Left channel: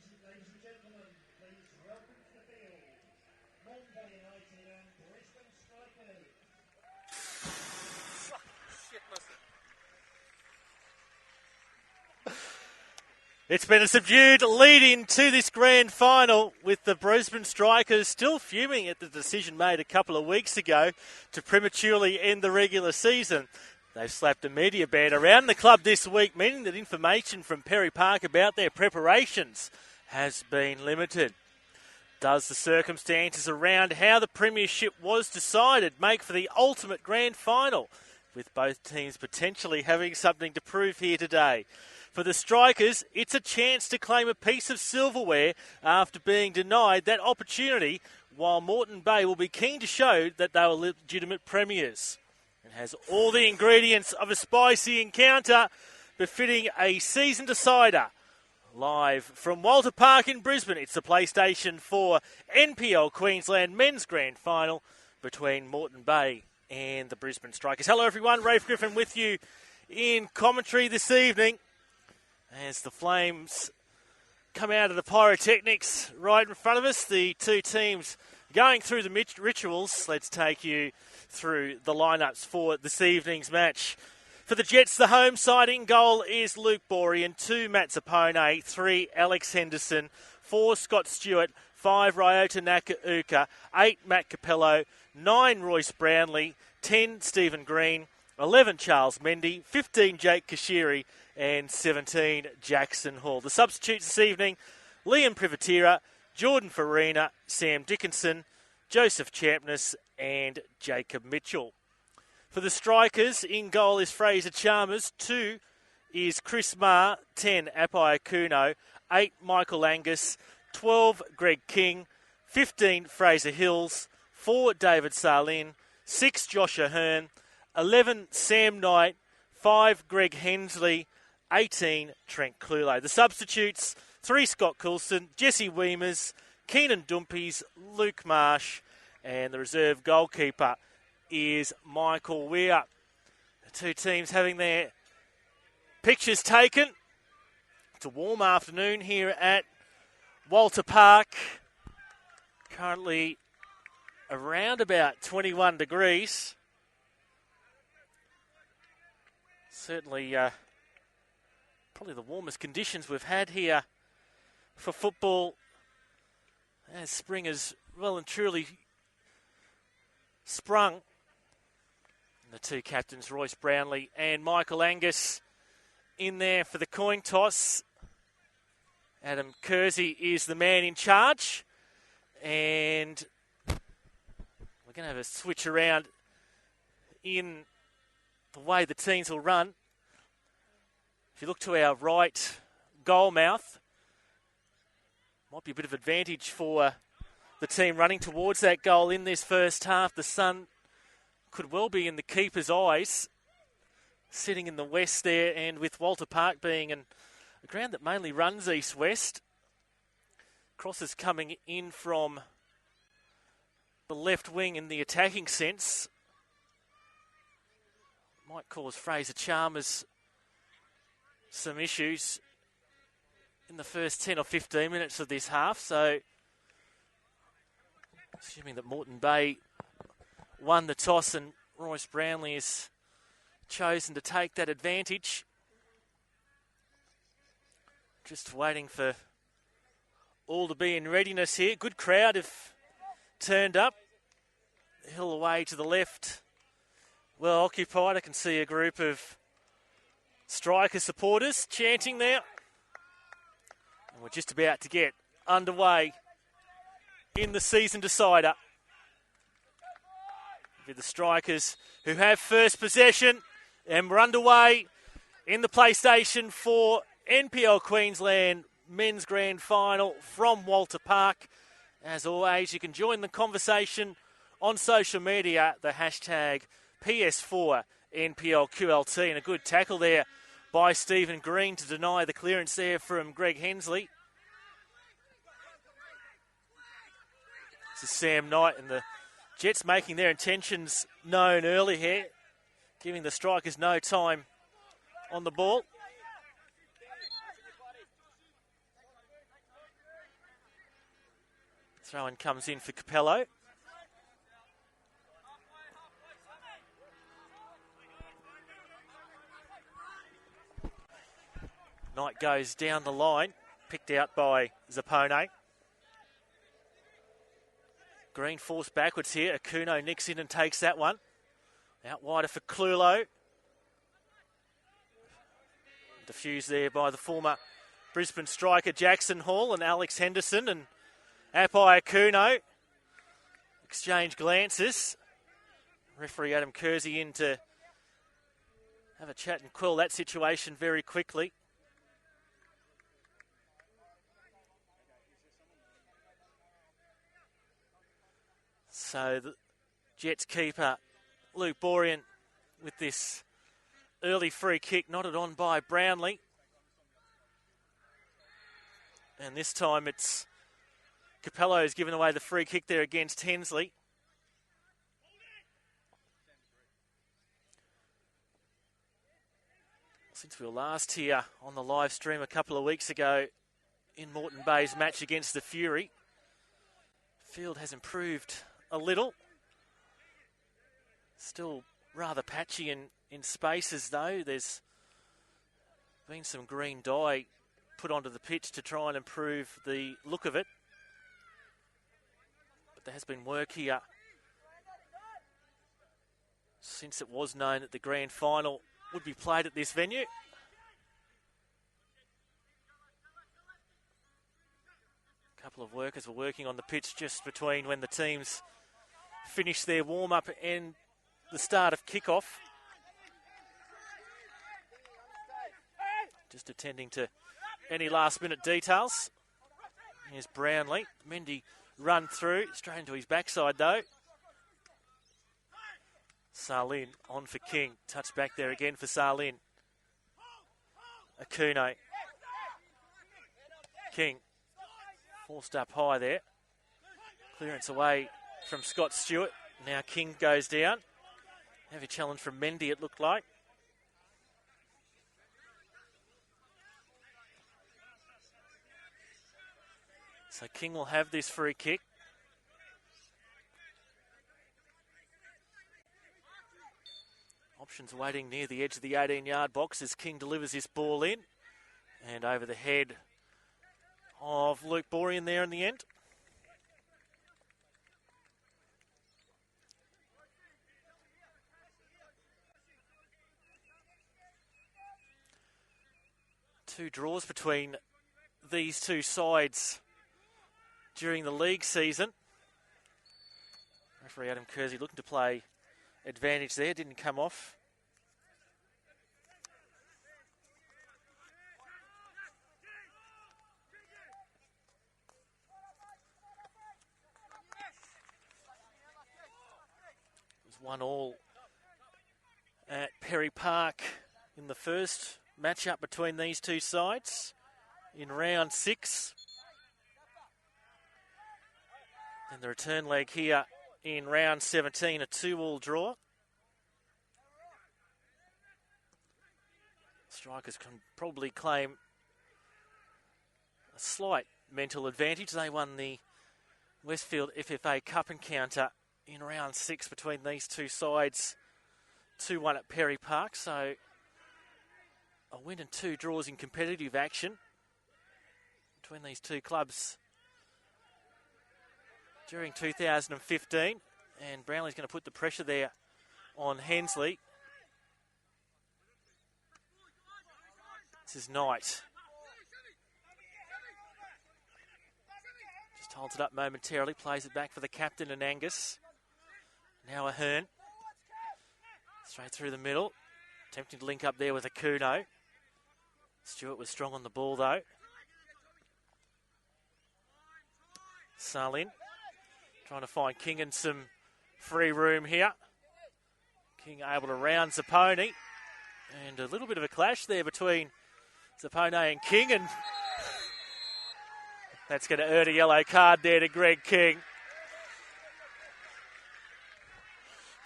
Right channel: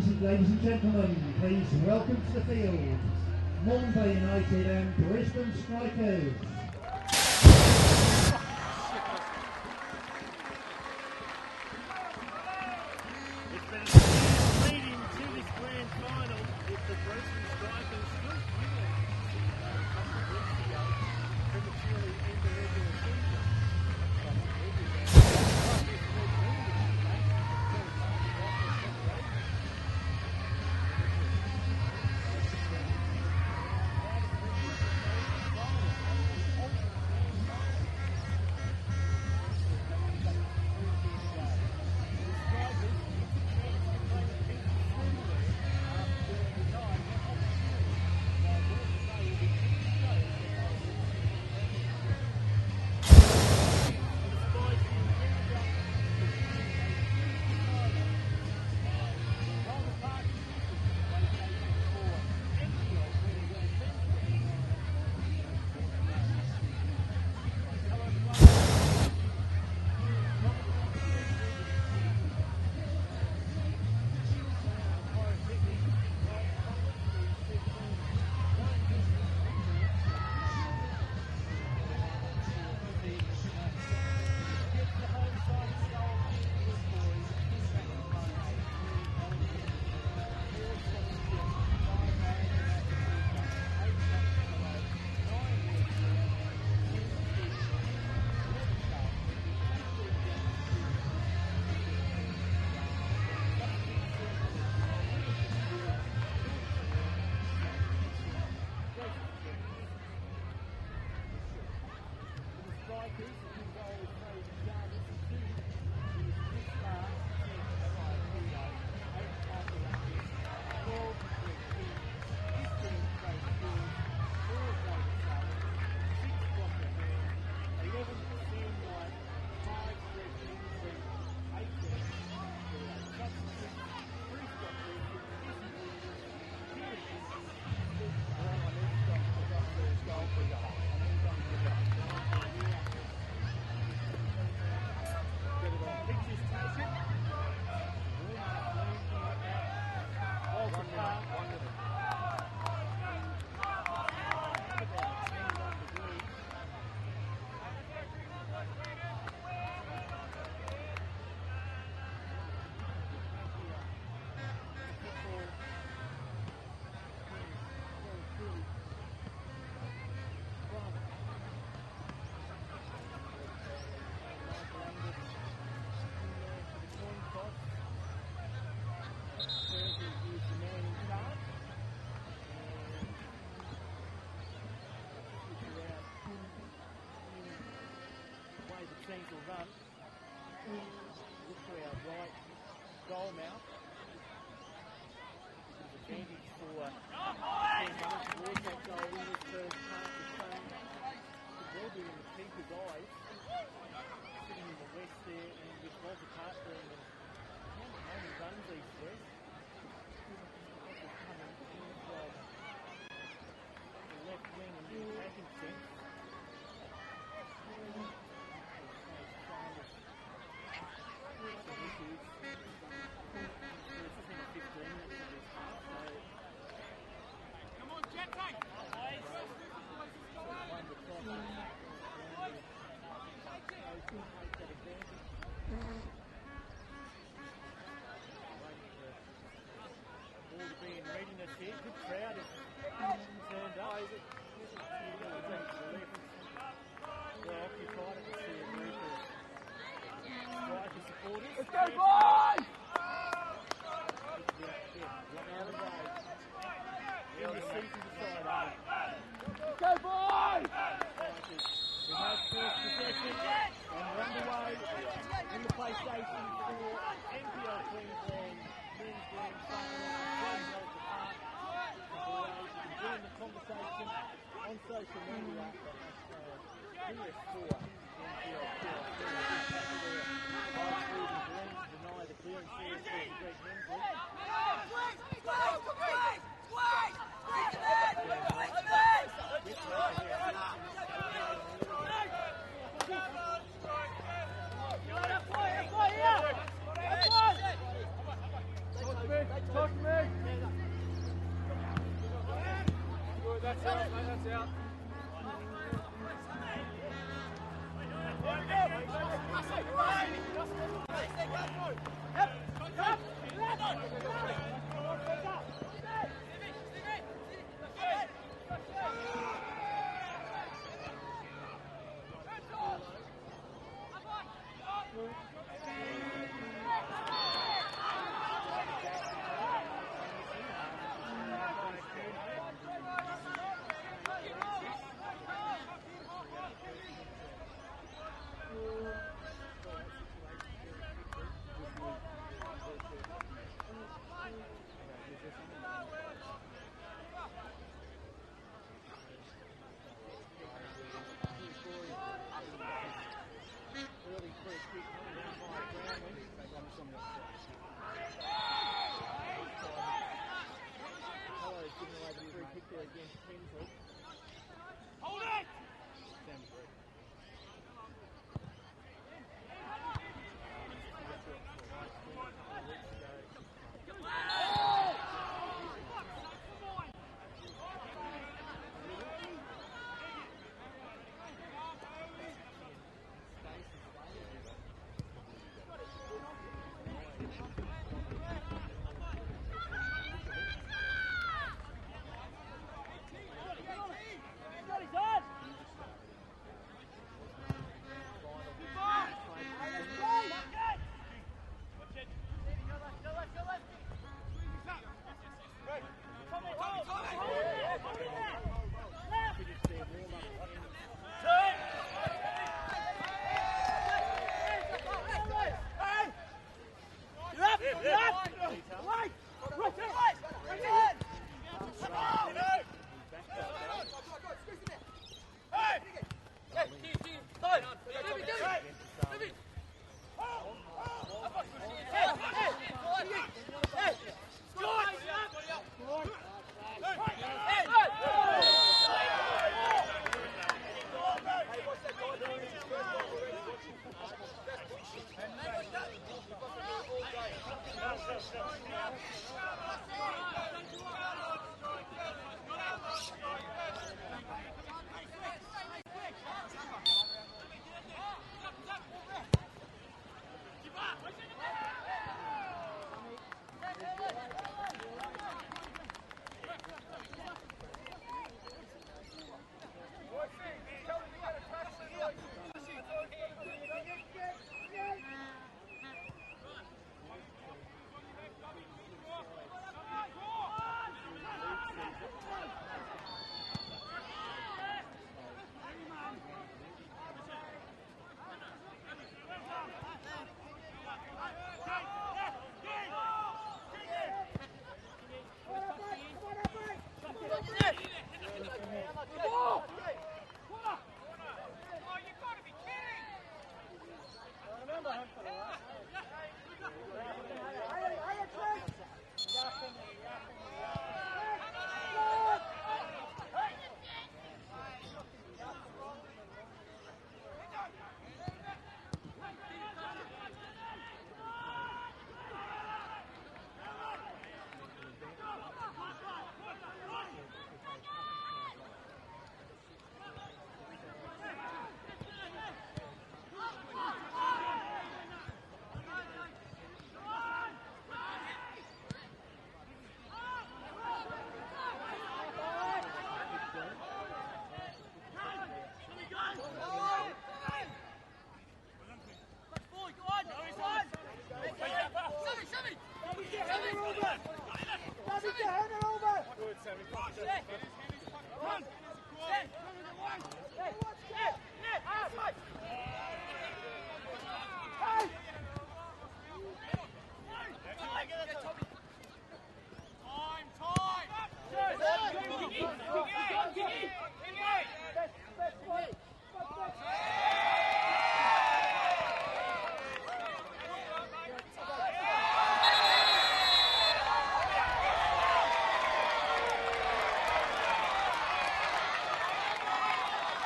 Ladies and gentlemen, please welcome to the field, Moreton Bay United and Brisbane Strikers. It's been a subdued lead-in to this grand final, with the Brisbane Strikers still fuming at the decision made a couple of weeks ago to prematurely end the regular season. They've slapped a media ban around the club this week, meaning that information from Perry Park about their preparations has been limited. Does the circumstances around how the premiership was decided make for the ultimate grand final, with both teams potentially having something to prove here today? For the Strikers, it's a chance to claim a piece of silverware after being denied that opportunity, while Moreton Bay will be keen to show that they were legitimate premiers. Has all the ingredients of a spicy encounter befitting a season decider. Live from Walter Park in Brisbane, it's the PlayStation 4 NPL Queensland Men's Grand Final between Moreton Bay and the Brisbane Strikers. Hello everyone, Rafe Griffin with you in commentary this evening as the Flames come out of the pyrotechnics right in front of us. The two teams going through the rituals. Let's take you through the lineups for this evening's match. For the Jets, the home side, in goal is Luke Borean, 2 Matt Zapone, 3 Alex Henderson, 4 Scott Stewart, 5 Ryota Nakauka, 8 Matt Capello, 9 Royce Brownlee, 10 Stephen Green, 11 Charles Mendy, 15 Jake Kashiri and 17 Jackson Hall. The substitutes this evening, Liam Privatira, Jordan Farina, Sam Dickinson, Joseph Champness and Jacob Mitchell. For the Strikers, in goal is Fraser Chalmers, 2 is Chris Marr, 10 Apai Akuno, 8 Michael Angus, 12 Greg King, 15 Fraser Hills, 4 David Sarlin, 6 Josh Ahern, 11 Sam Knight, 5 Greg Hensley, 18 Trent Clulo. The substitutes, 3 Scott Coulson, Jesse Weemers, Keenan Dumpies, Luke Marsh, and the reserve goalkeeper is Michael Weir. Two teams having their pictures taken. It's a warm afternoon here at Walter Park. Currently around about 21 degrees. Certainly probably the warmest conditions we've had here for football as spring has well and truly sprung. The two captains, Royce Brownlee and Michael Angus, in there for the coin toss. Adam Kersey is the man in charge, and we're going to have a switch around in the way the teams will run. If you look to our right goal mouth, might be a bit of advantage for the team running towards that goal in this first half. The sun could well be in the keeper's eyes, sitting in the west there, and with Walter Park being a ground that mainly runs east-west. Crosses coming in from the left wing in the attacking sense. Might cause Fraser Chalmers some issues in the first 10 or 15 minutes of this half, so assuming that Moreton Bay won the toss and Royce Brownlee has chosen to take that advantage. Just waiting for all to be in readiness here. Good crowd have turned up. Hill away to the left, well occupied. I can see a group of Striker supporters chanting there. We're just about to get underway in the season decider. With the Strikers who have first possession, and we're underway in the PlayStation 4 NPL Queensland Men's Grand Final from Walter Park. As always, you can join the conversation on social media, the hashtag PS4NPLQLD, and a good tackle there by Stephen Green to deny the clearance there from Greg Hensley. This is Sam Knight, and the Jets making their intentions known early here, giving the Strikers no time on the ball. Throw-in comes in for Capello. Knight goes down the line, picked out by Zappone. Green forced backwards here. Akuno nicks in and takes that one. Out wider for Clulo. Diffused there by the former Brisbane striker Jackson Hall and Alex Henderson, and Apai Akuno exchange glances. Referee Adam Kersey in to have a chat and quell that situation very quickly. So the Jets keeper Luke Borean with this early free kick knotted on by Brownlee. And this time it's Capello who's given away the free kick there against Hensley. Since we were last here on the live stream a couple of weeks ago in Moreton Bay's match against the Fury, the field has improved a little. Still rather patchy in spaces though. There's been some green dye put onto the pitch to try and improve the look of it. There has been work here since it was known that the grand final would be played at this venue. A couple of workers were working on the pitch just between when the teams finished their warm-up and the start of kickoff. Just attending to any last-minute details. There's Brownlee. Mendy run through, straight into his backside though. Salin on for King. Touch back there again for Salin. Akuno. King. Forced up high there. Clearance away from Scott Stewart. Now King goes down. Maybe a challenge from Mendy, it looked like. So King will have this free kick. Options waiting near the edge of the 18-yard box as King delivers his ball in. And over the head of Luke Borean there in the end. Two draws between these two sides during the league season. Adam Kersey looking to play advantage there, didn't come off. It's 1-1 at Perry Park in the first matchup between these two sides in round 6. And the return leg here in round 17, a 2-2 draw. Strikers can probably claim slight mental advantage. They won the Westfield FFA Cup encounter in round 6 between these two sides, 2-1 at Perry Park. So a win and 2 draws in competitive action between these two clubs during 2015, and Brownlee's going to put the pressure there on Hensley. This is Knight. Times it up momentarily, plays it back for the captain and Angus. Now Ahern. Straight through the middle. Attempted link up there with Akuno. Stewart was strong on the ball though. Salin trying to find King in some free room here. King able to round Zappone. And a little bit of a clash there between Zappone and King, and that's going to earn a yellow card there to Greg King.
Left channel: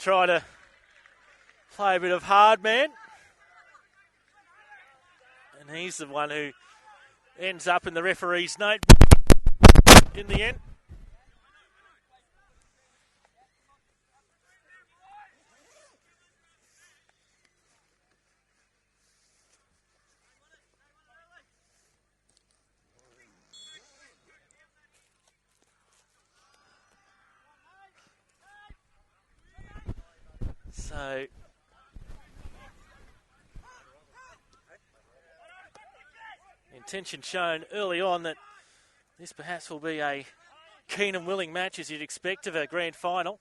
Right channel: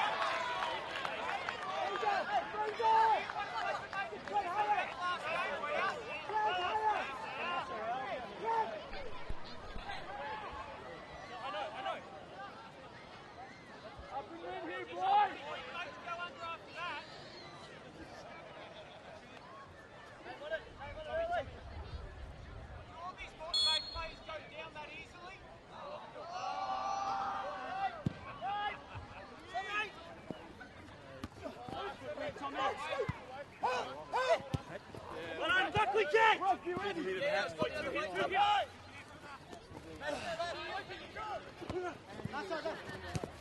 Trying to play a bit of hard man. And he's the one who ends up in the referee's note in the end. Intention shown early on that this perhaps will be a keen and willing match as you'd expect of a grand final.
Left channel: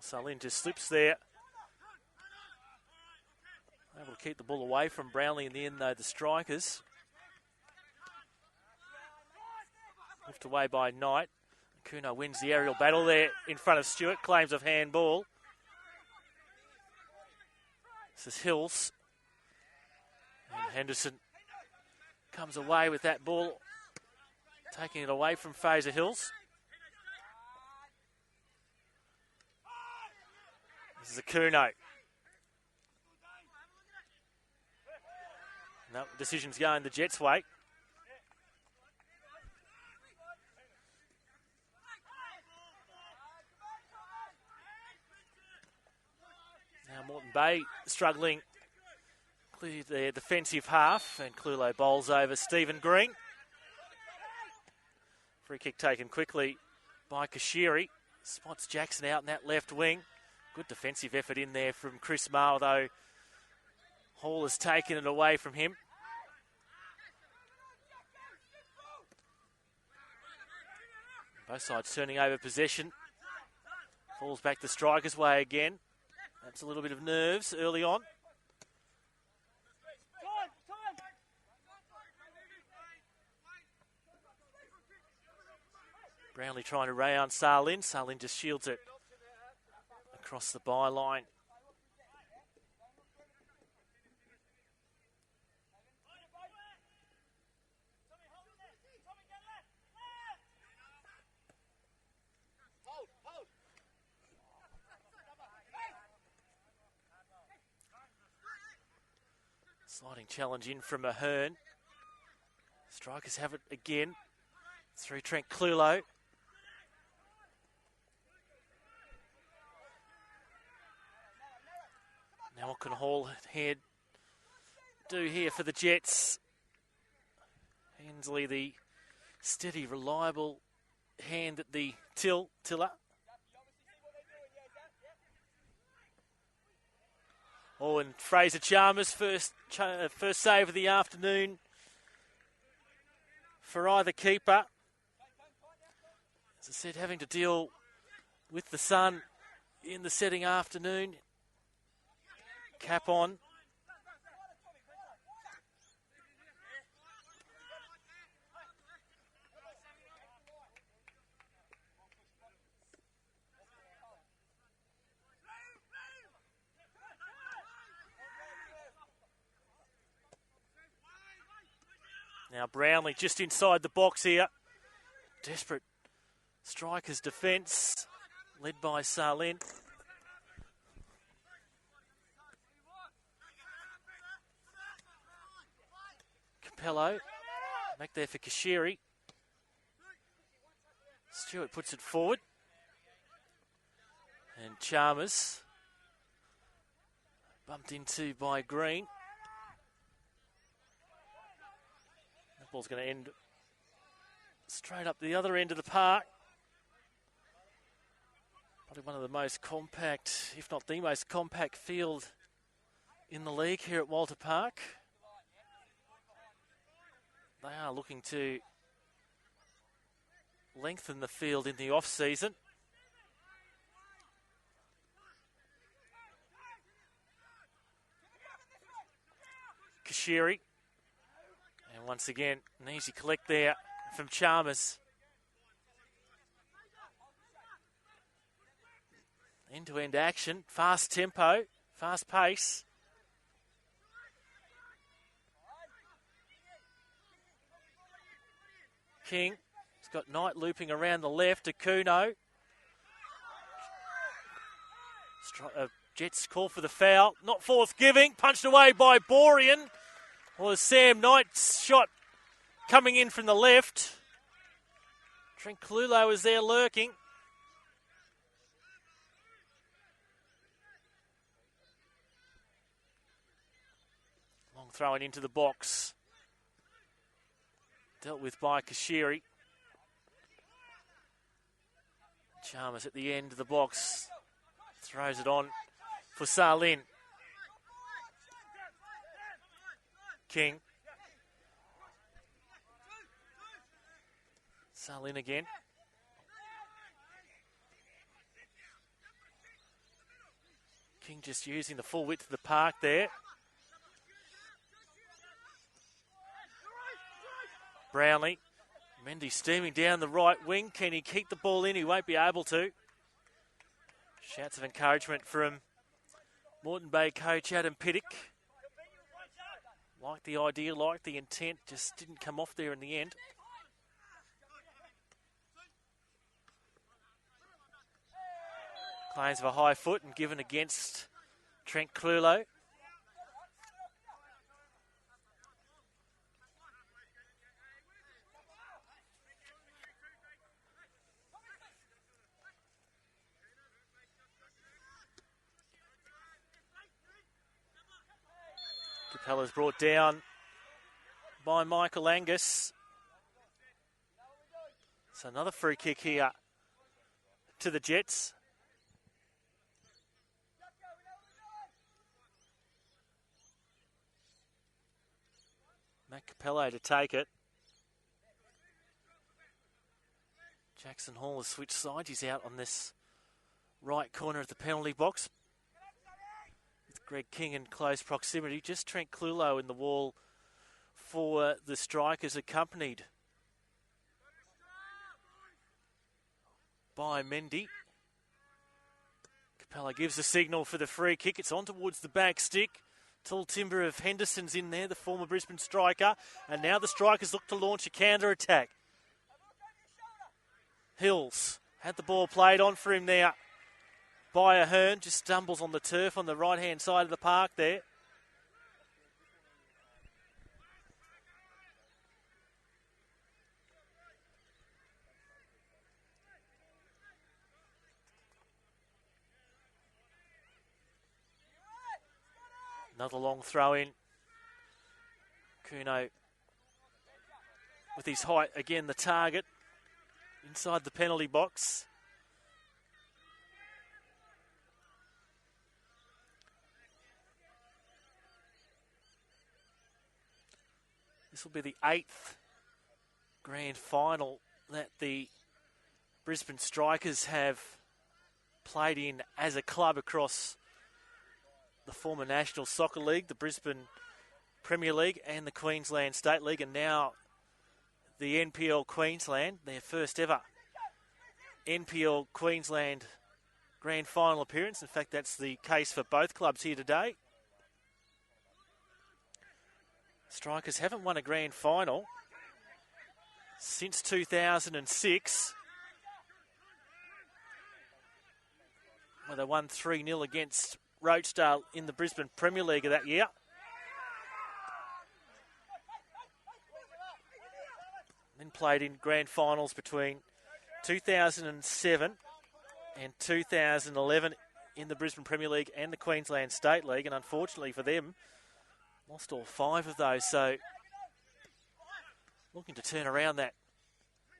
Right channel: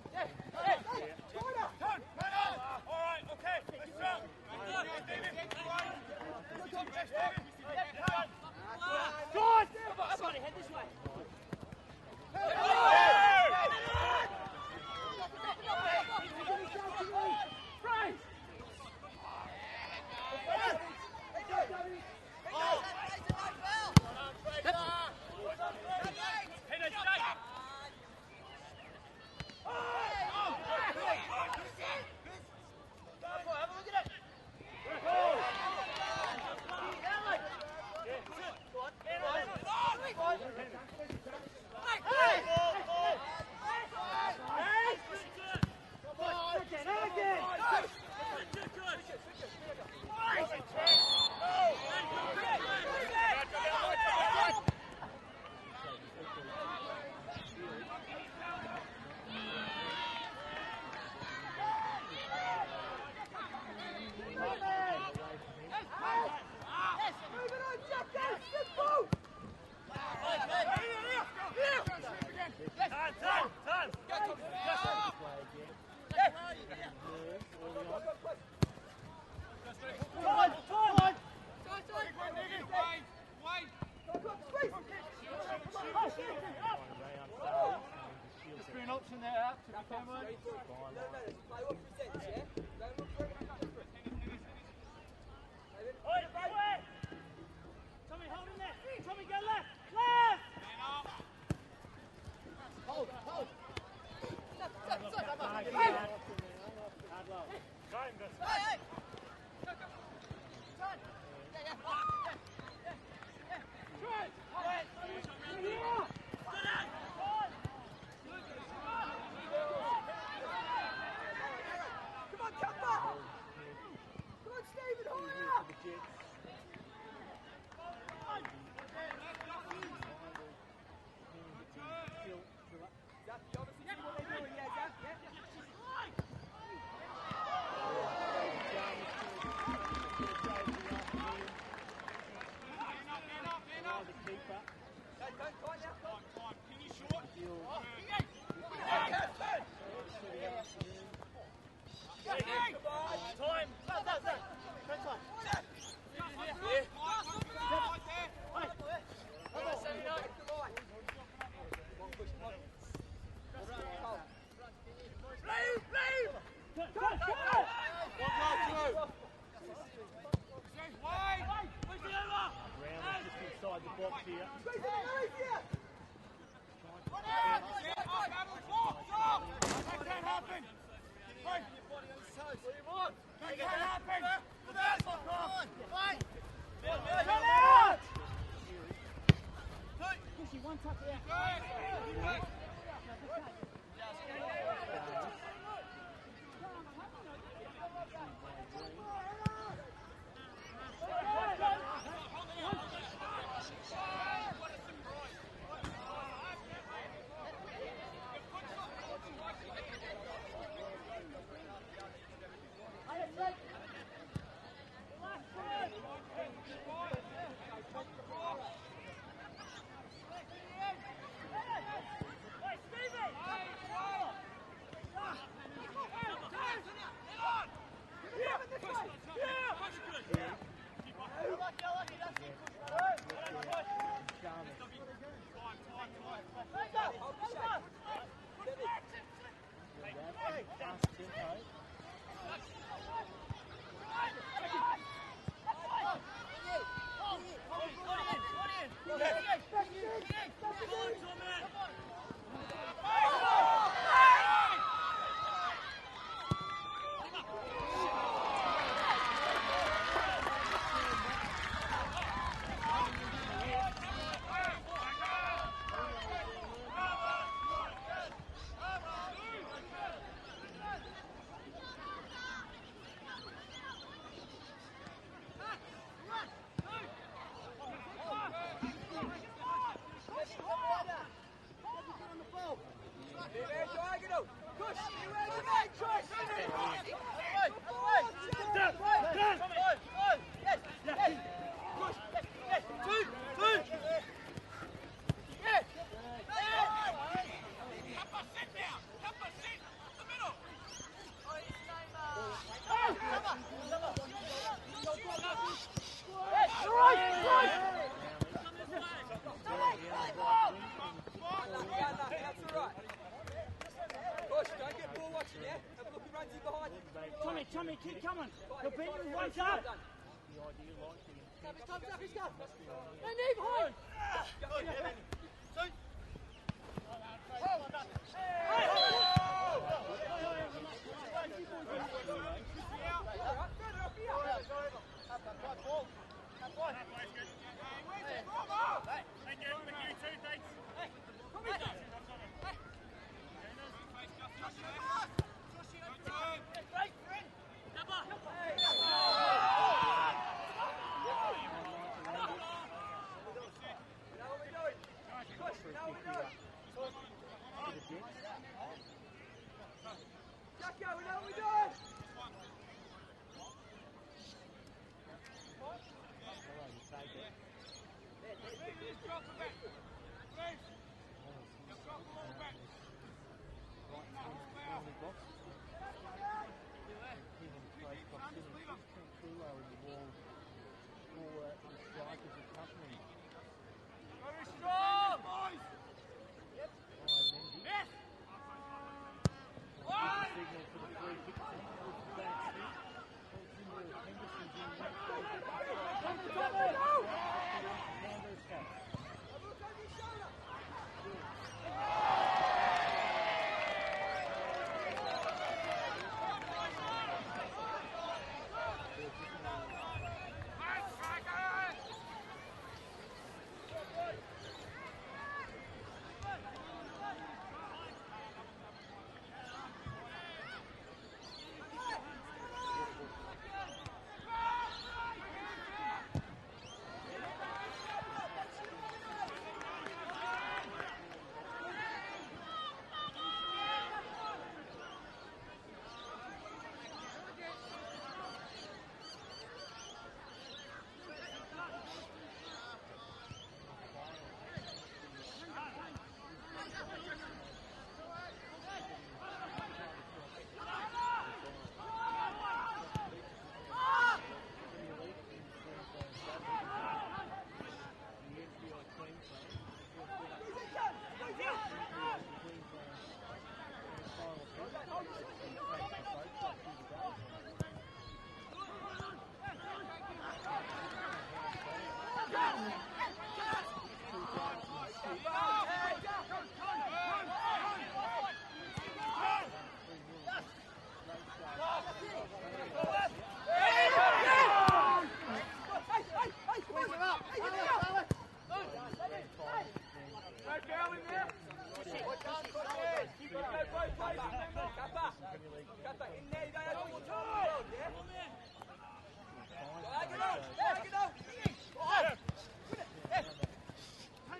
Salin just slips there. Keep the ball away from Brownlee in the end, though, the strikers. Slipped away by Knight. Kuno wins the aerial battle there in front of Stewart. Claims of handball. This is Hills. Henderson comes away with that ball, taking it away from Fraser Hills. This is Kuno. Decision's going the Jets' way. Bay struggling with their defensive half, and Clulo bowls over Stephen Green. Free kick taken quickly by Kashiri. Spots Jackson out in that left wing. Good defensive effort in there from Chris Maher, though Hall has taken it away from him. Both sides turning over possession. Falls back the striker's way again. It's a little bit of nerves early on. Brownlee trying to round Salin. Salin just shields it across the byline. Sliding challenge in from Ahern. Strikers have it again through Trent Clulo. Now what can Hall head do here for the Jets? Hensley, the steady, reliable hand at the tiller. Oh, and Fraser Chalmers, first save of the afternoon for either keeper. As I said, having to deal with the sun in the setting afternoon. Cap on. Now Brownlee just inside the box here. Desperate strikers defence, led by Salin. Capello, back there for Kashiri. Stewart puts it forward. And Chalmers, bumped into by Green. Ball's going to end straight up the other end of the park. One of the most compact, if not the most compact field in the league here at Walter Park. They are looking to lengthen the field in the off-season. Kashiri. Once again, an easy collect there from Chalmers. End-to-end action, fast tempo, fast pace. King has got Knight looping around the left to Kuno. Jets call for the foul, not force giving, punched away by Borean. Well, Sam Knight's shot coming in from the left. Trent Clulo is there lurking. Throwing into the box. Dealt with by Kashiri. Chalmers at the end of the box. Throws it on for Salin. King. Salin again. King just using the full width of the park there. Brownlee. Mendy steaming down the right wing. Can he keep the ball in? He won't be able to. Shouts of encouragement from Moreton Bay coach Adam Pittock. Like the idea, like the intent, just didn't come off there in the end. Plays of a high foot and given against Trent Clulo. That was brought down by Michael Angus. So another free kick here to the Jets. Matt Capello to take it. Jackson Hall has switched sides. He's out on this right corner of the penalty box. Greg King in close proximity. Just Trent Clulo in the wall for the Strikers, accompanied by Mendy. Capella gives the signal for the free kick. It's on towards the back stick. Tall timber of Henderson's in there, the former Brisbane striker. And now the Strikers look to launch a counter-attack. Hills had the ball played on for him there by Ahern. Just stumbles on the turf on the right-hand side of the park there. Another long throw in. Kuno with his height, again the target inside the penalty box. This will be the 8th grand final that the Brisbane Strikers have played in as a club across the former National Soccer League, the Brisbane Premier League and the Queensland State League, and now the NPL Queensland, their first ever NPL Queensland grand final appearance. In fact, that's the case for both clubs here today. Strikers haven't won a grand final since 2006. They won 3-0 against Rochedale in the Brisbane Premier League of that year. And played in grand finals between 2007 and 2011 in the Brisbane Premier League and the Queensland State League, and unfortunately for them, lost all 5 of those. So looking to turn around that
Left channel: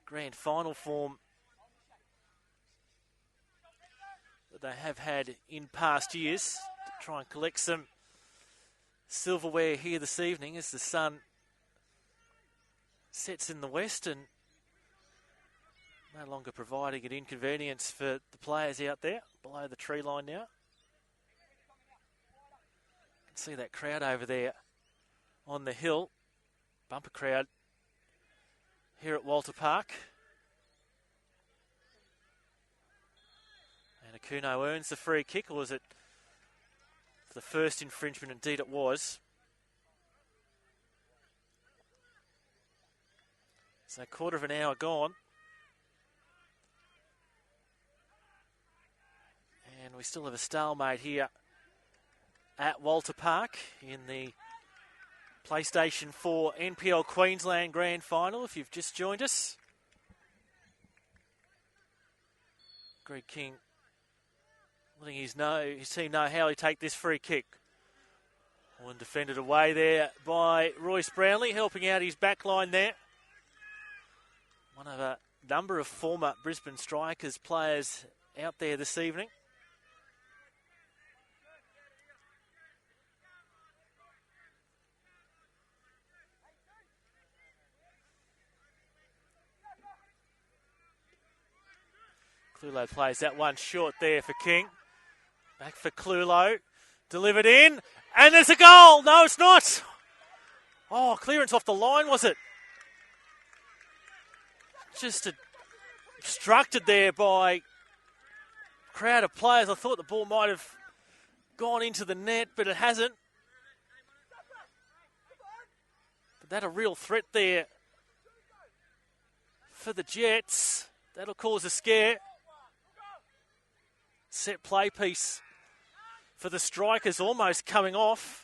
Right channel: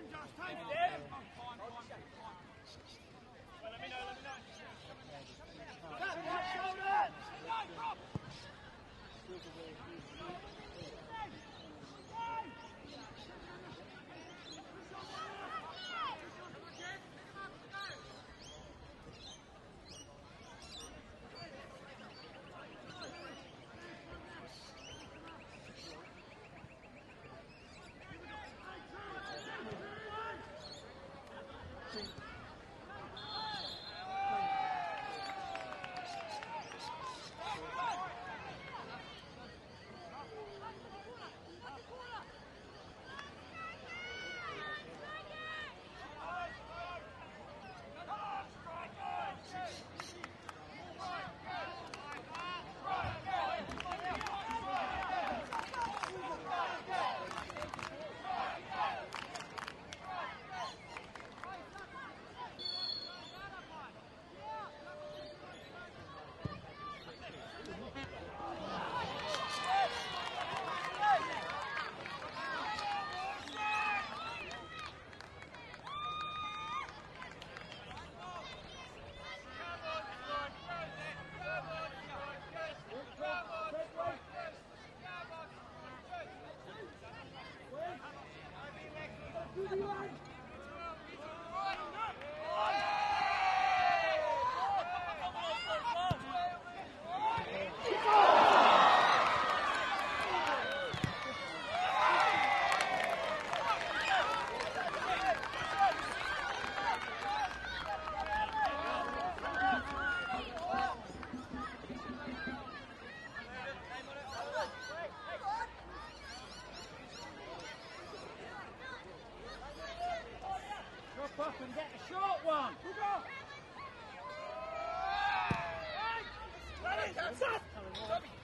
grand final form that they have had in past years. Try and collect some silverware here this evening as the sun sets in the west and no longer providing an inconvenience for the players out there below the tree line now. See that crowd over there on the hill. Bumper crowd here at Walter Park. And Kuno earns the free kick, or was it the first infringement? Indeed it was. So a quarter of an hour gone. And we still have a stalemate here at Walter Park in the PlayStation 4 NPL Queensland Grand Final, if you've just joined us. Greg King letting his team know how he take this free kick. Defended away there by Royce Brownlee, helping out his back line there. One of number of former Brisbane Strikers players out there this evening. Clulo plays that one short there for King. Back for Clulo. Delivered in. And there's a goal. No, it's not. Oh, clearance off the line, was it? Just obstructed there by a crowd of players. I thought the ball might have gone into the net, but it hasn't. That a real threat there for the Jets. That'll cause a scare. Set play piece for the Strikers, almost coming off.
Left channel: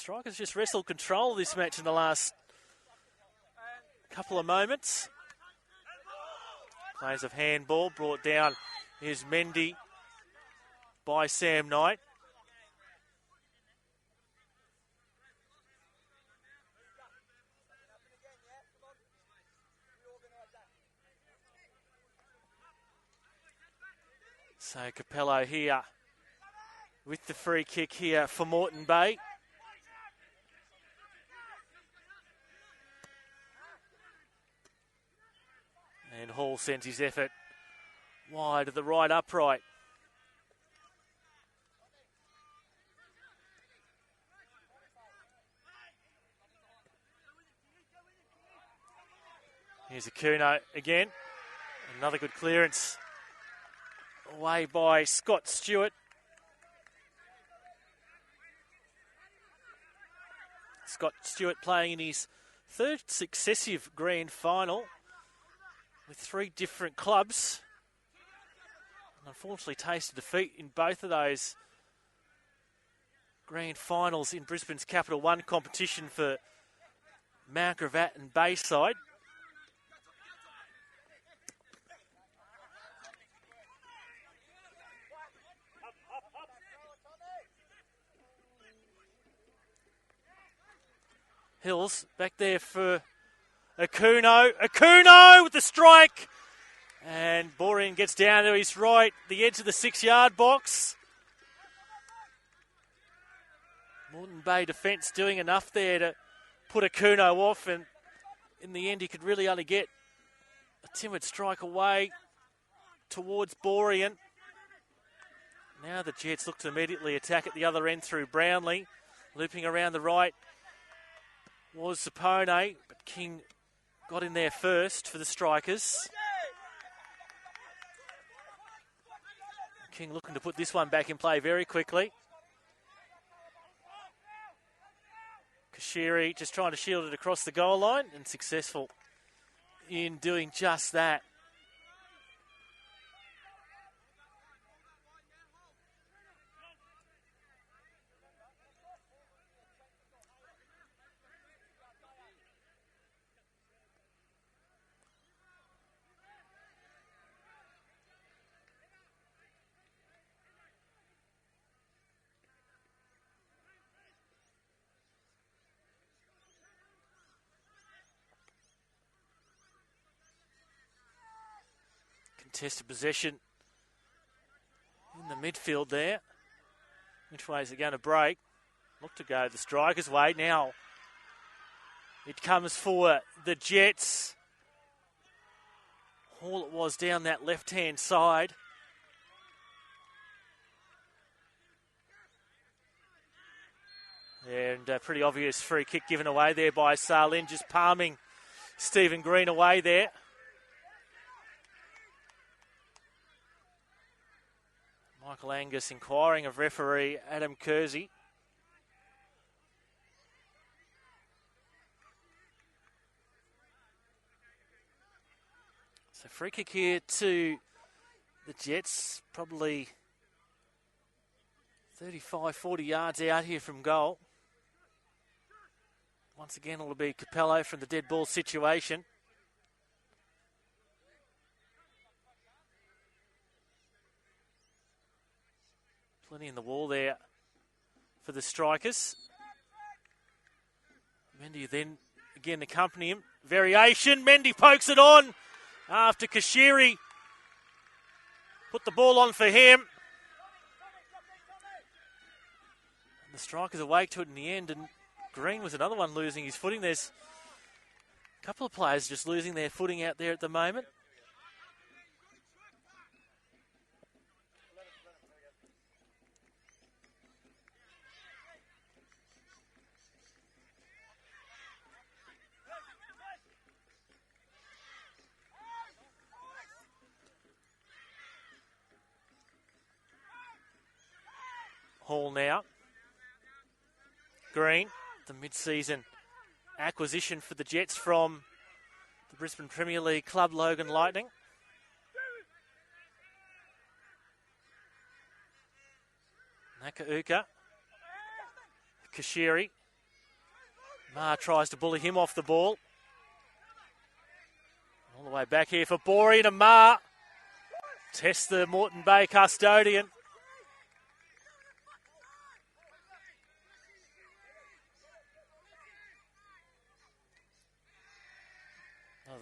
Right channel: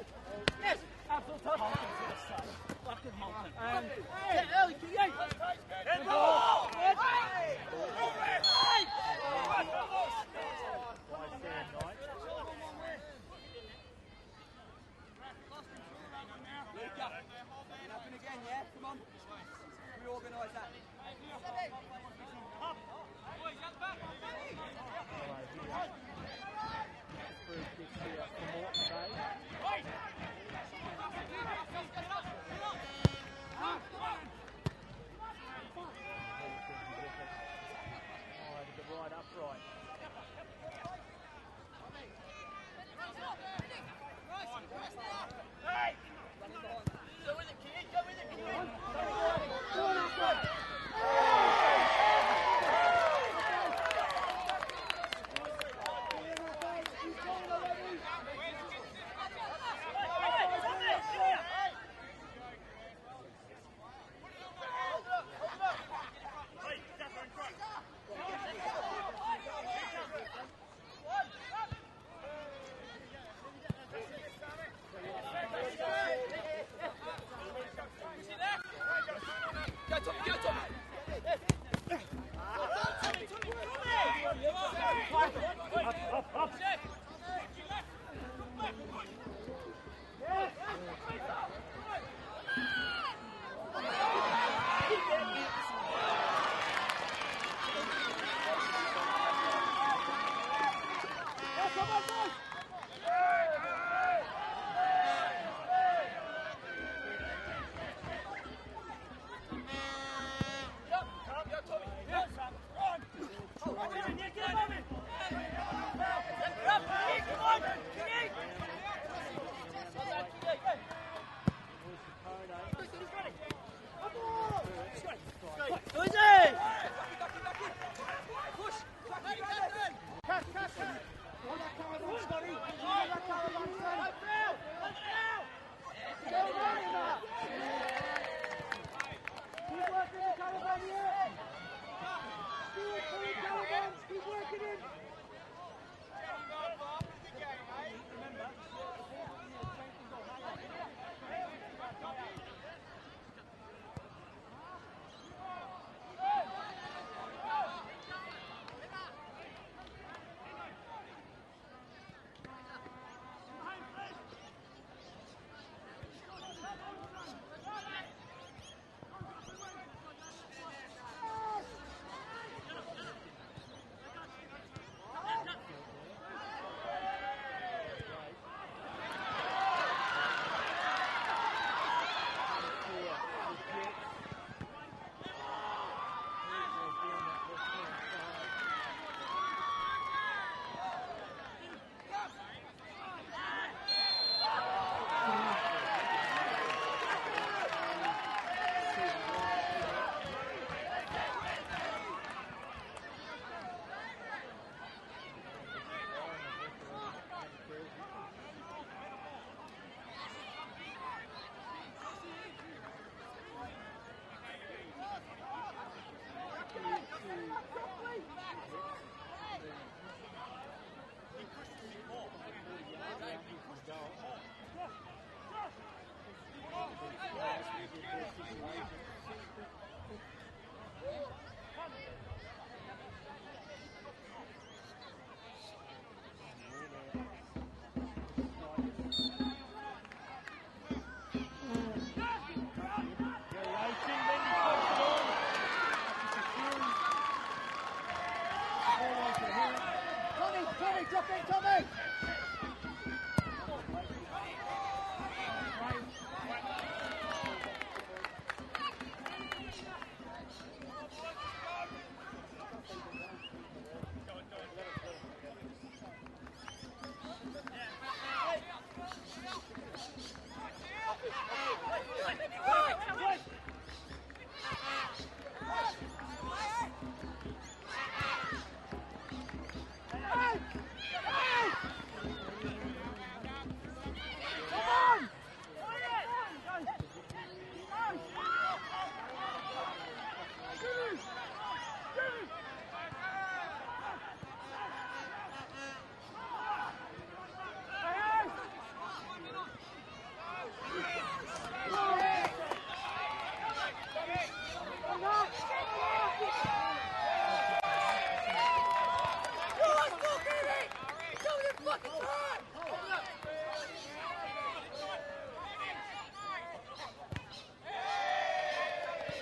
Strikers just wrestled control of this match in the last couple of moments. Phase of handball brought down. Here's Mendy by Sam Knight. So Capello here with the free kick here for Moreton Bay. And Hall sends his effort wide at the right upright. Here's Akuno again. Another good clearance. Away by Scott Stewart. Scott Stewart playing in his third successive grand final with 3 different clubs. Unfortunately tasted defeat in both of those grand finals in Brisbane's Capital One competition for Mount Gravatt and Bayside. Hills back there for Akuno. Akuno with the strike. And Borean gets down to his right, the edge of the 6-yard box. Moreton Bay defence doing enough there to put Akuno off, and in the end he could really only get a timid strike away towards Borean. Now the Jets look to immediately attack at the other end through Brownlee. Looping around the right was Sapone. King got in there first for the Strikers. King looking to put this one back in play very quickly. Kashiri just trying to shield it across the goal line, and successful in doing just that. Test possession in the midfield there. Which way is he going to break? Look to go the Strikers' way. Now it comes for the Jets. All it was down that left-hand side. And a pretty obvious free kick given away there by Salin, just palming Stephen Green away there. Angus inquiring of referee Adam Kersey. It's a free kick here to the Jets, probably 35, 40 yards out here from goal. Once again, it'll be Capello from the dead ball situation. In the wall there for the Strikers. You then again accompany him. Variation. Mendy pokes it on after Kashiri put the ball on for him. The Strikers awake to it in the end, and Green was another one losing his footing. There's a couple of players just losing their footing out there at the moment. Now. Green, the mid-season acquisition for the Jets from the Brisbane Premier League club Logan Lightning. Nakauka. Kashiri. Tries to bully him off the ball. All the way back here for Borey and Amar. Test the Moreton Bay custodian.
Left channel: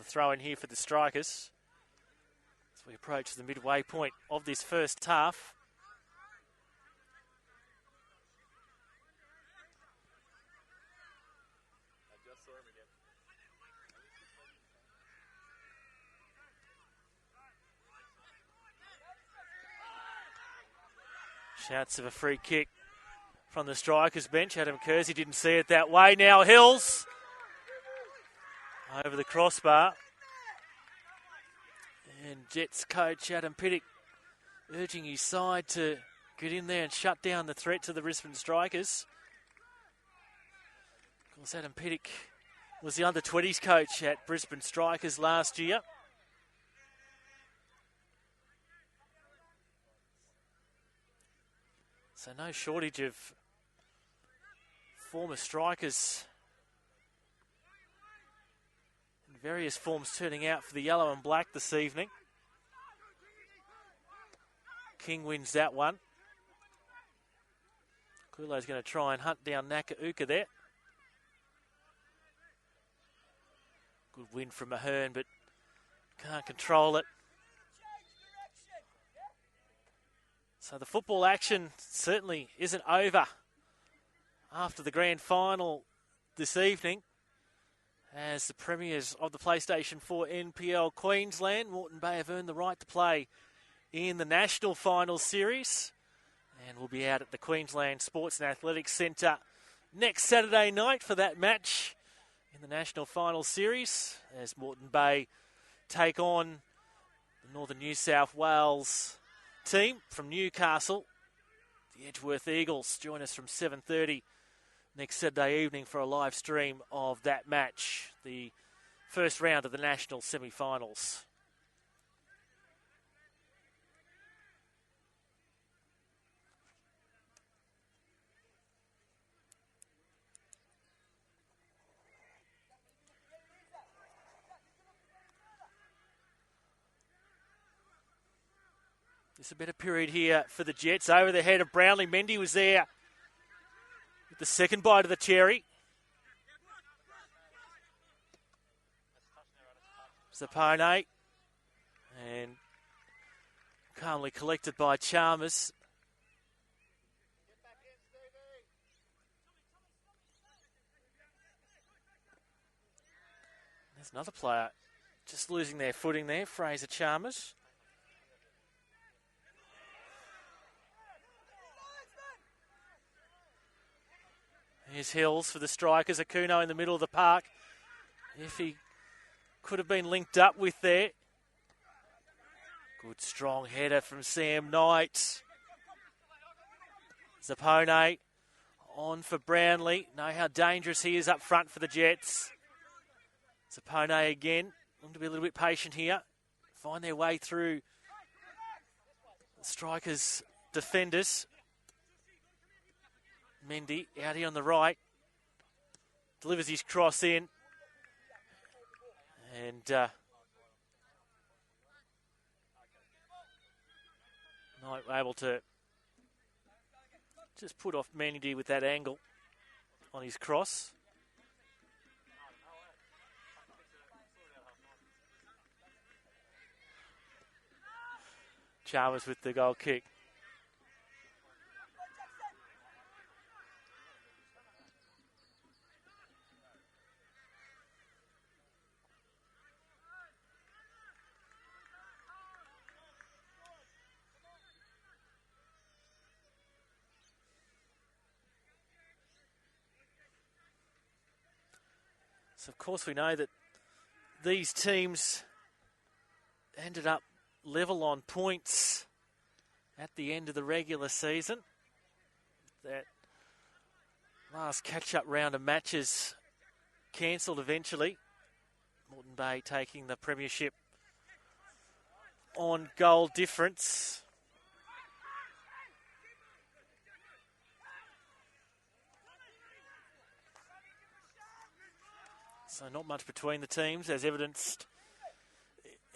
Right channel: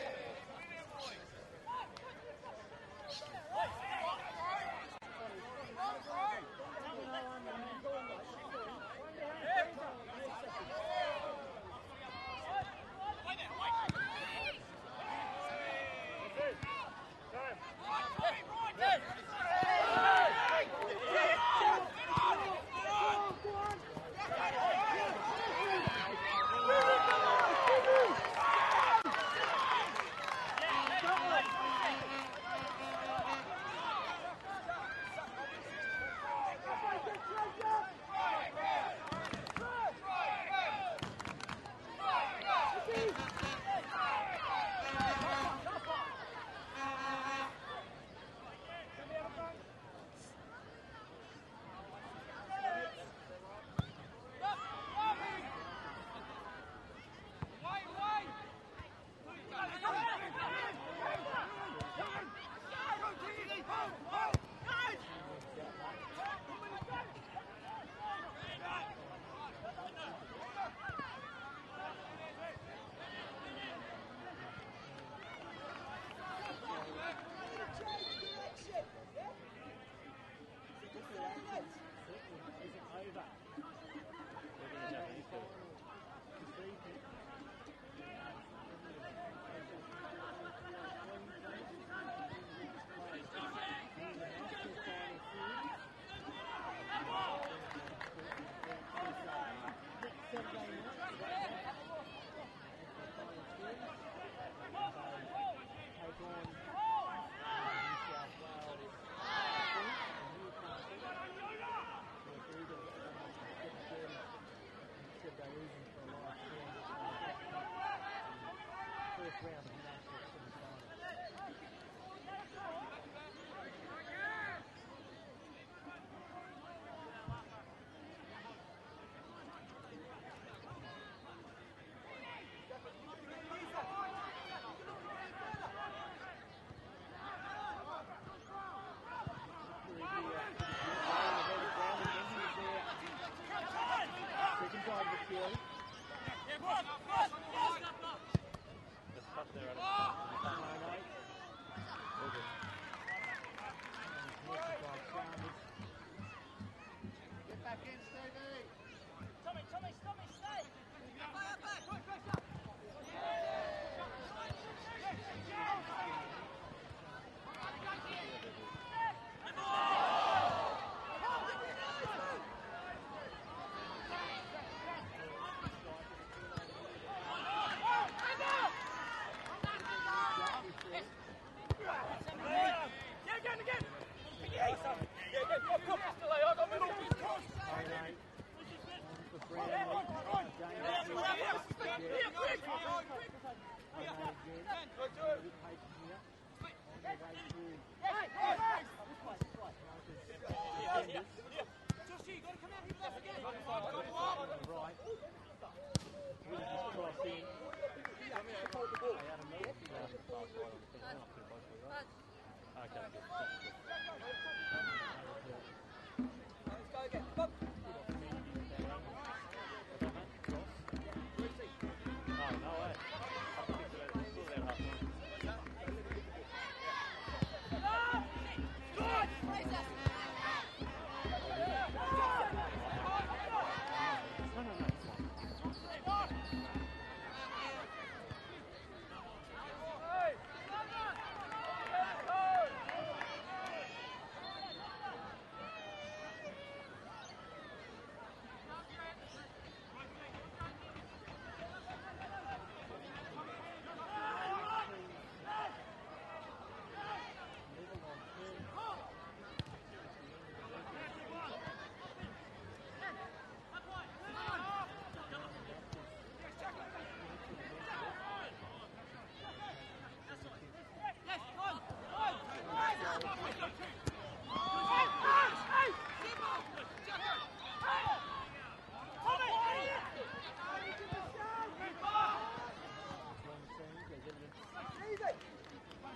Throw in here for the Strikers as we approach the midway point of this first half. Chance of a free kick from the Strikers bench. Adam Kersey didn't see it that way. Now Hills over the crossbar. And Jets coach Adam Pittock urging his side to get in there and shut down the threat to the Brisbane Strikers. As Adam Pittock was the under-20s coach at Brisbane Strikers last year. So no shortage of former Strikers. Various forms turning out for the yellow and black this evening. King wins that one. Kulo's going to try and hunt down Nakauka there. Good win from Ahern, but can't control it. So the football action certainly isn't over after the grand final this evening, as the premiers of the PlayStation 4 NPL Queensland, Moreton Bay, have earned the right to play in the National Finals Series. And we'll be out at the Queensland Sports and Athletics Centre next Saturday night for that match in the National Finals Series, as Moreton Bay take on Northern New South Wales team from Newcastle. The Edgeworth Eagles join us from 7:30 next Saturday evening for a live stream of that match, the first round of the national semi-finals. It's a better period here for the Jets. Over the head of Brownlee. Mendy was there. The second bite of the cherry. Zapone. And calmly collected by Chalmers. There's another player just losing their footing there, Fraser Chalmers. Here's Hills for the Strikers. Akuno in the middle of the park. If he could have been linked up with there. Good strong header from Sam Knight. Zapone on for Brownlee. Know how dangerous he is up front for the Jets. Zapone again. Need to be a little bit patient here. Find their way through Strikers' defenders. Mendy out here on the right. Delivers his cross in. And not able to just put off Mendy with that angle on his cross. Chalmers with the goal kick. So of course we know that these teams ended up level on points at the end of the regular season. That last catch-up round of matches cancelled eventually. Bay taking the premiership on goal difference. So not much between the teams, as evidenced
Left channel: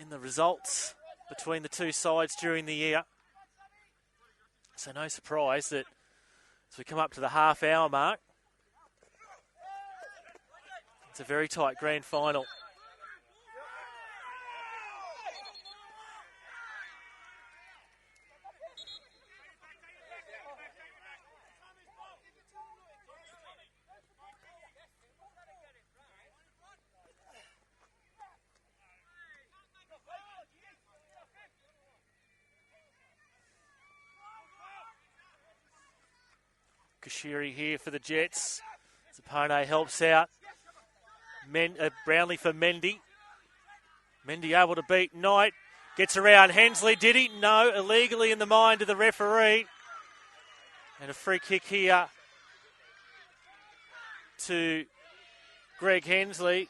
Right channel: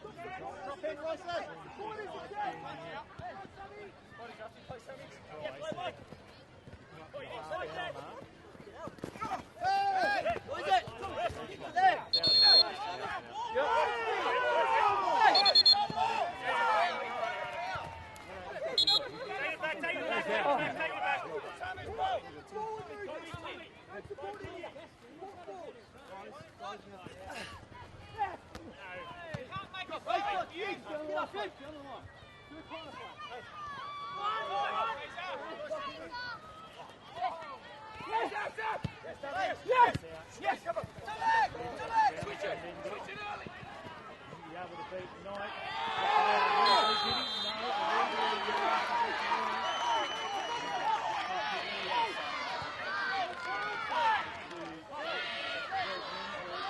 in the results between the two sides during the year. So no surprise that as we come up to the half-hour mark, it's a very tight grand final. Kashiri here for the Jets. Pone helps out. Brownlee for Mendy. Mendy able to beat Knight. Gets around Hensley. Did he? No. Illegally in the mind of the referee. And a free kick here to Greg Hensley.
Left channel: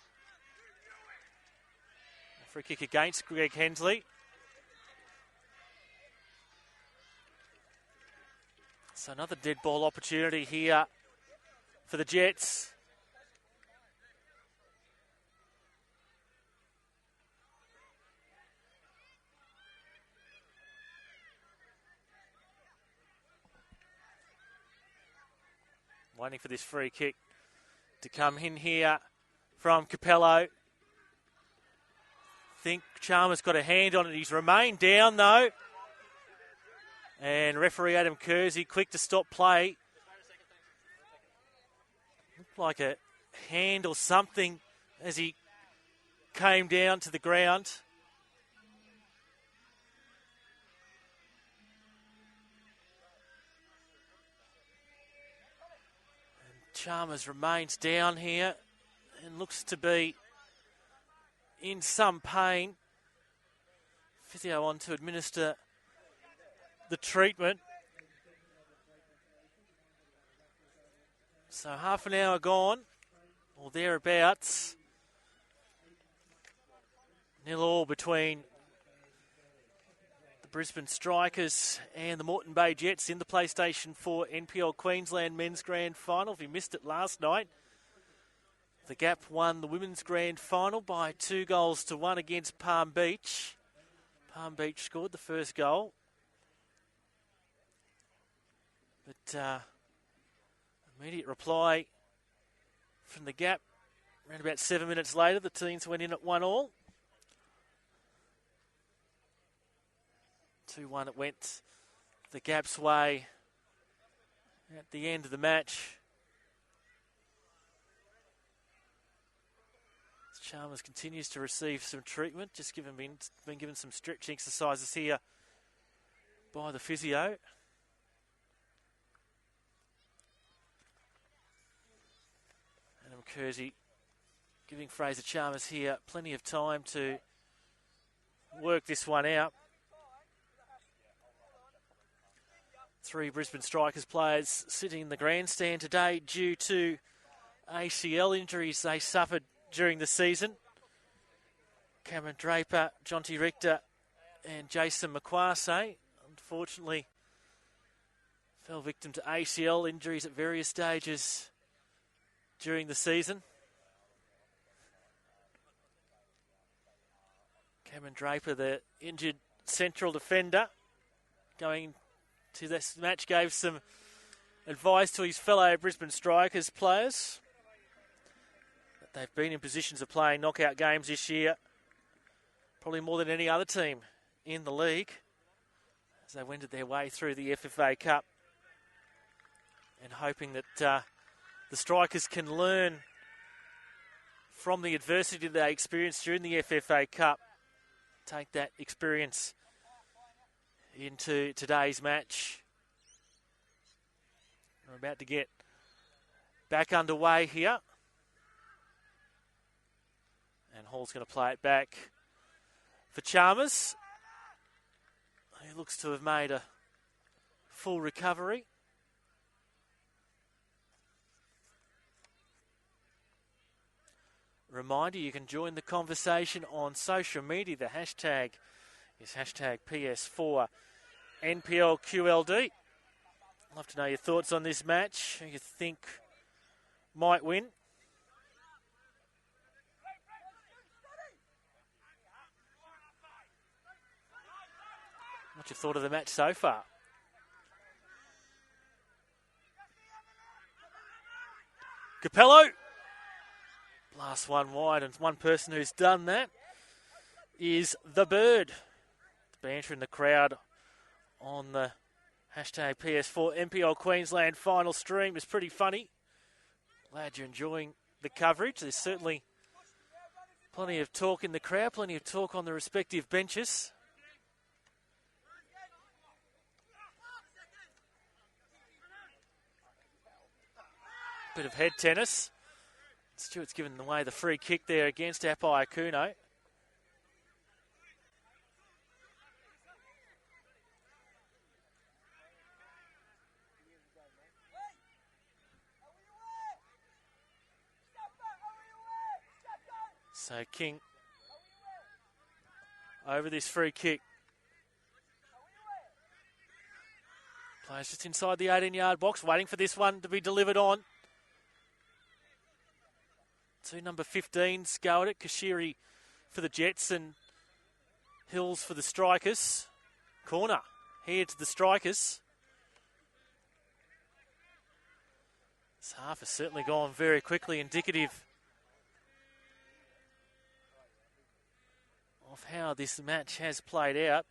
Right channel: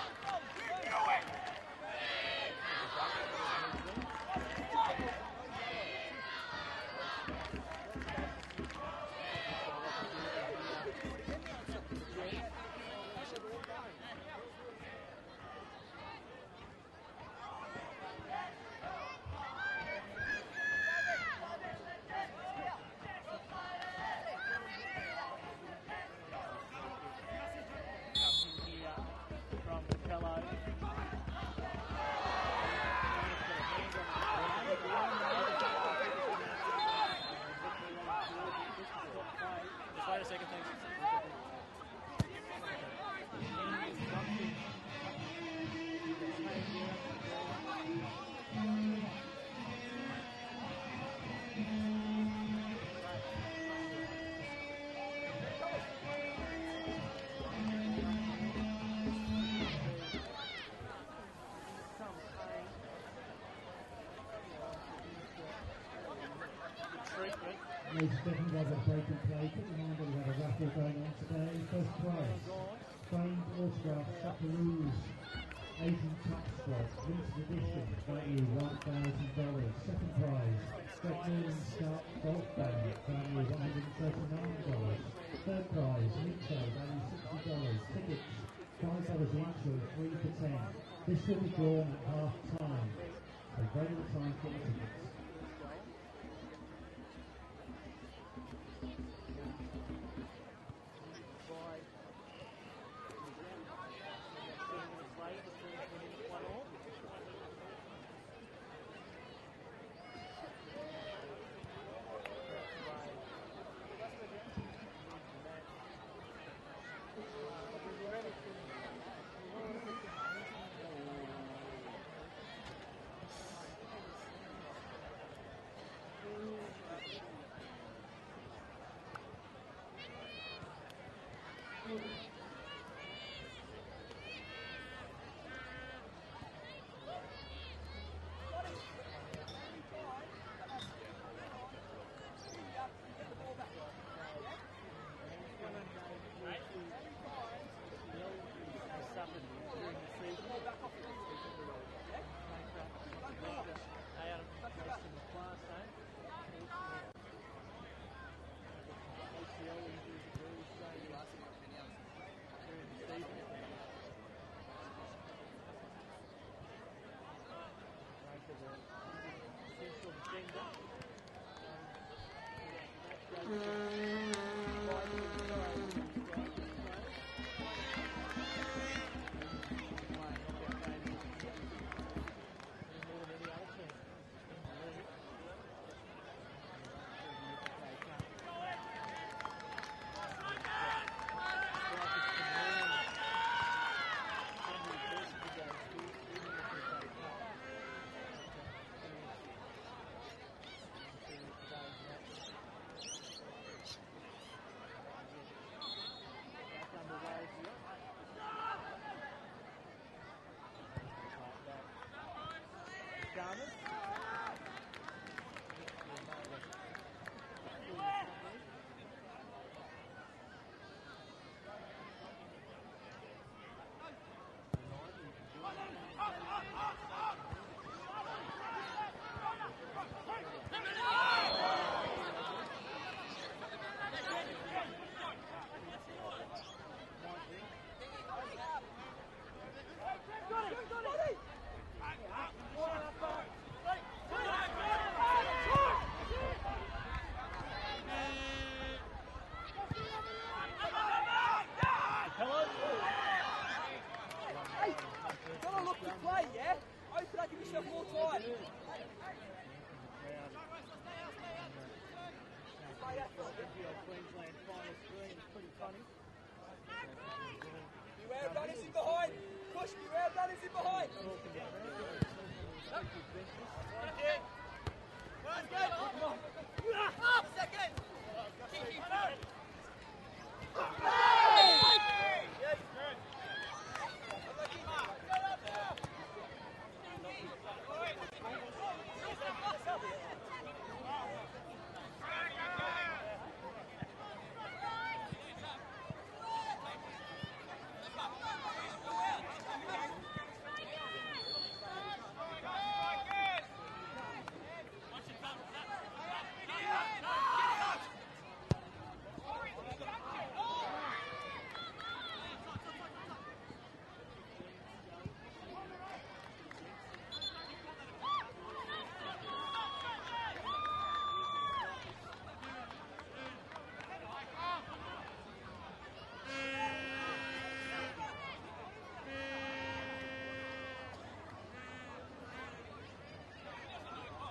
Free kick against Greg Hensley. So another dead ball opportunity here for the Jets. Waiting for this free kick to come in here from Capello. I think Chalmers got a hand on it. He's remained down though. And referee Adam Kersey quick to stop play. Like a hand or something as he came down to the ground. Chalmers remains down here. Looks to be in some pain. Physio on to administer the treatment. So half an hour gone, or thereabouts. 0-0 between Brisbane Strikers and the Moreton Bay Jets in the PlayStation 4 NPL Queensland Men's Grand Final. If you missed it last night, the Gap won the Women's Grand Final by 2-1 against Palm Beach. Palm Beach scored the first goal. But immediate reply from the Gap. And about 7 minutes later, the teams went in at 1-1. 2-1 it went the Gap's way at the end of the match. Chalmers continues to receive some treatment, just been given some stretching exercises here by the physio. Kersey giving Fraser Chalmers here plenty of time to work this one out. 3 Brisbane Strikers players sitting in the grandstand today due to ACL injuries they suffered during the season. Cameron Draper, Jonty Richter and Jason McQuarrie unfortunately fell victim to ACL injuries at various stages during the season. Cameron Draper, the injured central defender, going to this match, gave some advice to his fellow Brisbane Strikers players. They've been in positions of playing knockout games this year, probably more than any other team in the league. as they wended their way through the FFA Cup. And hoping that the Strikers can learn from the adversity they experienced during the FFA Cup. Take that experience into today's match. We're about to get back underway here. And Hall's going to play it back for Chalmers. He looks to have made a full recovery. Reminder, you can join the conversation on social media. The hashtag is hashtag PS4NPLQLD. Love to know your thoughts on this match, who you think might win. What you thought of the match so far? Capello. Last one wide, and one person who's done that is the Bird. Banter in the crowd on the hashtag PS4NPL Queensland final stream is pretty funny. Glad you're enjoying the coverage. There's certainly plenty of talk in the crowd, plenty of talk on the respective benches. Head tennis. Stewart's given away the free kick there against Apai Akuno. So King over this free kick. Just inside the 18-yard box, waiting for this one to be delivered on. Two number 15s go at it. Kashiri for the Jets and Hills for the Strikers. Corner here to the Strikers. This half has certainly gone very quickly, indicative of how this match has played out.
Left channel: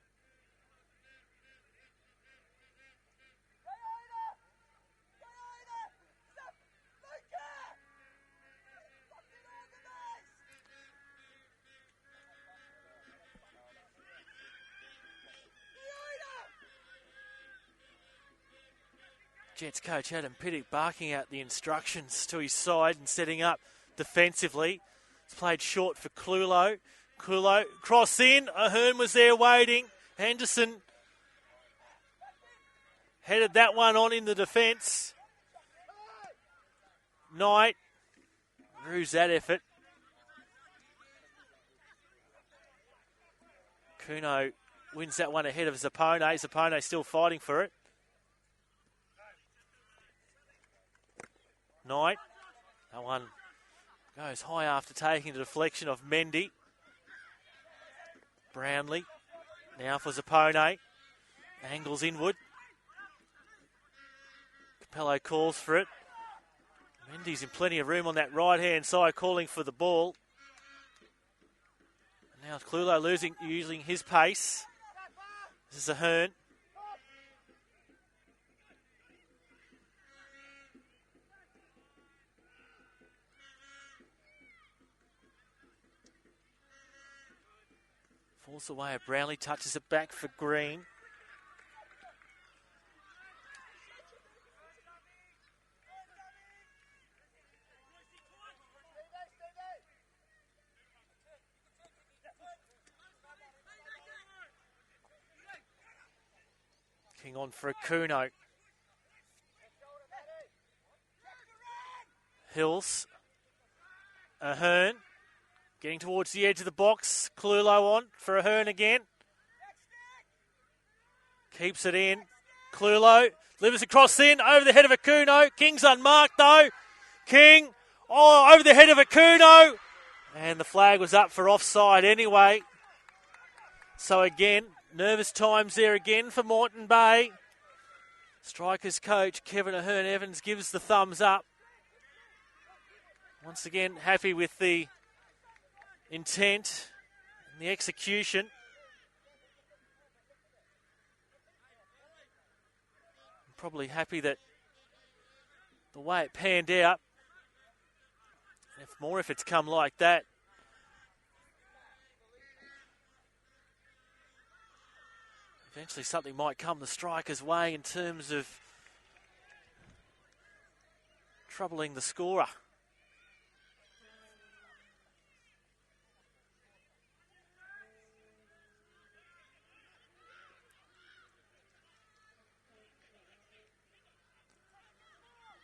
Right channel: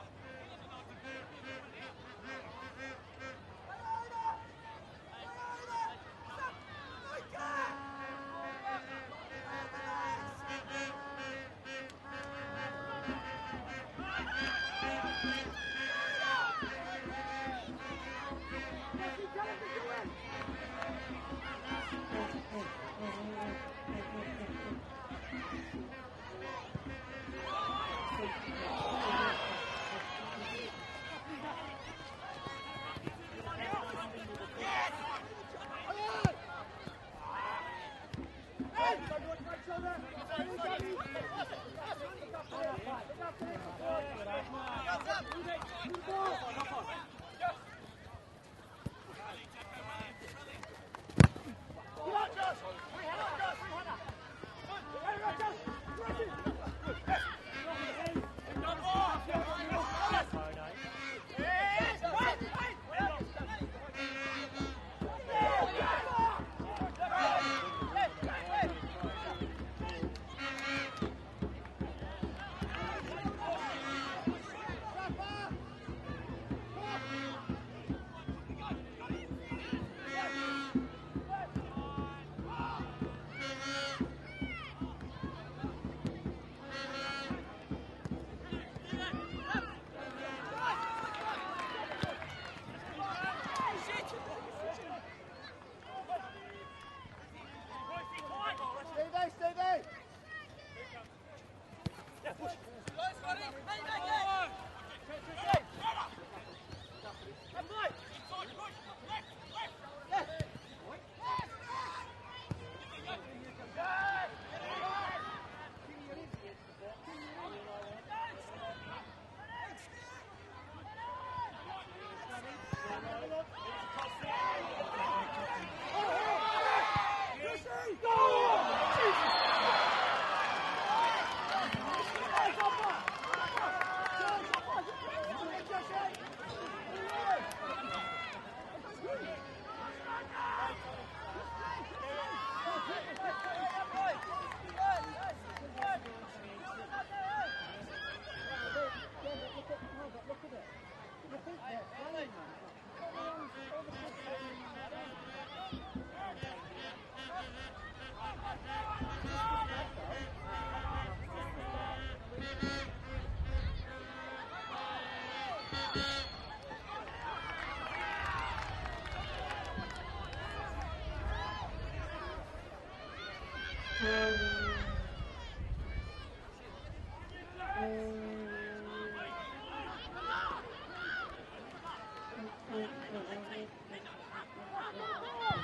Jets coach Adam Pittock barking out the instructions to his side and setting up defensively. He's played short for Clulo. Clulo cross in. Ahern was there waiting. Henderson headed that one on in the defence. Knight. Who's that effort? Kuno wins that one ahead of Zappone. Zappone still fighting for it. Knight. That one goes high after taking the deflection of Mendy. Brownlee. Now for Zappone. Angles inward. Capello calls for it. Mendy's in plenty of room on that right-hand side, calling for the ball. Now Clulo using his pace. This is Ahern. Away and Brownlee touches it back for Green. Looking on for Akuno. Hills. Ahern. Getting towards the edge of the box. Clulo on for Ahern again. Keeps it in. Clulo delivers a cross in over the head of Akuno. King's unmarked though. King, over the head of Akuno. And the flag was up for offside anyway. So again, nervous times there again for Moreton Bay. Strikers coach Kevin Ahern-Evans gives the thumbs up. Once again, happy with the intent, the execution. probably happy that the way it panned out, more if it's come like that. Actually, something might come the Strikers' way in terms of troubling the scorer.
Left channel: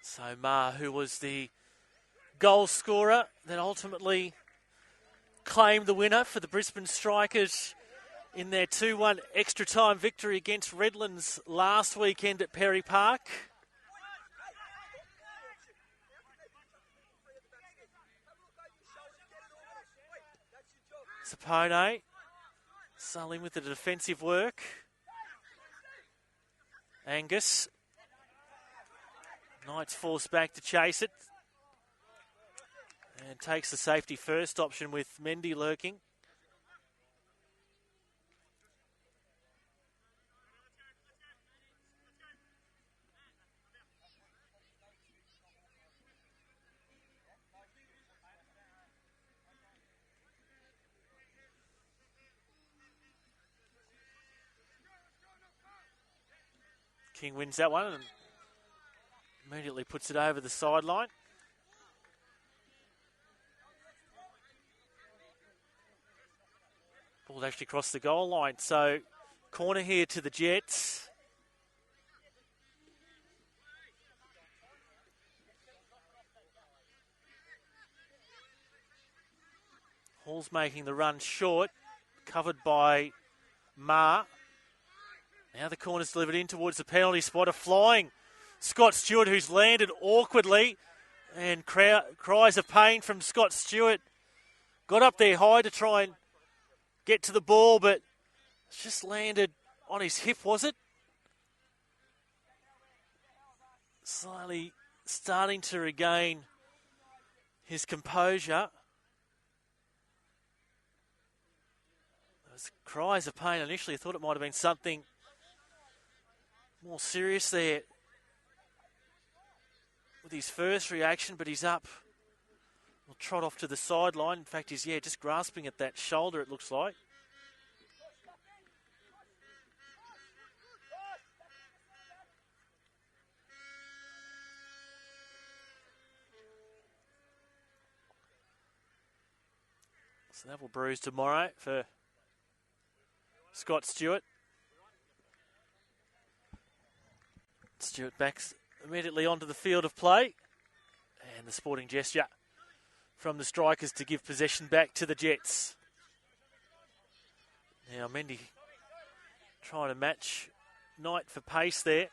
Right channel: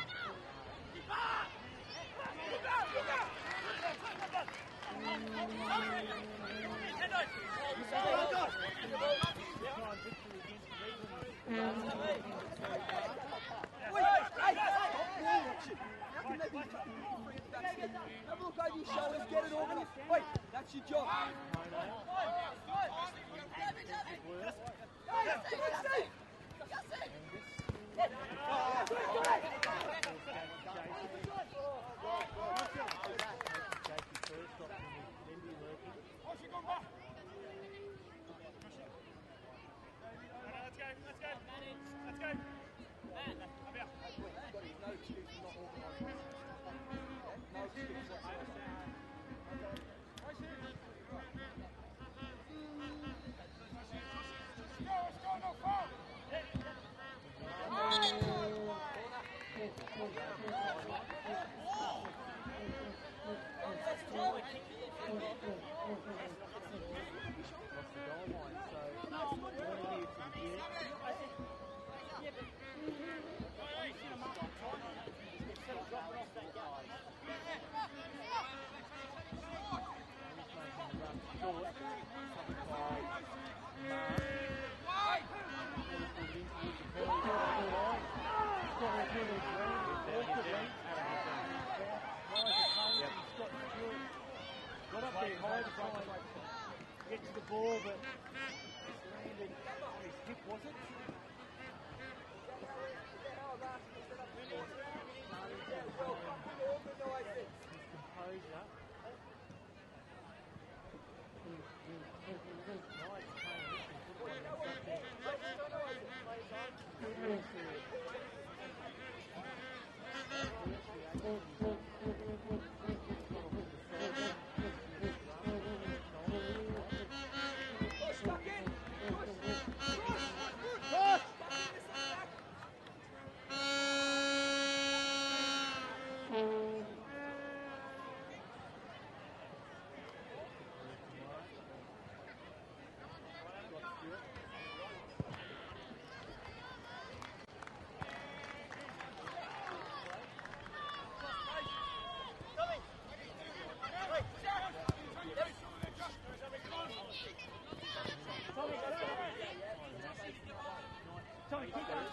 So Ma, who was the goal scorer, then ultimately claimed the winner for the Brisbane Strikers in their 2-1 extra time victory against Redlands last weekend at Perry Park. Sapone Sulling with the defensive work. Angus. Knights forced back to chase it. And it takes the safety first option with Mendy lurking. King wins that one. Immediately puts it over the sideline. Will actually cross the goal line. So corner here to the Jets. Hall's making the run short, covered by Ma. Now the corner's delivered in towards the penalty spot. A flying Scott Stewart, who's landed awkwardly, and cries of pain from Scott Stewart. Got up there high to try and get to the ball, but just landed on his hip, was it? Slowly starting to regain his composure. Some cries of pain initially. I thought it might have been something more serious there. His first reaction, but he's up. Trot off to the sideline. In fact, he's just grasping at that shoulder, it looks like. Snaffle bruise tomorrow for Scott Stewart. Stewart backs immediately onto the field of play. And the sporting gesture from the Strikers to give possession back to the Jets. Now Mendy trying to match Knight for pace there.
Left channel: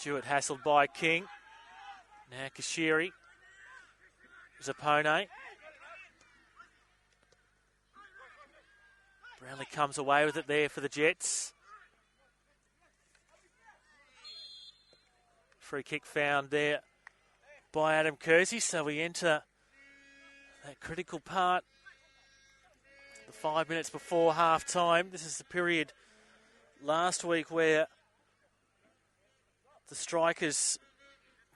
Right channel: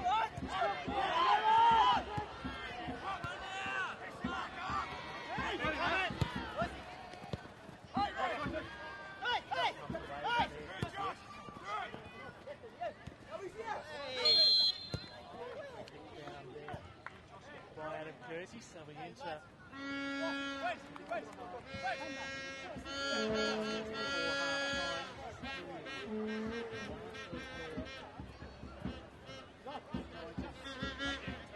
Stewart hassled by King. Now Kashiri. Zapone. Really comes away with it there for the Jets. Free kick found there by Adam Kersey, so we enter a critical part 5 minutes before half time. This is the period last week where the Strikers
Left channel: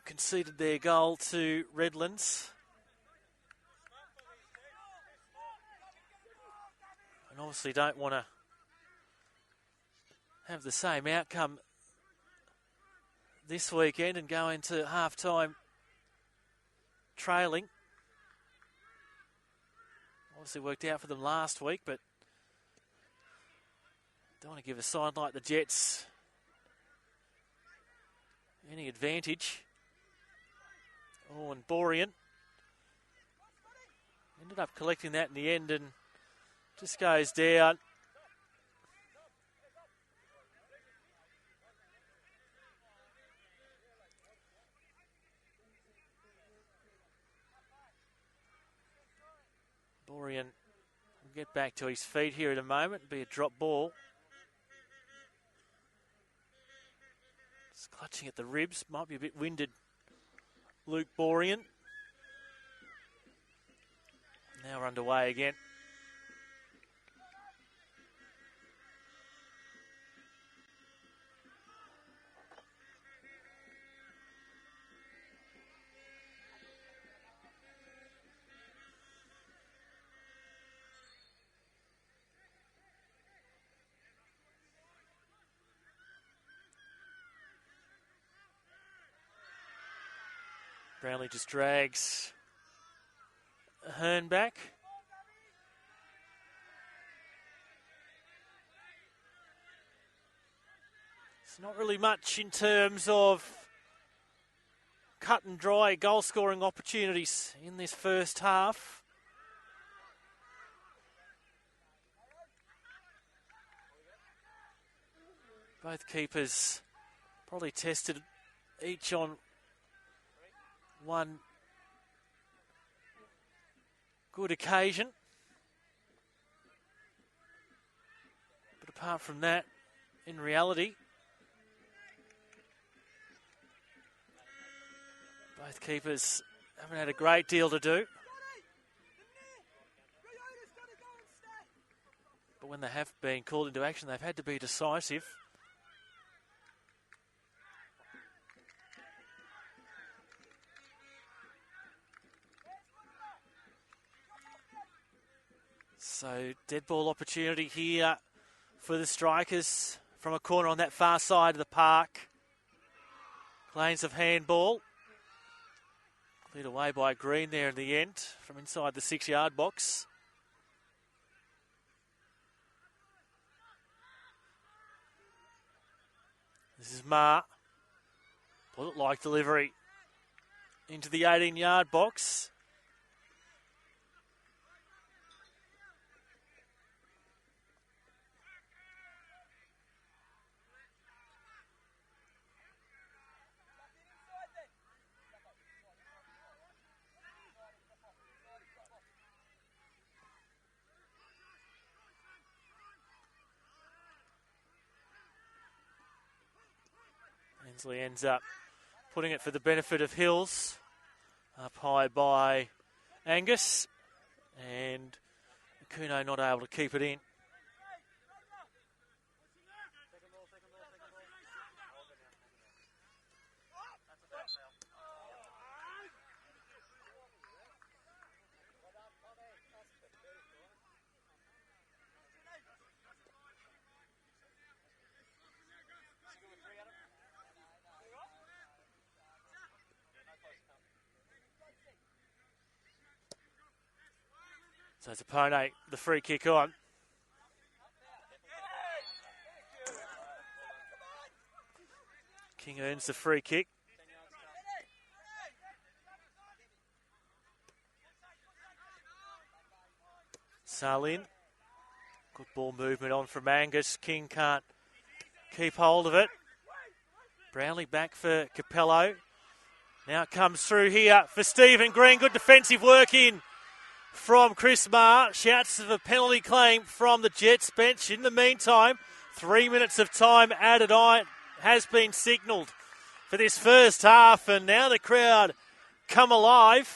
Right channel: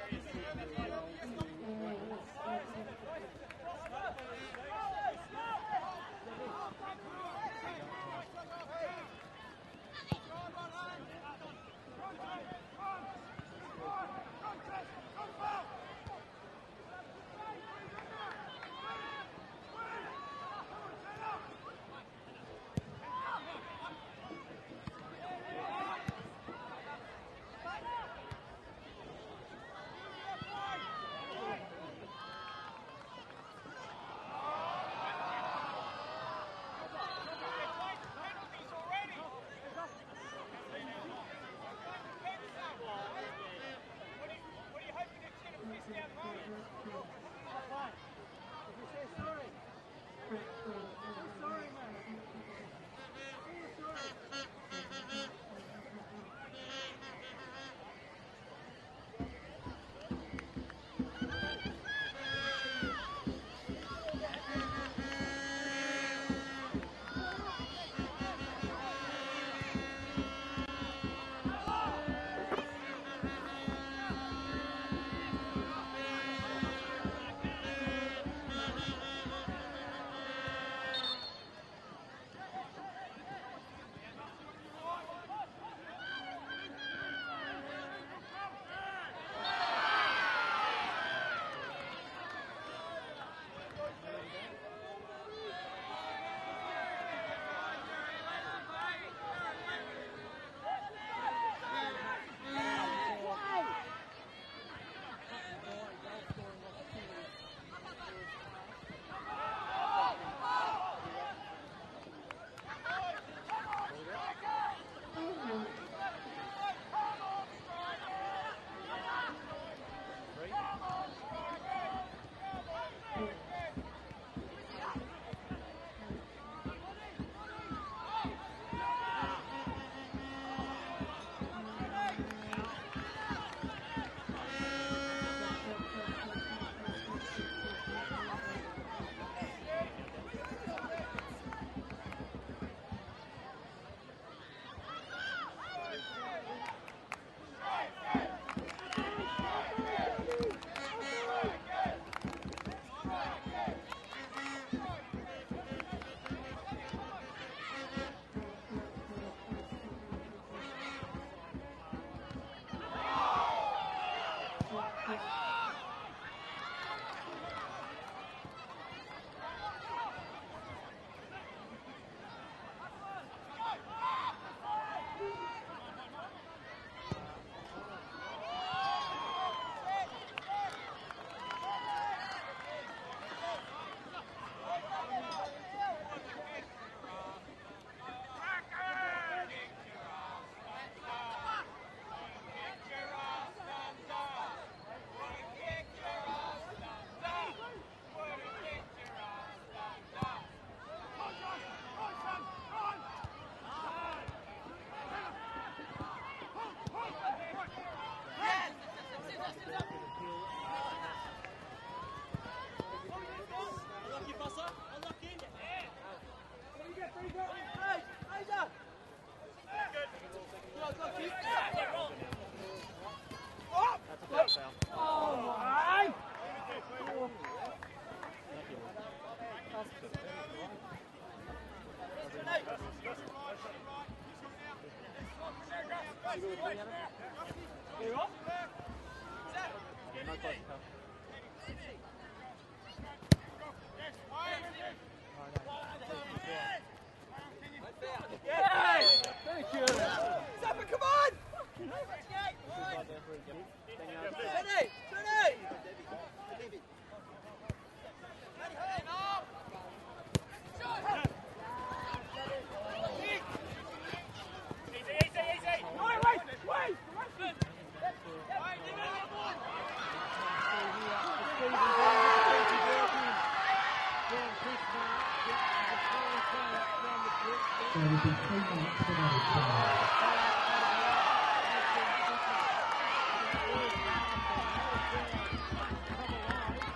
conceded their goal to Redlands. Obviously don't want to have the same outcome this weekend and go into half-time trailing. Obviously worked out for them last week, but don't want to give a side like the Jets any advantage. Borian ended up collecting that in the end and just goes down. back to his feet here in a moment. Be a drop ball. He's clutching at the ribs. Might be a bit winded. Luke Borean. Now we're underway again. Brownlee just drags Hearn back. It's not really much in terms of cut and dry goal scoring opportunities in this first half. Both keepers probably tested each on one good occasion. Apart from that, in reality, both keepers haven't had a great deal to do. When they have been called into action, they've had to be decisive. So, dead ball opportunity here for the Strikers from a corner on that far side of the park. Lanes of handball. Put away by Green there in the end from inside the 6-yard box. This is Ma. Looked like delivery into the 18-yard box. So he ends up putting it for the benefit of Hills. Up high by Angus. And Kuno not able to keep it in. So it's Apone, the free kick on. King earns the free kick. Salin. Ball movement on from Angus. King can't keep hold of it. Brownlee back for Capello. Now it comes through here for Stephen Green. Good defensive work in from Chris Marr. Shouts of a penalty claim from the Jets bench. In the meantime, 3 minutes of time added on has been signalled for this first half, and now the crowd come alive.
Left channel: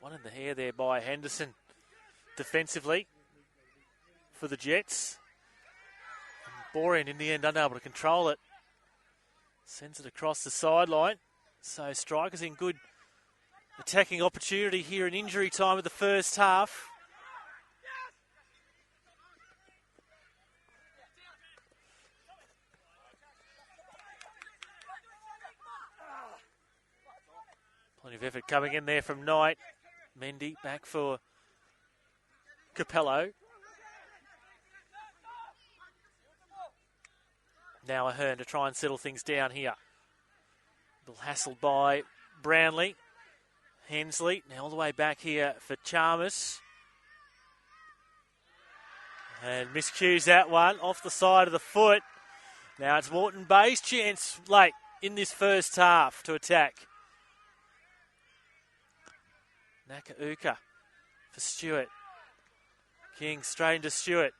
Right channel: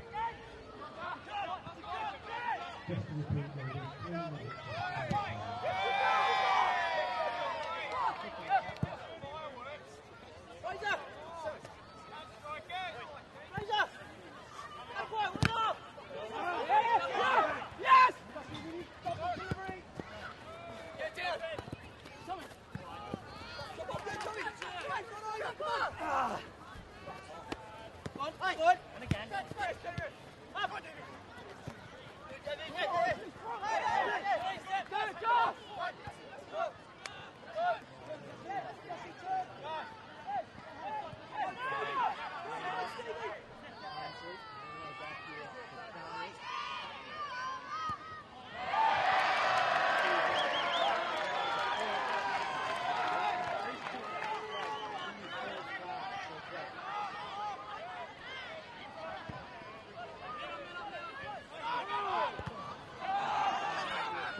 One in the hair there by Henderson defensively for the Jets. Borean in the end unable to control it. Sends it across the sideline. So Strikers in good attacking opportunity here in injury time of the first half. Plenty of effort coming in there from Knight. Mendy back for Capello. Now Ahern to try and settle things down here. Hassled by Brownlee. Hensley now all the way back here for Chalmers. And Miscues that one off the side of the foot. Now it's Moreton Bay's chance late in this first half to attack. Nakauka for Stewart. King straight into Stewart.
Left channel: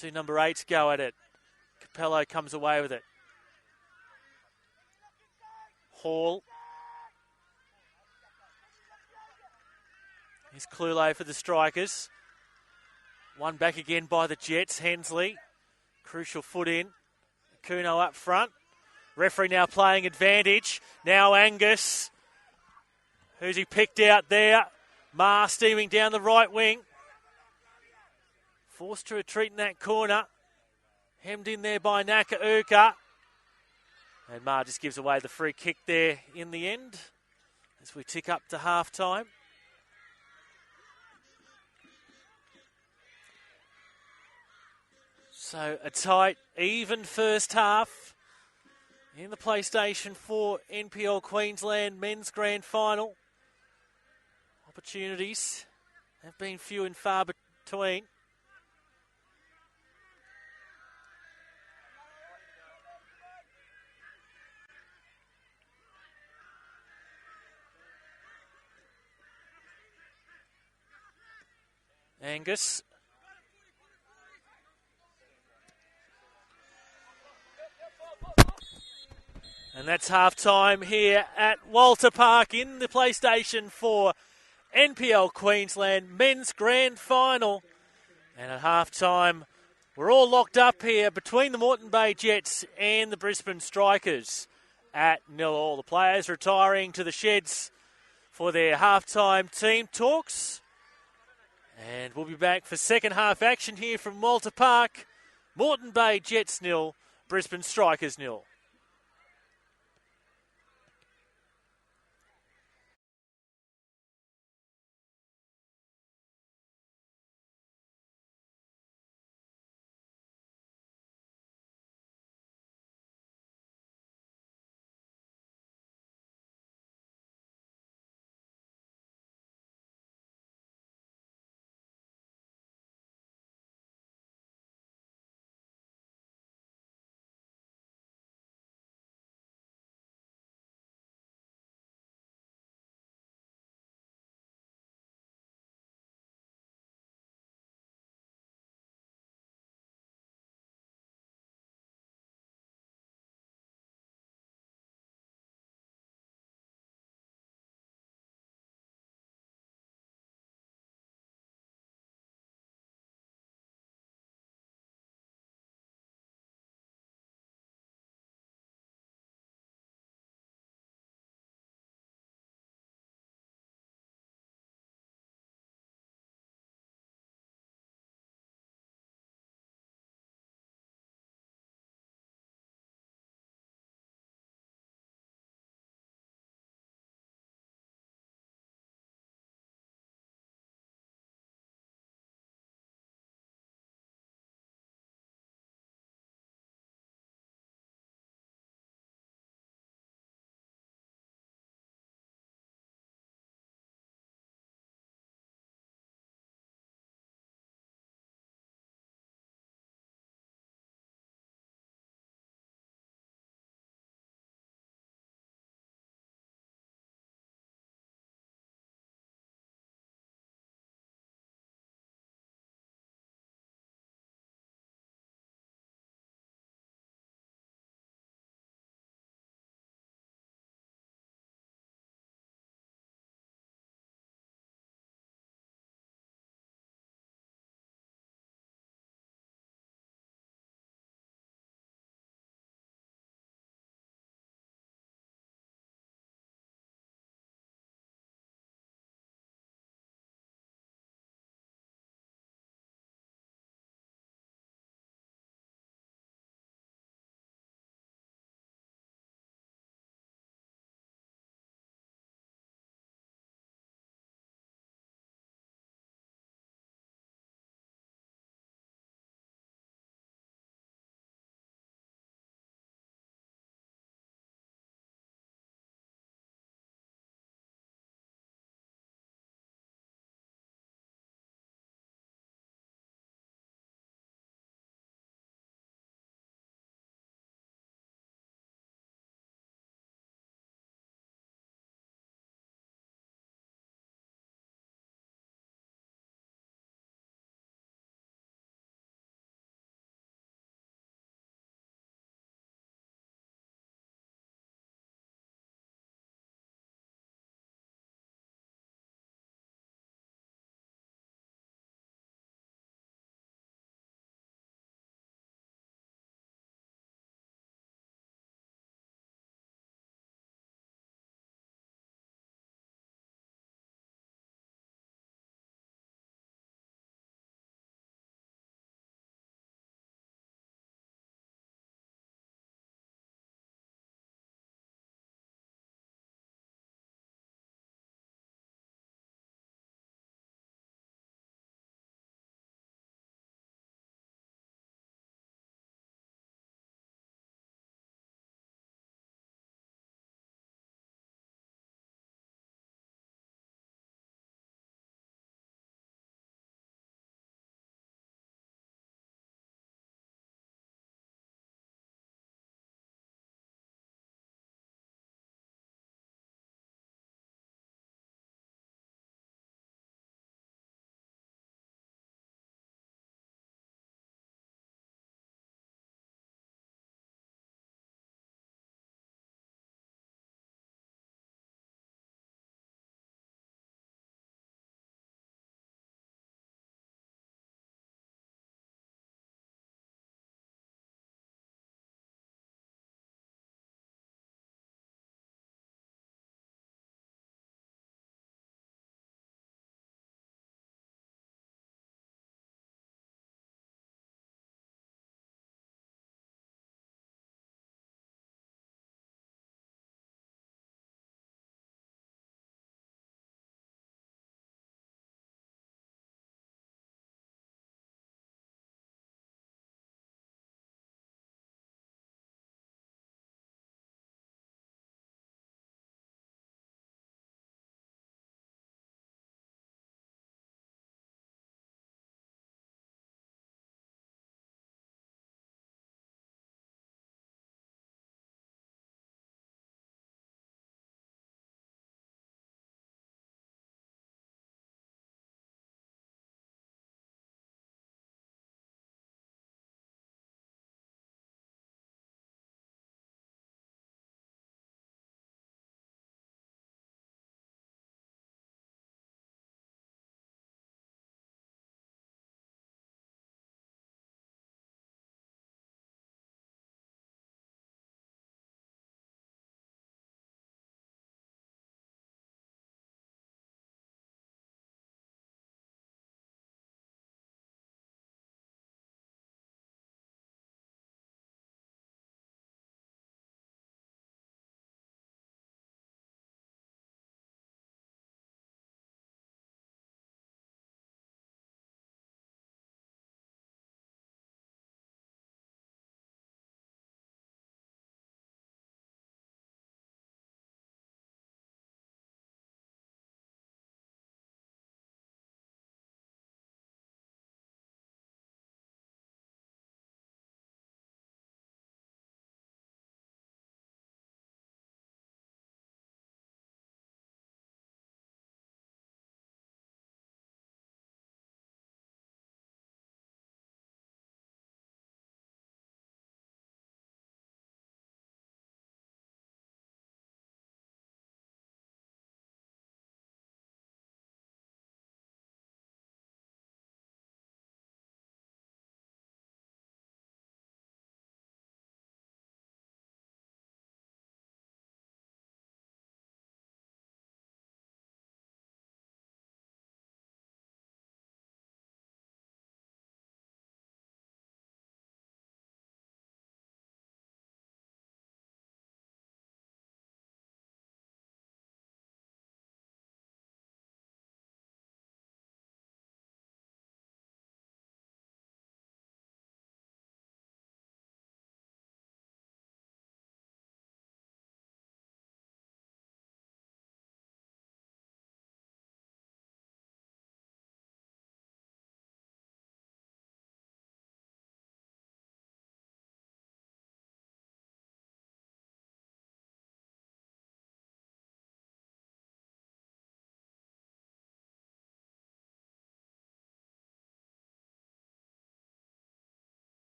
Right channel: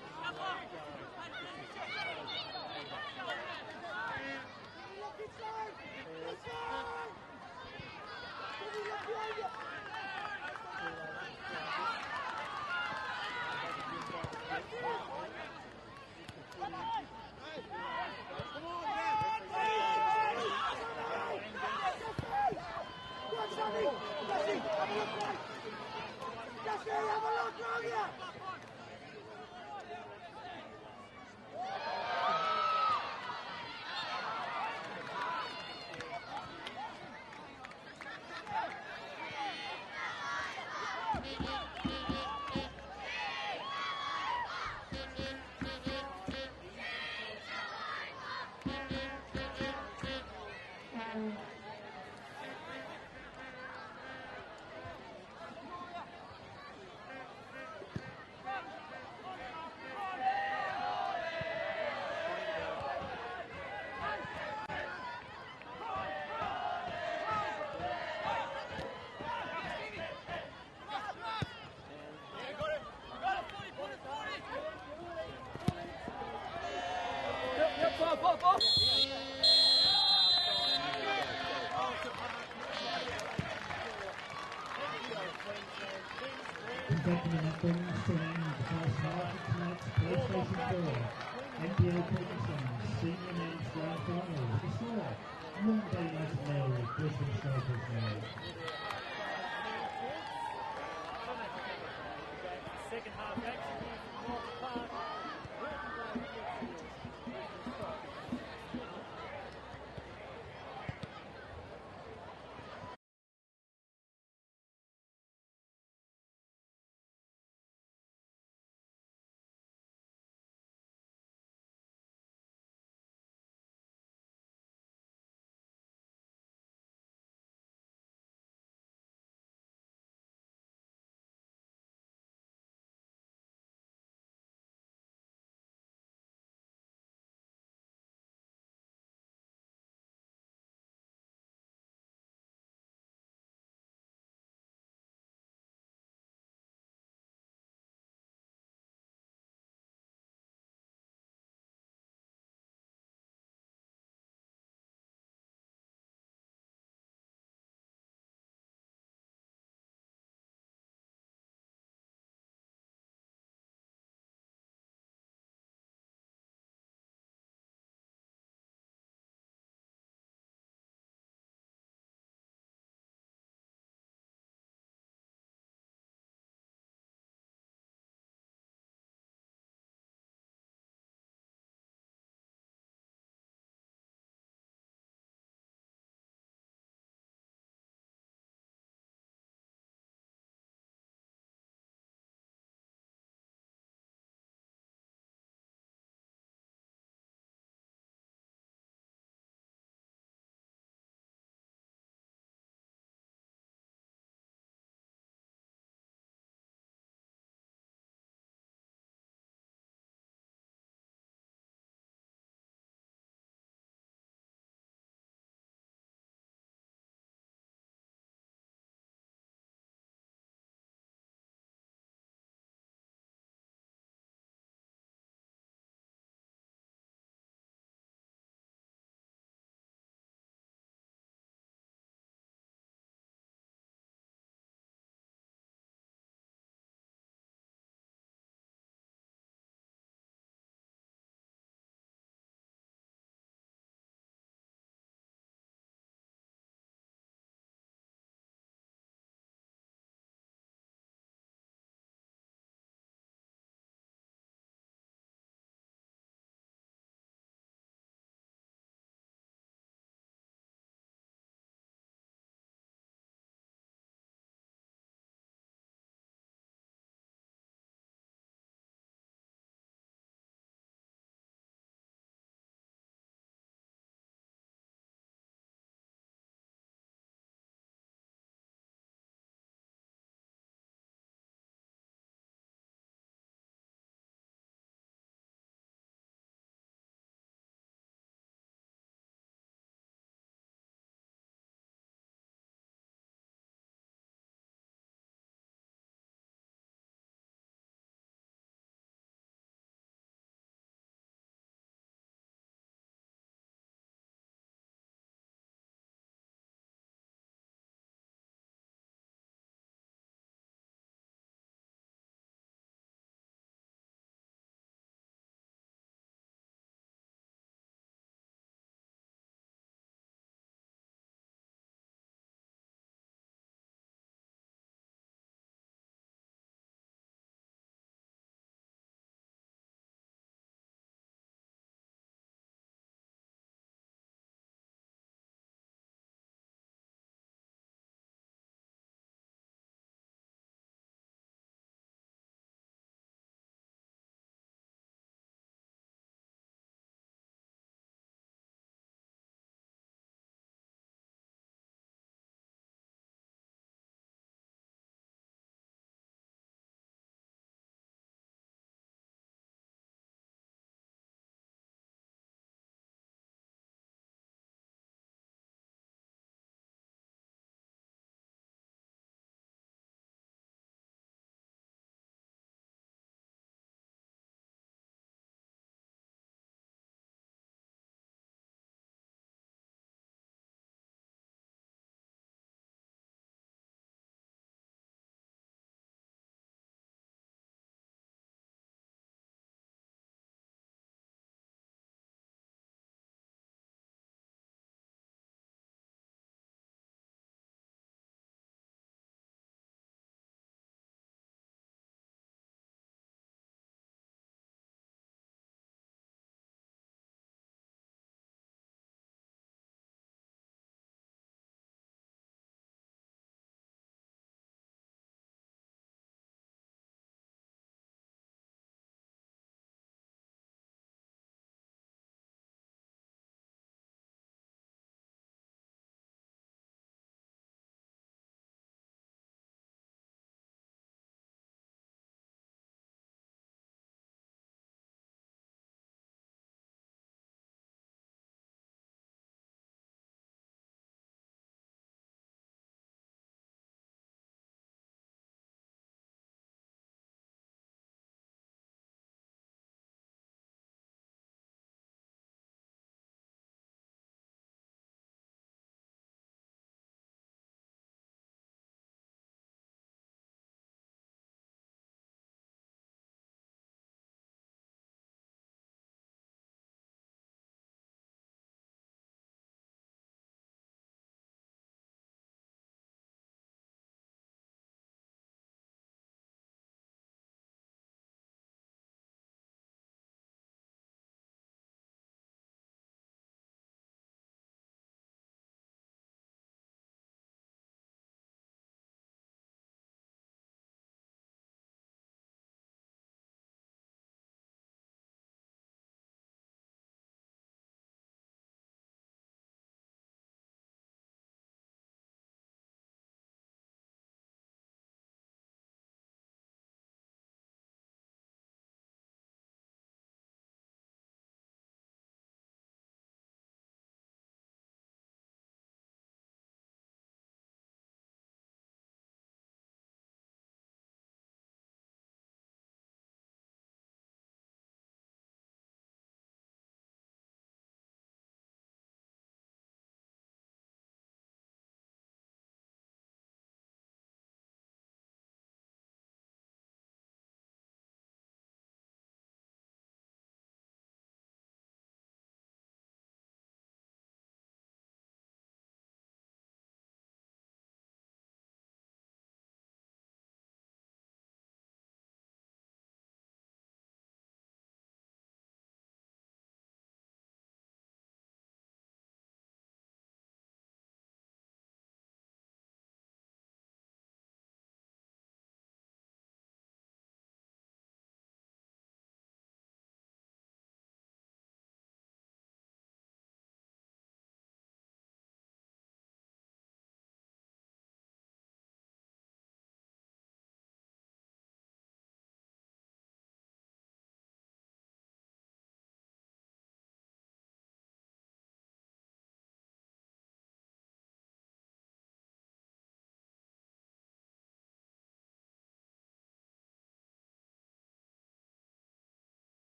Two number 8s go at it. Capello comes away with it. Hall. It's Cloulé for the Strikers. One back again by the Jets. Hensley. Crucial foot in. Kuno up front. Referee now playing advantage. Now Angus. Who's he picked out there? Marr steaming down the right wing. Forced to retreat in that corner. Hemmed in there by Nakauka. And Marr just gives away the free kick there in the end as we tick up to half-time. So a tight, even first half in the PlayStation 4 NPL Queensland Men's Grand Final. Opportunities have been few and far between. Angus. And that's half-time here at Walter Park in the PlayStation 4 NPL Queensland Men's Grand Final. And at half-time, we're all locked up here between the Moreton Bay Jets and the Brisbane Strikers at 0-0. The players retiring to the sheds for their half-time team talks. And we'll be back for second half action here from Walter Park. Moreton Bay Jets 0, Brisbane Strikers 0.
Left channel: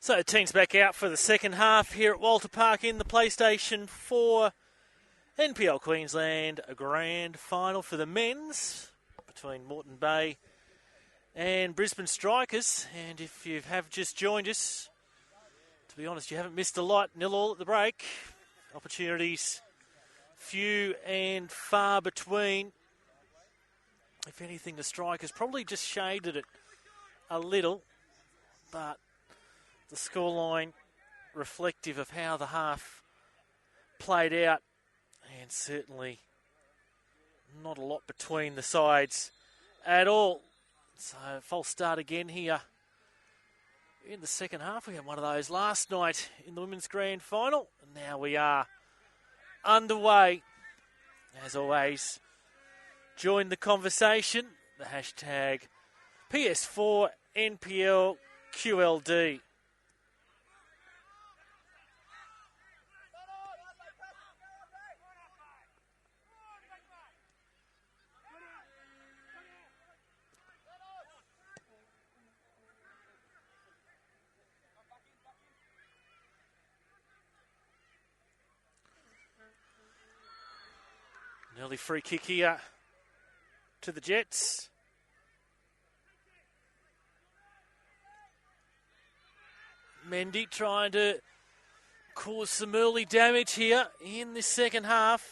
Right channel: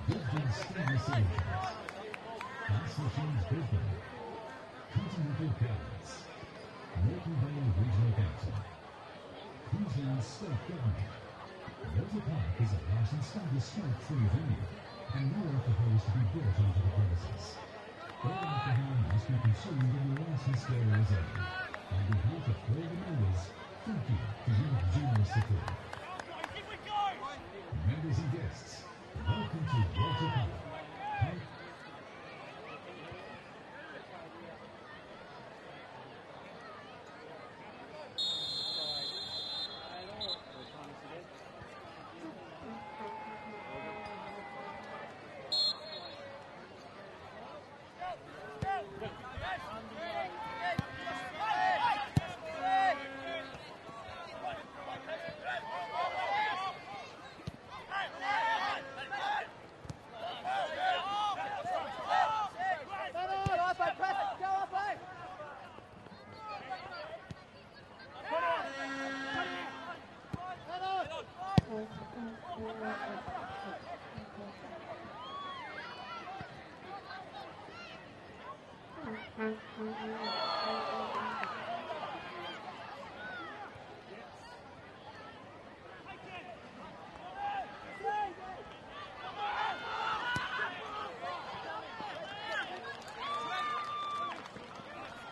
So the team's back out for the second half here at Walter Park in the PlayStation 4 NPL Queensland Grand Final for the men's between Moreton Bay and Brisbane Strikers. And if you have just joined us, to be honest, you haven't missed a lot. 0-0 at the break. Opportunities few and far between. If anything, the Strikers probably just shaded it a little, but the scoreline reflective of how the half played out, and certainly not a lot between the sides at all. So false start again here in the second half. We had one of those last night in the Women's Grand Final. Now we are underway. As always, join the conversation. The hashtag PS4NPLQLD. Early free kick here to the Jets. Mendy trying to cause some early damage here in the second half.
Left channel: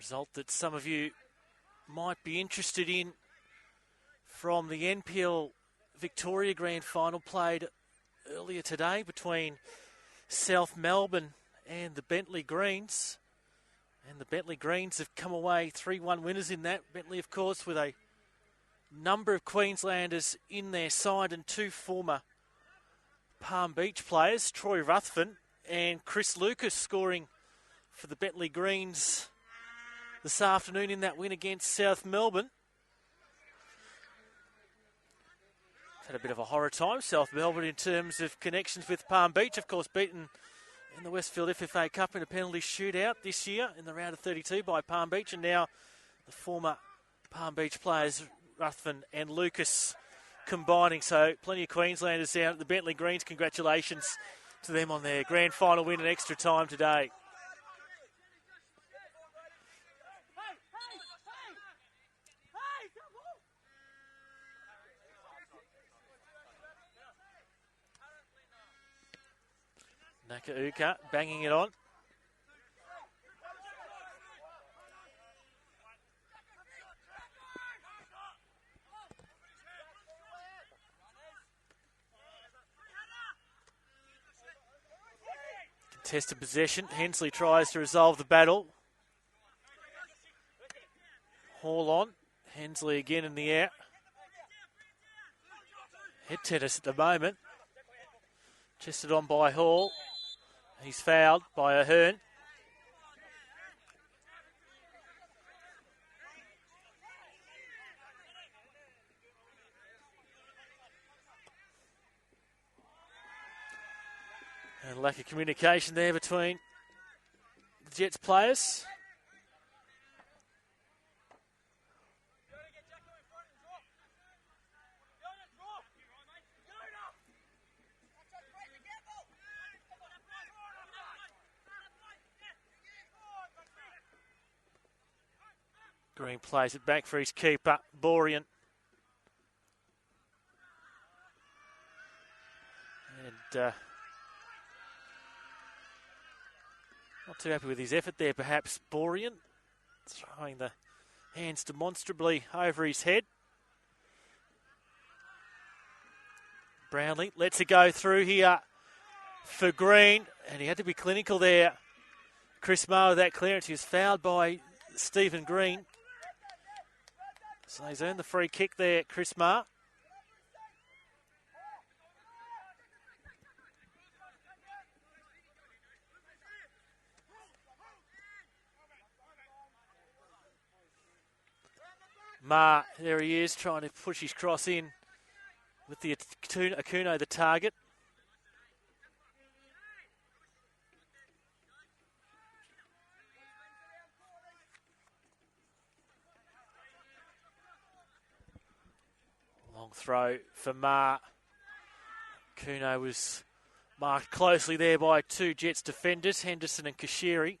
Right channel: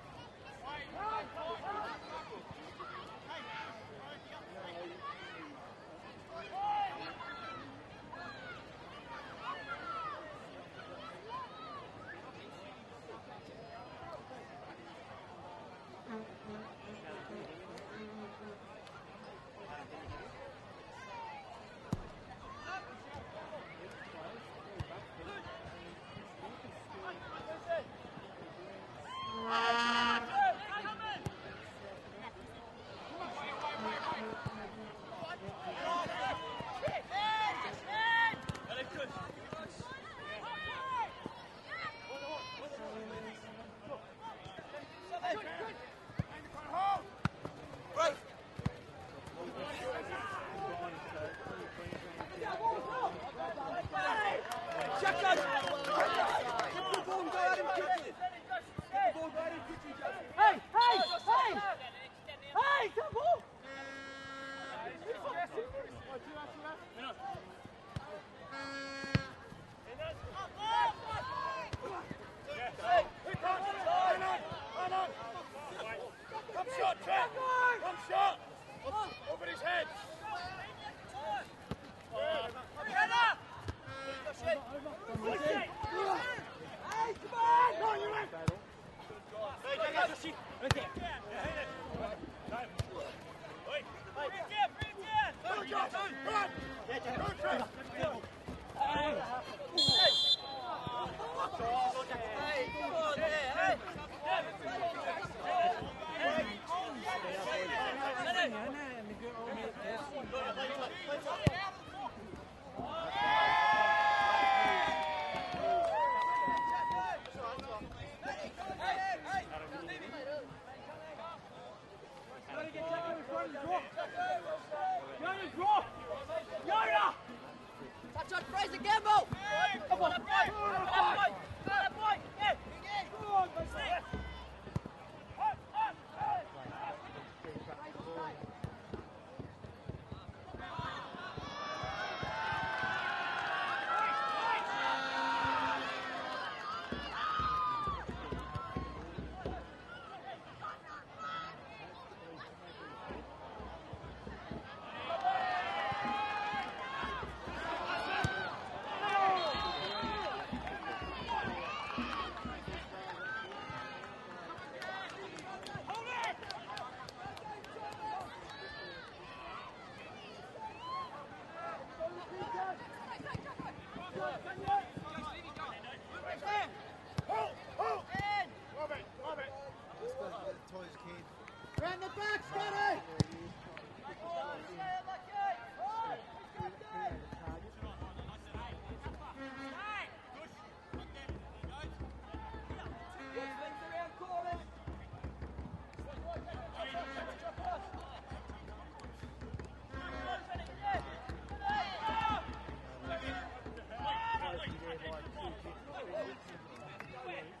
Result that some of you might be interested in from the NPL Victoria Grand Final played earlier today between South Melbourne and the Bentley Greens. And the Bentley Greens have come away 3-1 winners in that. Bentley, of course, with a number of Queenslanders in their side and two former Palm Beach players, Troy Ruthven and Chris Lucas, scoring for the Bentley Greens this afternoon in that win against South Melbourne. Had a bit of a horror time, South Melbourne, in terms of connections with Palm Beach. Of course, beaten in the Westfield FFA Cup in a penalty shootout this year in the round of 32 by Palm Beach, and now former Palm Beach players Ruthven and Lucas combining. So plenty of Queenslanders down at the Bentley Greens. Congratulations to them on their grand final win in extra time today. Nakauka banging it on. Test of possession. Hensley tries to resolve the battle. All on. Hensley again in the air. Head tennis at the moment. Chested on by Hall. He's fouled by Ahern. Lack of communication there between the Jets players. Green plays it back for his keeper, Borean. Not too happy with his effort there, perhaps, Borean. Throwing the hands demonstrably over his head. Brownlee lets it go through here for Green, and he had to be clinical there. Chris Marr with that clearance. He was fouled by Stephen Green. So he's earned the free kick there, Chris Marr. Ma, there he is, trying to push his cross in with the Akuno, the target. Long throw for Ma. Akuno was marked closely there by two Jets defenders, Henderson and Kashiri.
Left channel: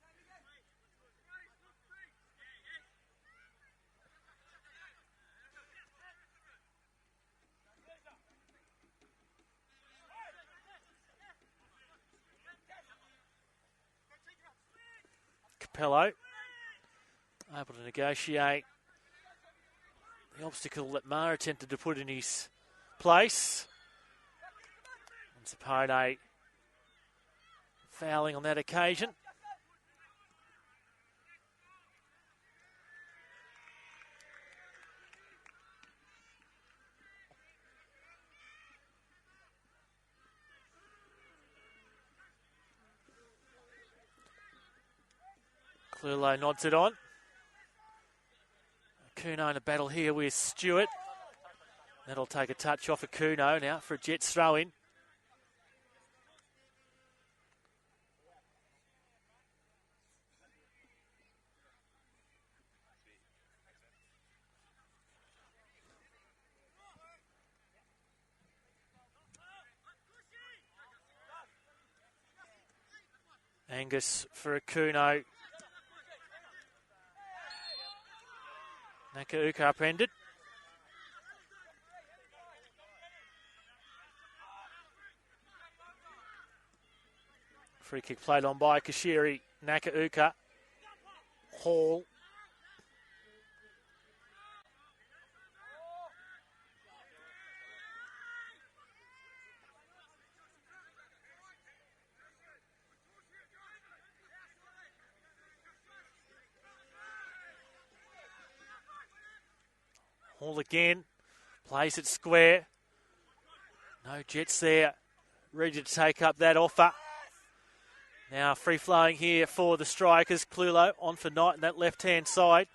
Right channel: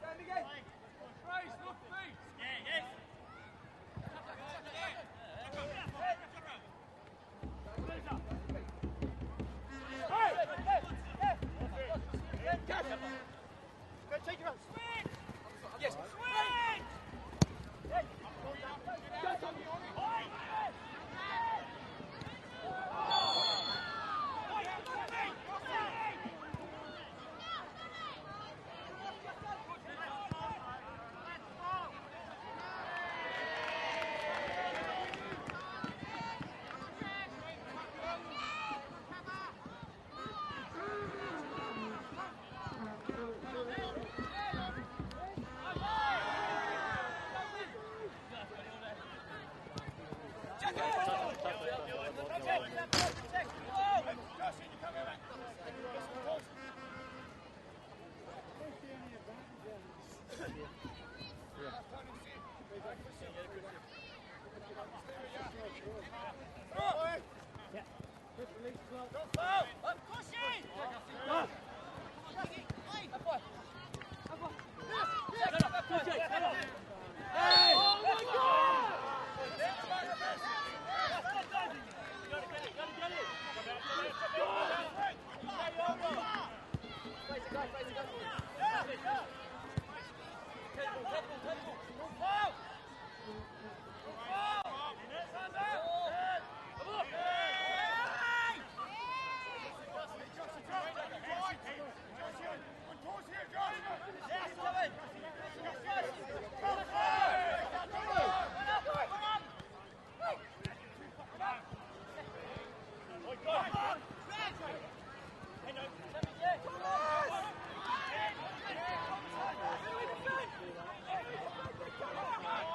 Capello able to negotiate the obstacle that Ma attempted to put in his place. Pone fouling on that occasion. Clulo nods it on. Kuno in a battle here with Stewart. That'll take a touch off Kuno and out for a Jets throw in. Angus for a Kuno. Nakauka upended. Free kick played on by Kashiri. Nakauka. Hall. Hall again. Plays it square. No Jets there. Ready to take up that offer. Now free flowing here for the Strikers. Clulo on for Knight on that left-hand side.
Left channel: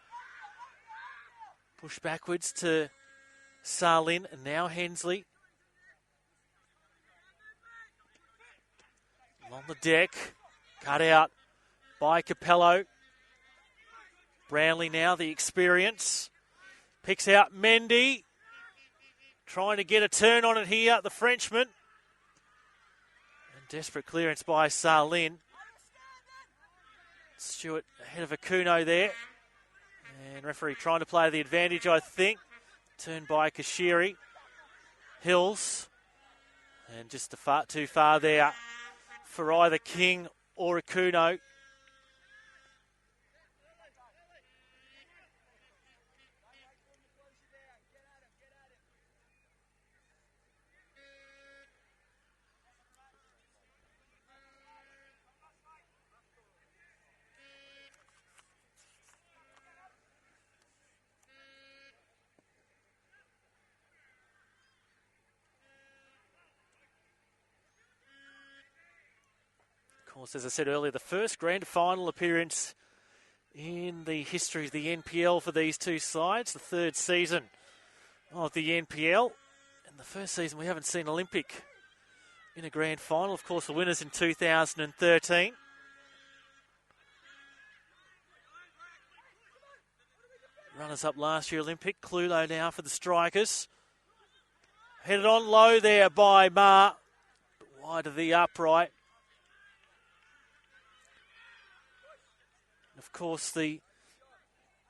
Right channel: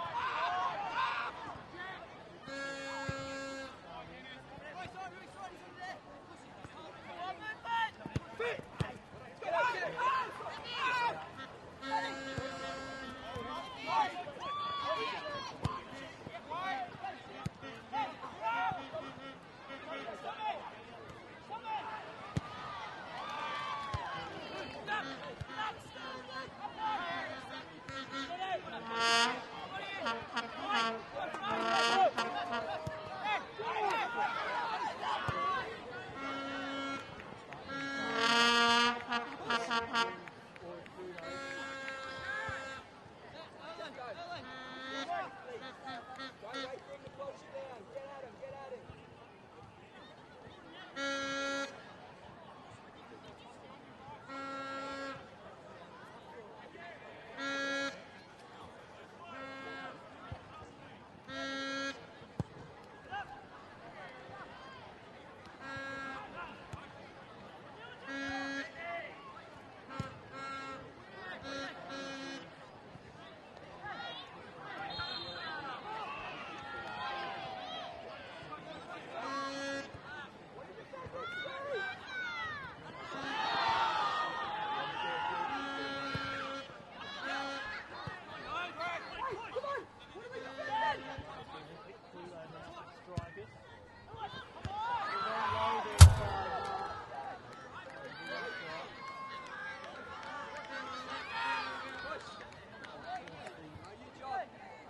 Push backwards to Sarlin and now Hensley. On the deck. Cut out by Capello. Brownlee now, the experience. Picks out Mendy. Trying to get a turn on it here, the Frenchman. Desperate clearance by Sarlin. Stewart ahead of Akuno there. And referee trying to play the advantage, I think. Turned by Kashiri. Hills. And just too far there for either King or Akuno. As I said earlier, the first grand final appearance in the history of the NPL for these two sides, the third season of the NPL. The first season we haven't seen Olympic in a grand final. Of course, the winners in 2013. Runners up last year Olympic. Clulo now for the Strikers. Headed on low there by Ma. Wide of the upright. Of course, the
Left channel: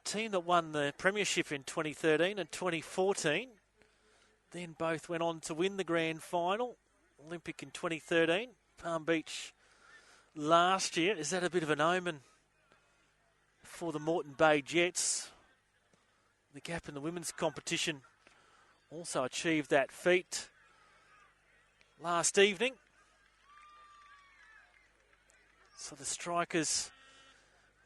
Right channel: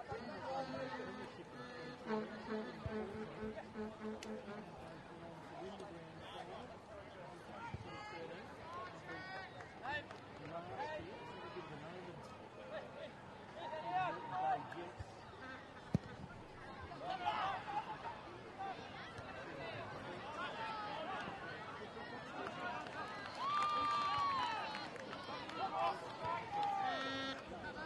team that won the premiership in 2013 and 2014 then both went on to win the grand final. Olympic in 2013, Palm Beach last year. Is that a bit of an omen for the Moreton Bay Jets? The Gap in the women's competition also achieved that feat last evening. So the Strikers,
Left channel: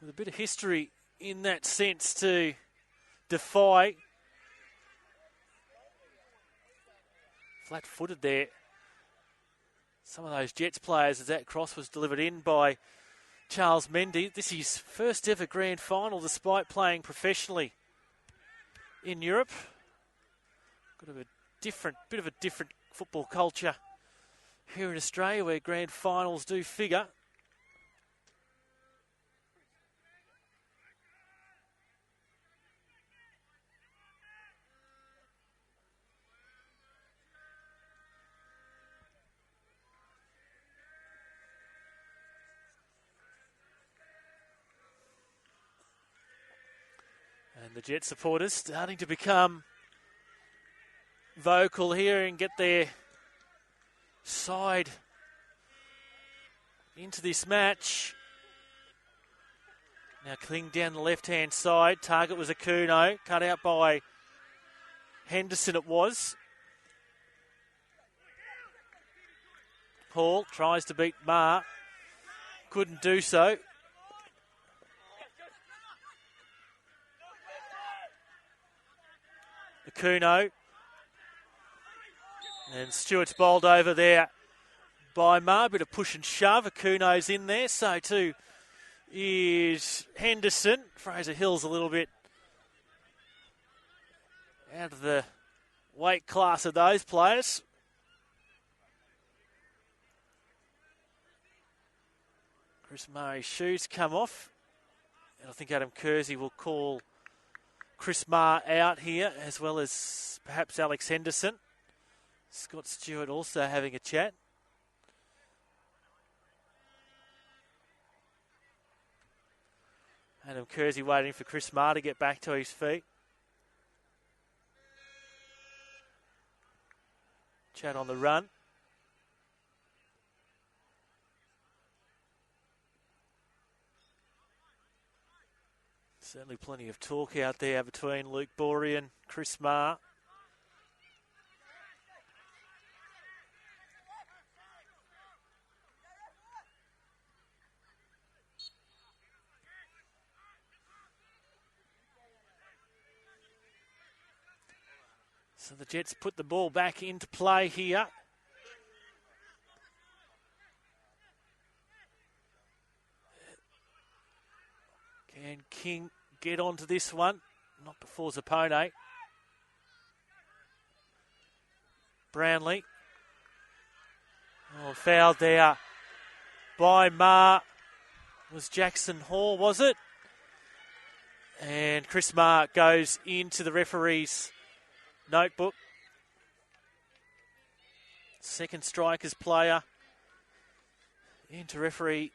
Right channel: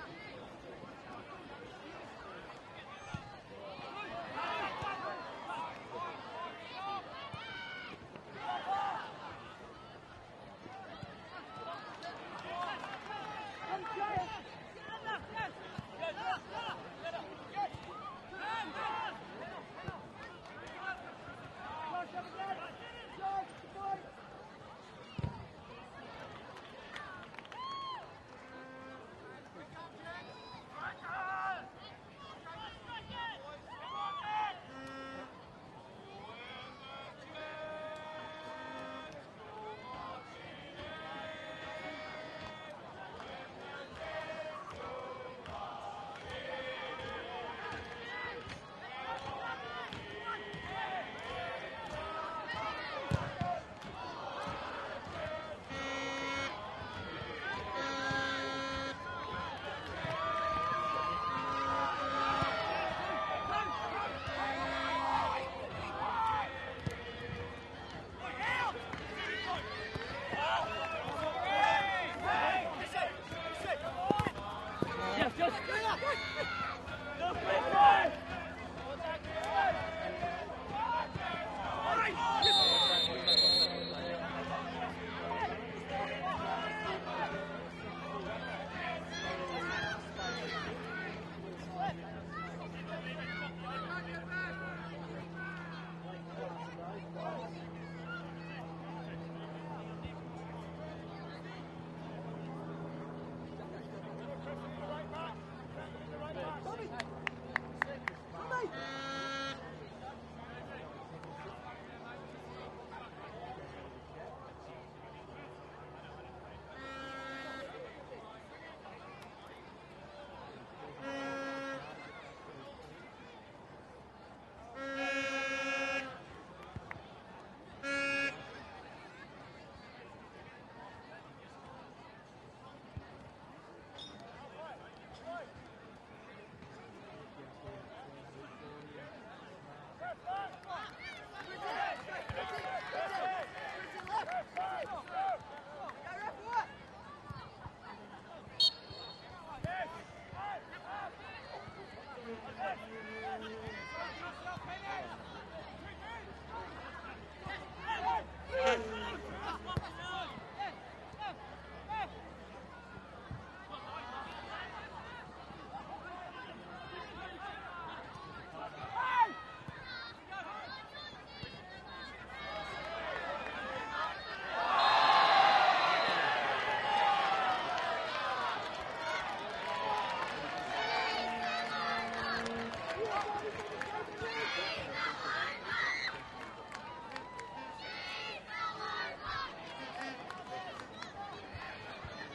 a bit of history in that sense to defy. Flat-footed there. Some of those Jets players as that cross was delivered in by Charles Mendy. This is his first ever grand final despite playing professionally in Europe. Bit of a different football culture here in Australia, where grand finals do figure. The Jet supporters starting to become vocal here and get their side into this match. Now clean down the left-hand side. Target was Akuno, cut out by Henderson it was. Hall tries to beat Marr, couldn't do so. Akuno. And Stewart's bowled over there by Marr. Bit of push and shove. Akuno's in there. So too is Henderson. Fraser Hill's a little bit out of the weight class of those players. Chris Murray's shoes come off. I think Adam Kersey will call Chris Marr out here, as well as perhaps Alex Henderson. Scott Stewart also having a chat. Adam Kersey waiting for Chris Marr to get back to his feet. Chan on the run. Certainly plenty of talk out there between Luke Borey and Chris Marr. So the Jets put the ball back into play here. And King get onto this one, not before Zappone. Brownlee. Fouled there by Marr. It was Jackson Hall, was it? And Chris Marr goes into the referee's notebook. Second strikers player into referee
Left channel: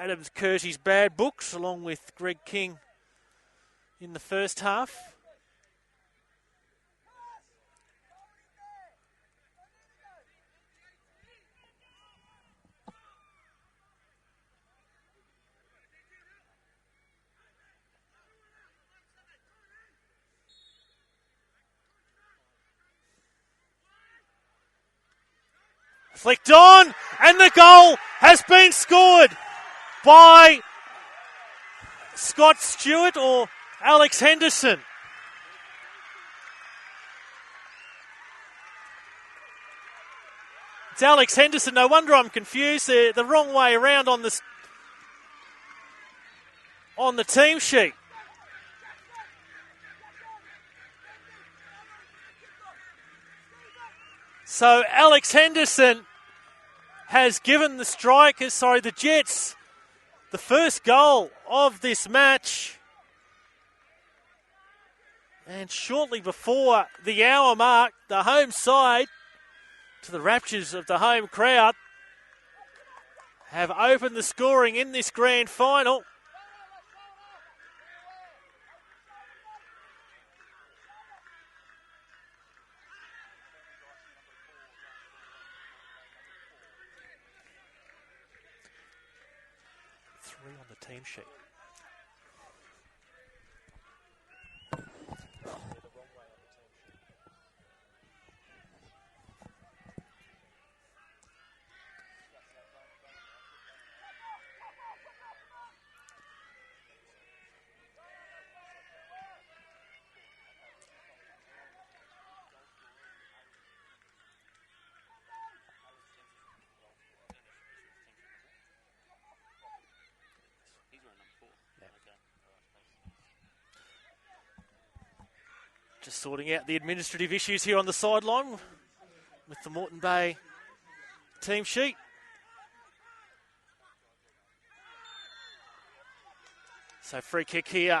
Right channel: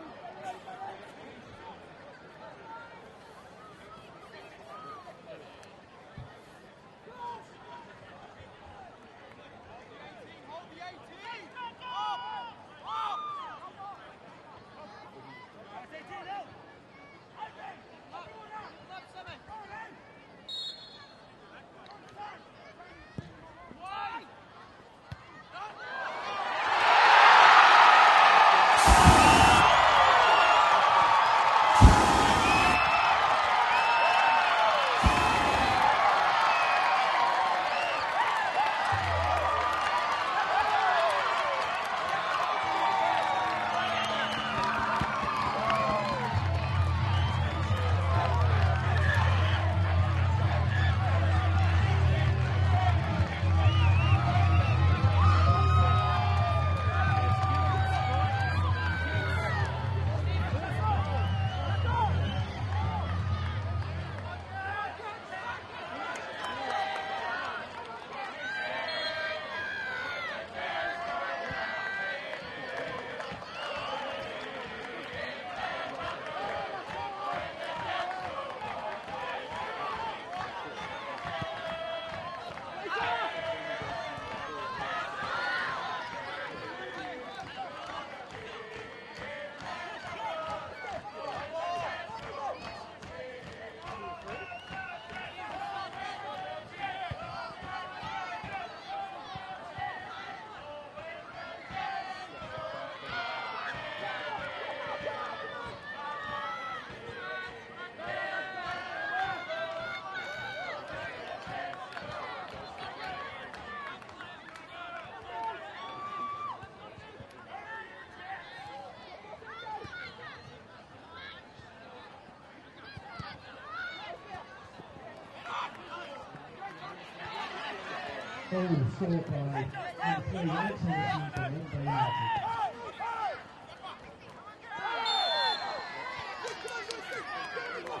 Adam Kersey's bad books, along with Greg King in the first half. Flicked on, and the goal has been scored by Scott Stewart or Alex Henderson. It's Alex Henderson. No wonder I'm confused. They're the wrong way around on the team sheet. So Alex Henderson has given the Jets, the first goal of this match. And shortly before the hour mark, the home side, to the raptures of the home crowd, have opened the scoring in this grand final. Sorting out the administrative issues here on the sideline. The Moreton Bay team sheet. So free kick here.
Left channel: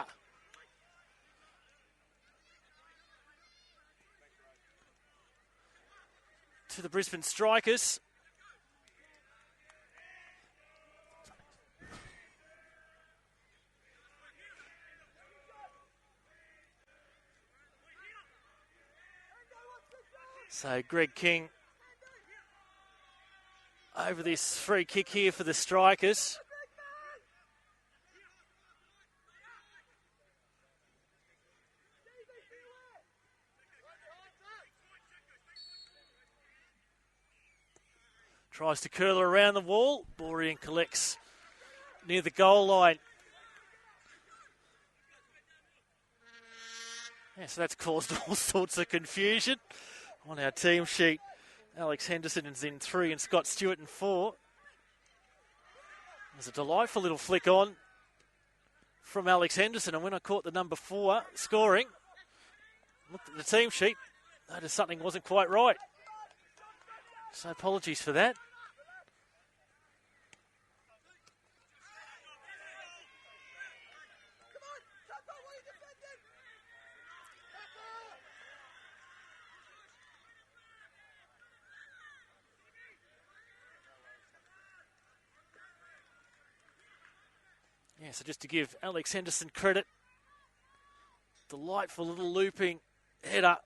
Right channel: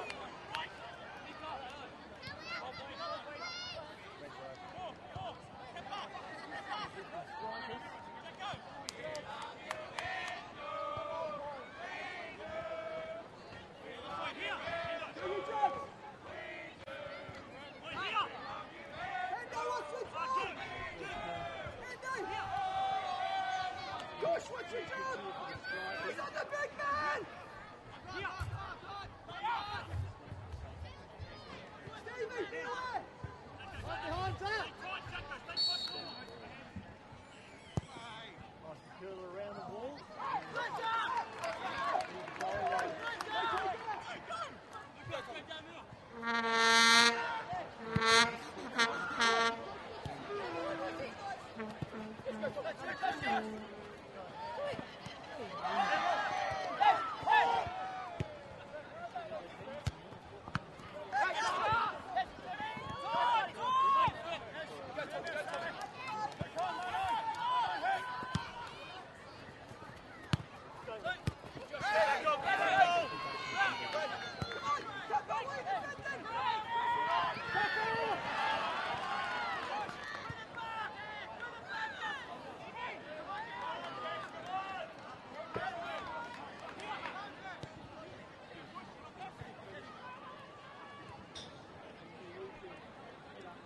To the Brisbane Strikers. So Greg King over this free kick here for the Strikers. Tries to curl her around the wall. Dorian collects near the goal line. So that's caused all sorts of confusion on our team sheet. Alex Henderson is in 3 and Scott Stewart in 4. It's a delightful little flick on from Alex Henderson, and when I caught the number 4 scoring the team sheet, that is something wasn't quite right. So apologies for that. So just to give Alex Henderson credit, delightful little looping header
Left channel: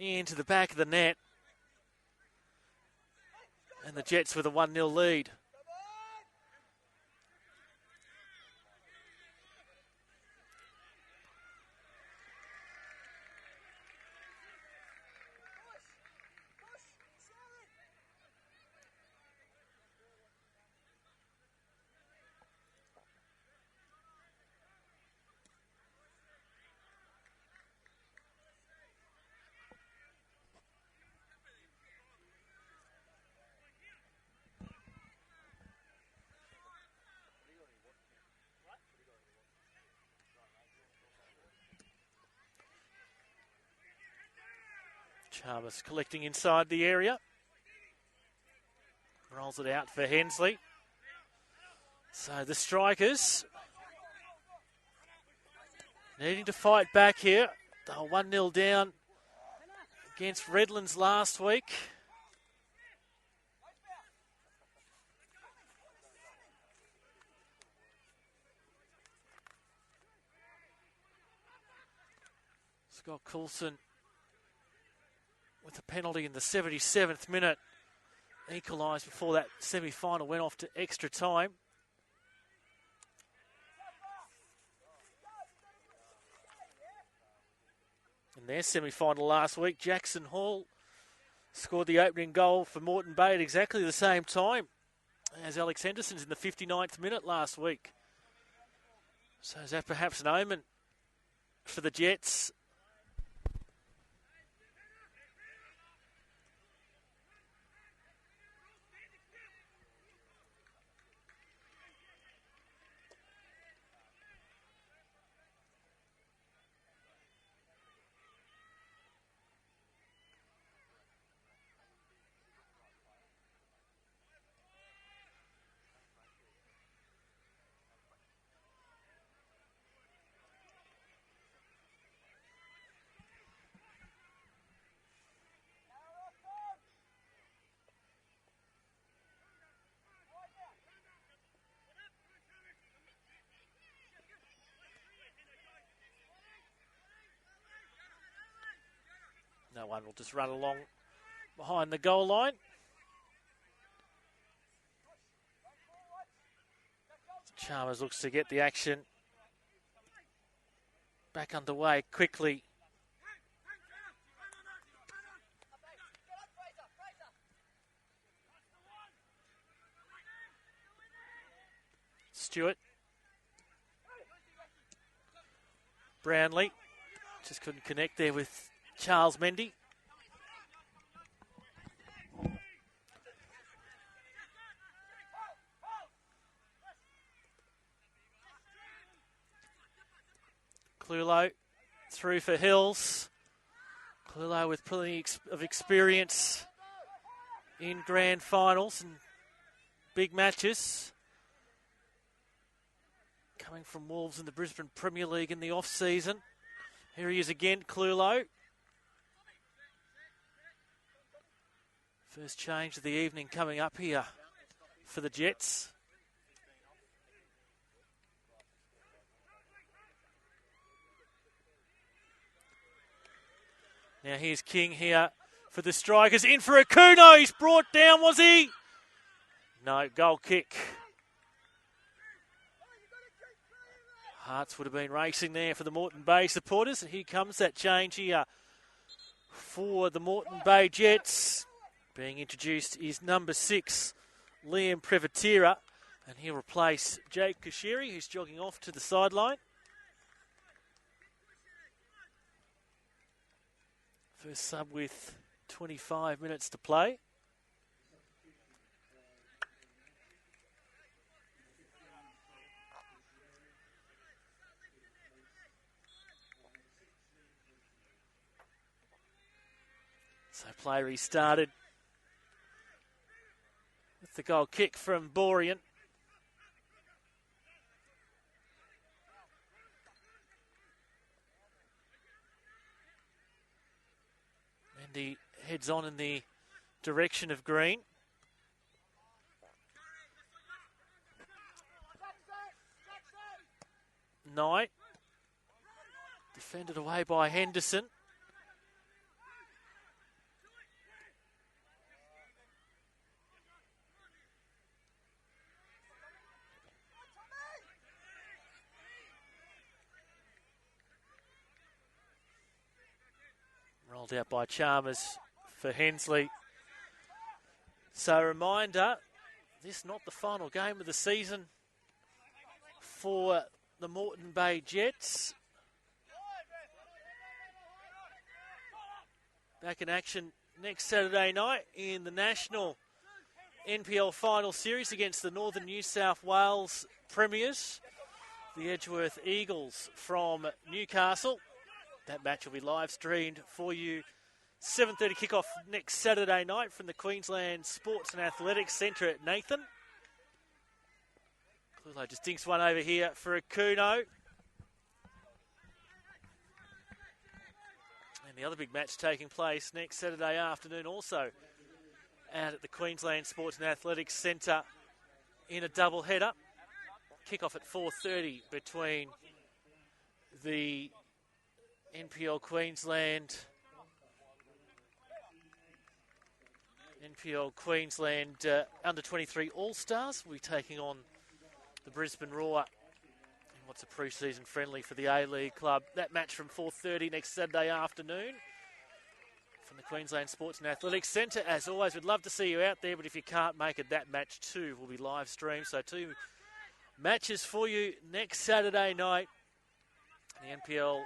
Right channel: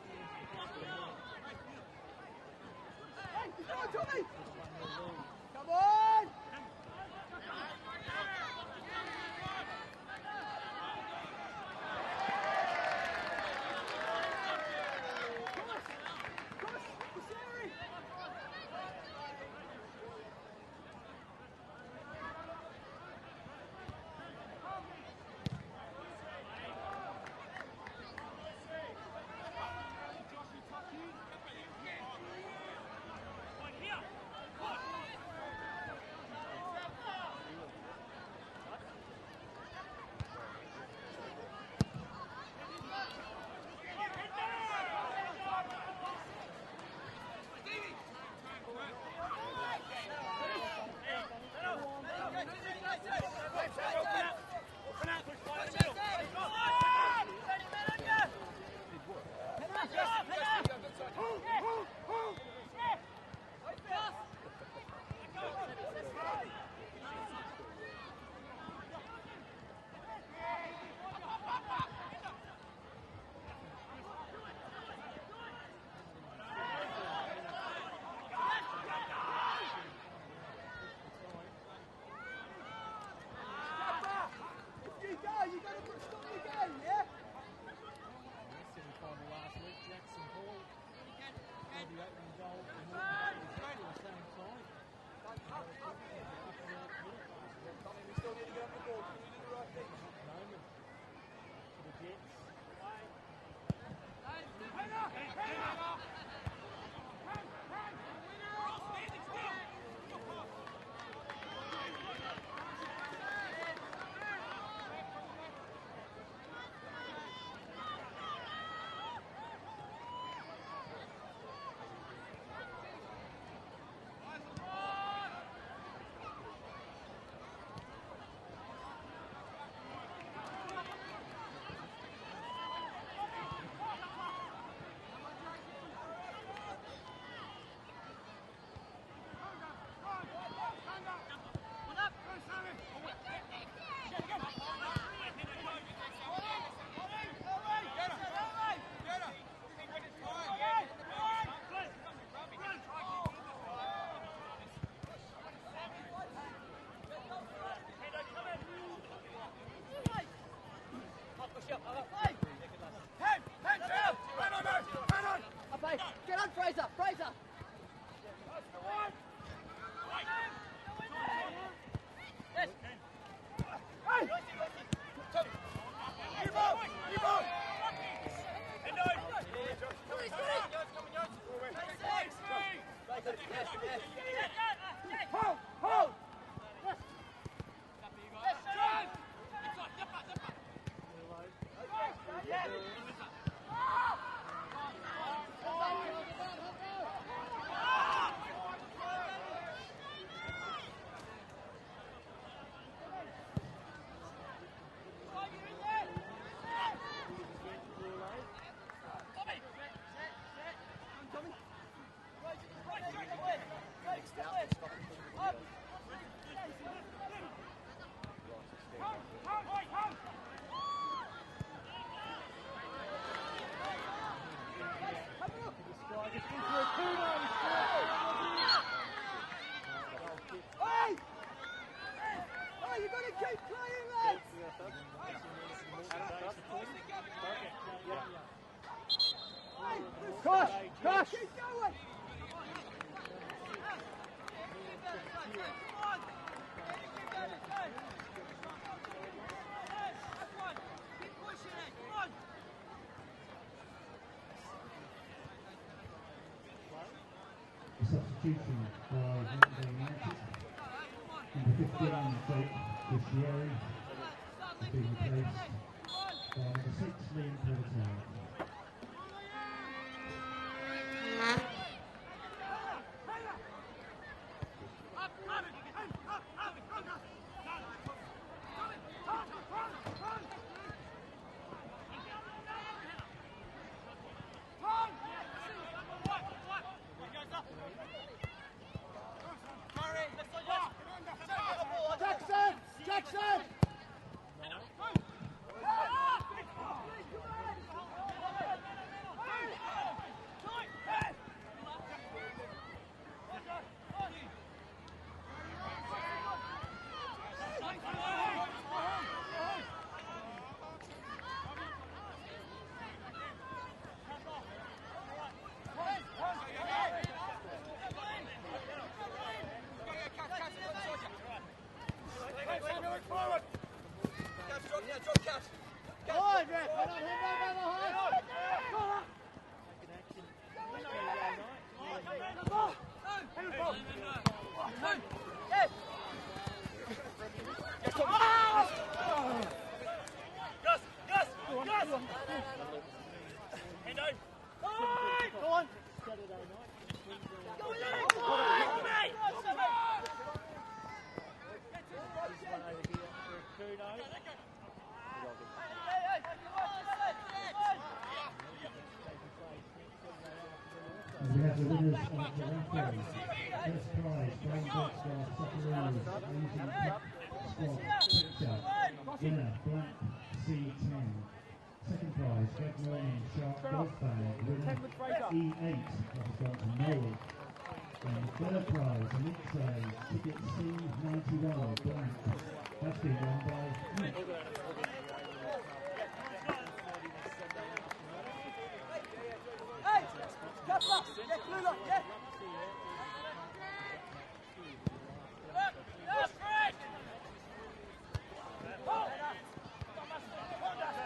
into the back of the net. And the Jets with a 1-0 lead. Chalmers collecting inside the area. Rolls it out for Hensley. So the Strikers needing to fight back here. 1-0 down against Redlands last week. Scott Coulson with a penalty in the 77th minute. Equalised before that semi-final went off to extra time. In their semi-final last week, Jackson Hall scored the opening goal for Moreton Bay at exactly the same time as Alex Henderson's in the 59th minute last week. So is that perhaps an omen for the Jets? Just run along behind the goal line. Chalmers looks to get the action back underway quickly. Get on, Fraser! Fraser! Stewart. Brownlee just couldn't connect there with Charles Mendy. Clulo through for Hills. Clulo with plenty of experience in grand finals and big matches. Coming from Wolves in the Brisbane Premier League in the off-season. Here he is again, Clulo. First change of the evening coming up here for the Jets. Now here's King here for the Strikers. In for Akuno. He's brought down, was he? No, goal kick. Hearts would have been racing there for the Moreton Bay supporters. And here comes that change here for the Moreton Bay Jets. Being introduced is number 6, Liam Privatira. And he'll replace Jake Kashiri, who's jogging off to the sideline. First sub with 25 minutes to play. Substitution for Moreton United. Number 15, Jake Kashiri, is being replaced by number 6, Liam Privatira. So play restarted. The goal kick from Borean. And he heads on in the direction of Green. Knight. Defended away by Henderson. Out by Chalmers for Hensley. So a reminder, this is not the final game of the season for the Moreton Bay Jets. Back in action next Saturday night in the National NPL Final Series against the Northern New South Wales Premiers, the Edgeworth Eagles from Newcastle. That match will be live streamed for you. 7:30 kickoff next Saturday night from the Queensland Sports and Athletics Centre at Nathan. Just dinks one over here for Akuno. The other big match taking place next Saturday afternoon also out at the Queensland Sports and Athletics Centre in a double header. Kick-off at 4:30 between the NPL Queensland under-23 All-Stars will be taking on the Brisbane Roar. It's a pre-season friendly for the A-League club. That match from 4:30 next Saturday afternoon from the Queensland Sports and Athletics Centre. As always, we'd love to see you out there, but if you can't make it, that match too will be live streamed. So 2 matches for you next Saturday night. The NPL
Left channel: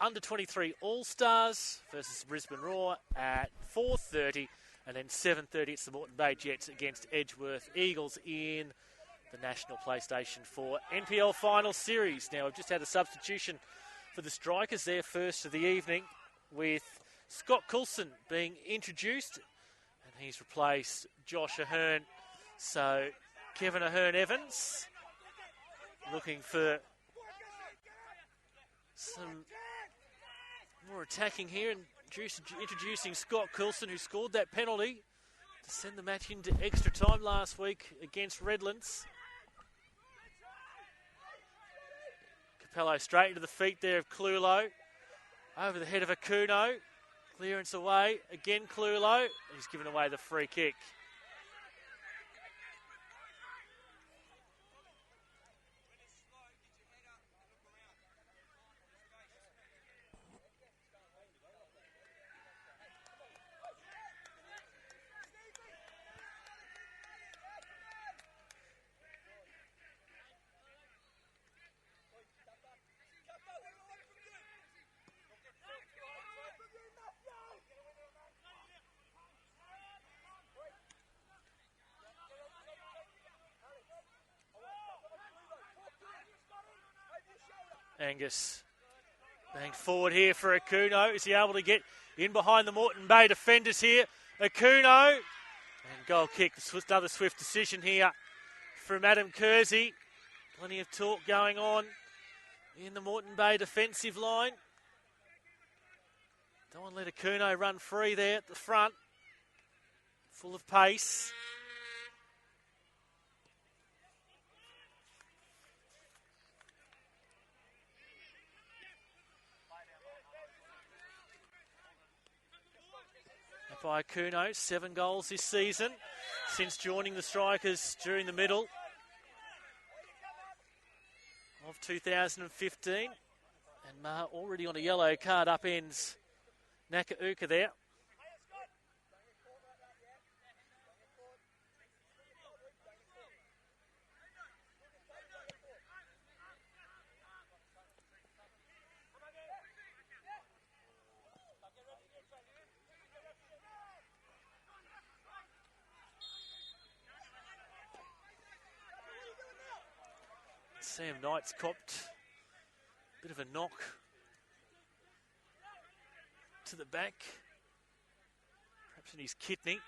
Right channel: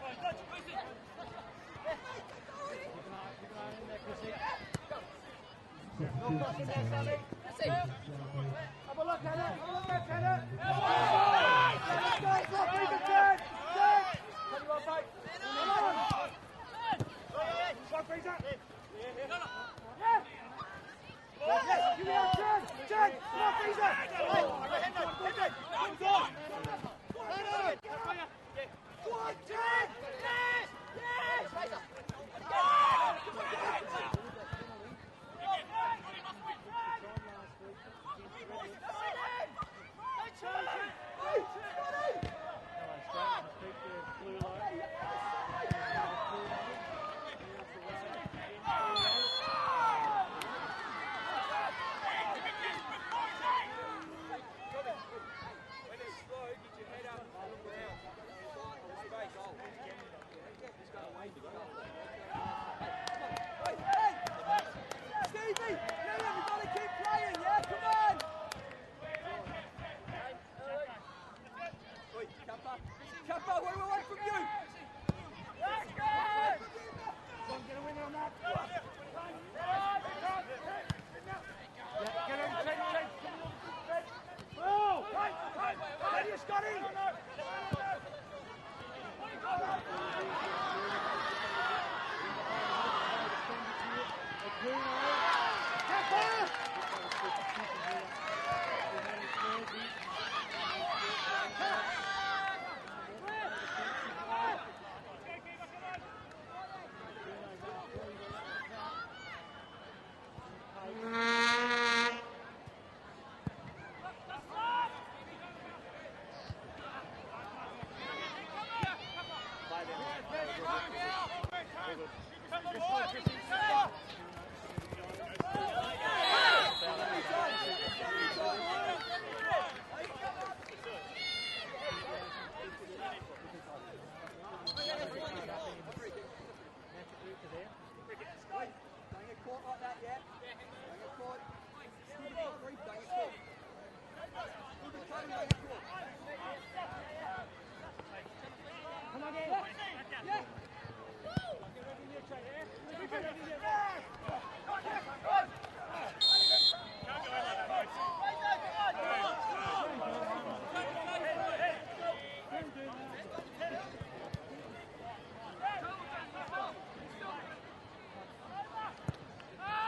Under-23 All-Stars versus Brisbane Roar at 4:30, and then 7:30 it's the Moreton Bay Jets against Edgeworth Eagles in the National PlayStation 4 NPL Final Series. Now we've just had a substitution for the Strikers there first of the evening, with Scott Coulson being introduced. He's replaced Josh Ahern, so Kevin Ahern-Evans looking for more attacking here, and introducing Scott Coulson, who scored that penalty to send the match into extra time last week against Redlands. Capello straight into the feet there of Clulo. Over the head of Akuno. Clearance away. Again Clulo. He's given away the free kick. And forward here for Akuno. Is he able to get in behind the Moreton Bay defenders here? Akuno. Goal kick. Another swift decision here from Adam Kersey. Plenty of talk going on in the Moreton Bay defensive line. Don't let Akuno run free there at the front. Full of pace. By Kuno, 7 goals this season since joining the Strikers during the middle of 2015. Already on a yellow card, upends Nakauka there. Kidney.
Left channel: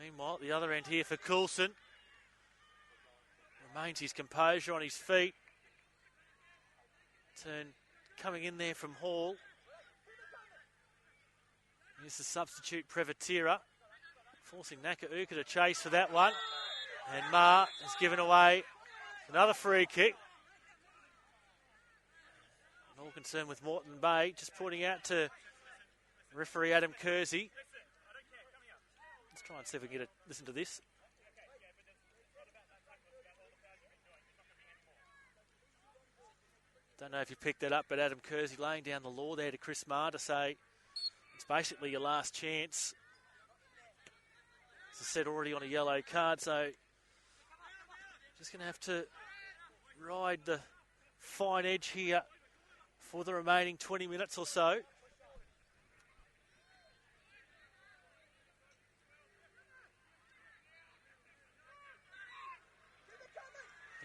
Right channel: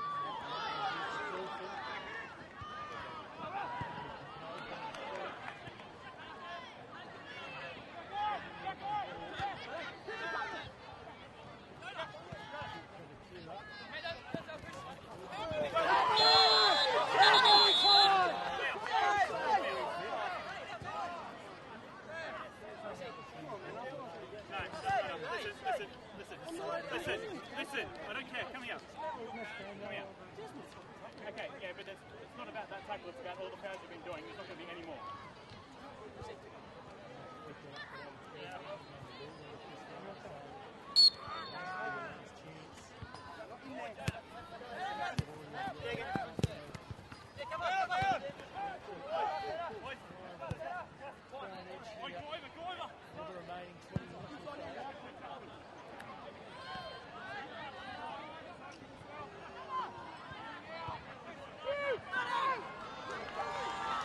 Meanwhile, the other end here for Coulson. Maintains his composure on his feet. Coming in there from Hall. Here's the substitute Prevatira. Forcing Nakauka to chase for that one. It's given away. Another free kick. Concerned with Moreton Bay, just pointing out to referee Adam Kersey. Listen, I don't care, come here. Let's see if we can listen to this. Okay, yeah, but it's not about that tackle, it's about all the fouls you've been doing. There's not going to be any more. Don't know if you picked that up, but Adam Kersey laying down the law there to Chris Marr to say it's basically your last chance. As I said, already on a yellow card, so he's going to have to ride the fine edge here for the remaining 20 minutes or so.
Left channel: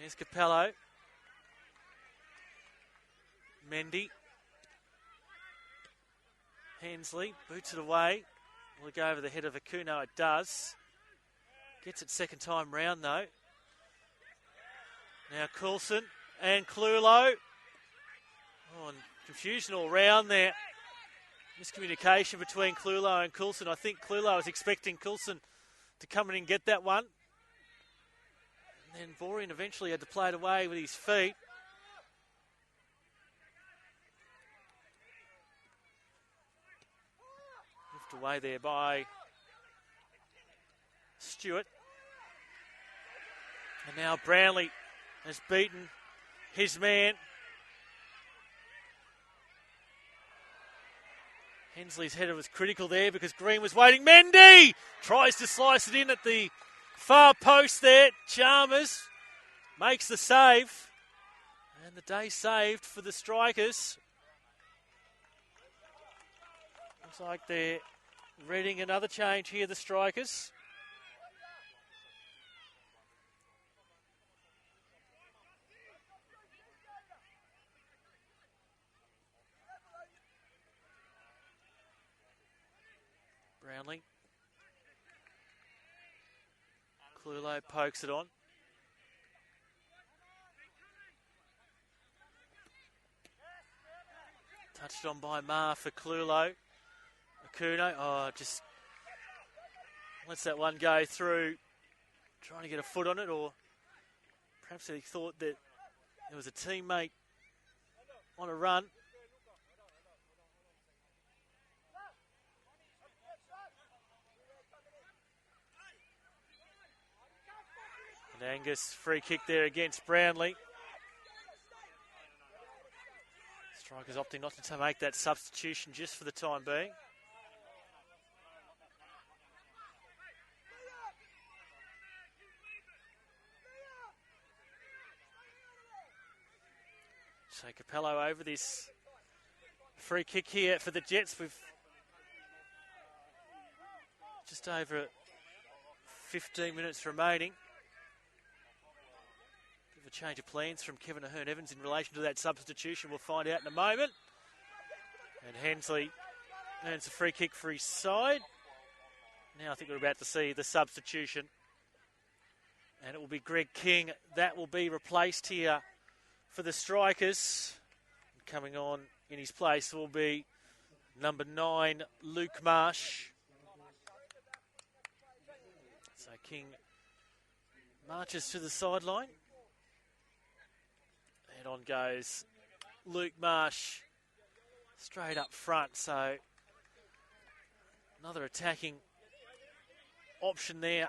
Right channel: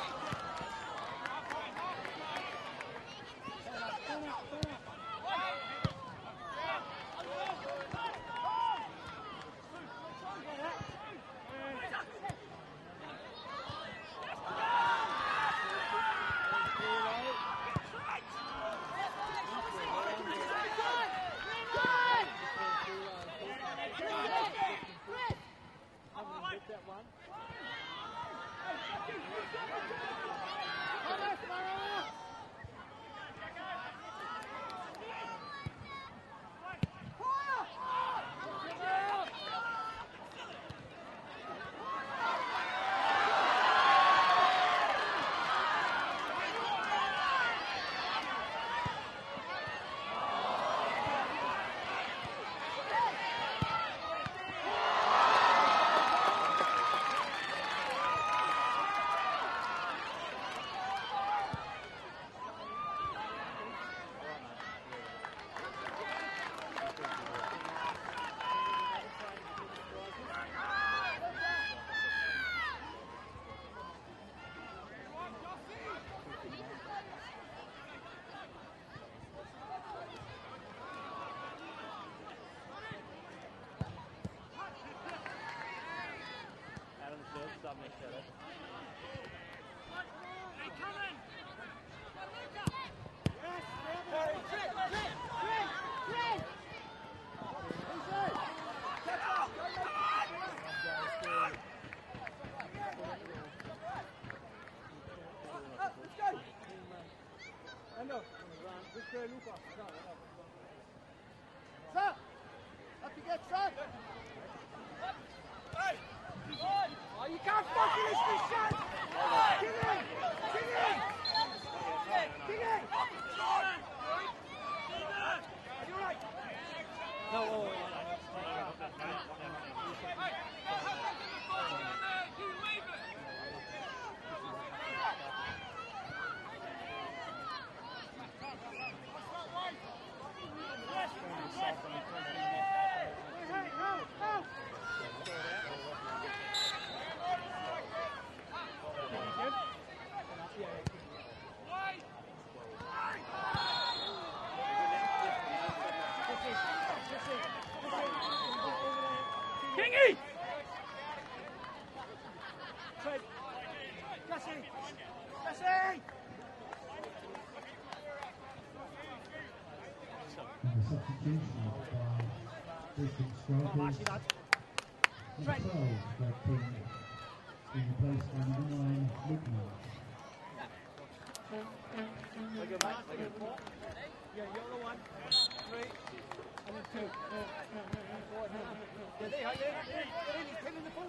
Here's Capello. Mendy. Hensley boots it away. Will go over the head of Akuno. It does. Gets it second time round though. Now Coulson and Clulo. Confusion all round there. Miscommunication between Clulo and Coulson. I think Clulo was expecting Coulson to come in and get that one. And Vorian eventually had to play it away with his feet. Left away there by Stewart. And now Brownlee has beaten his man. His header was critical there because Green was waiting. Mendy tries to slice it in at the far post there. Chalmers makes the save. And the day saved for the Strikers. Looks like they're reading another change here, the Strikers. Pokes it on. Touched on by Marr for Clulo. Kuno, just lets that one go through. Trying to get a foot on it, or perhaps he thought that there was a teammate on a run. Angus, free kick there against Brownlee. He's opting not to make that substitution just for the time being. So Capello over this free kick here for the Jets with just over 15 minutes remaining. Change of plans comments from Kevin Ahern-Evans in relation to that substitution. We'll find out in a moment. Hensley earns a free kick for his side. Now I think we're about to see the substitution. It will be Greg King. That will be replaced here for the Strikers. Coming on in his place will be number 9, Luke Marsh. King marches to the sideline. And on goes Luke Marsh. Straight up front, so another attacking option there.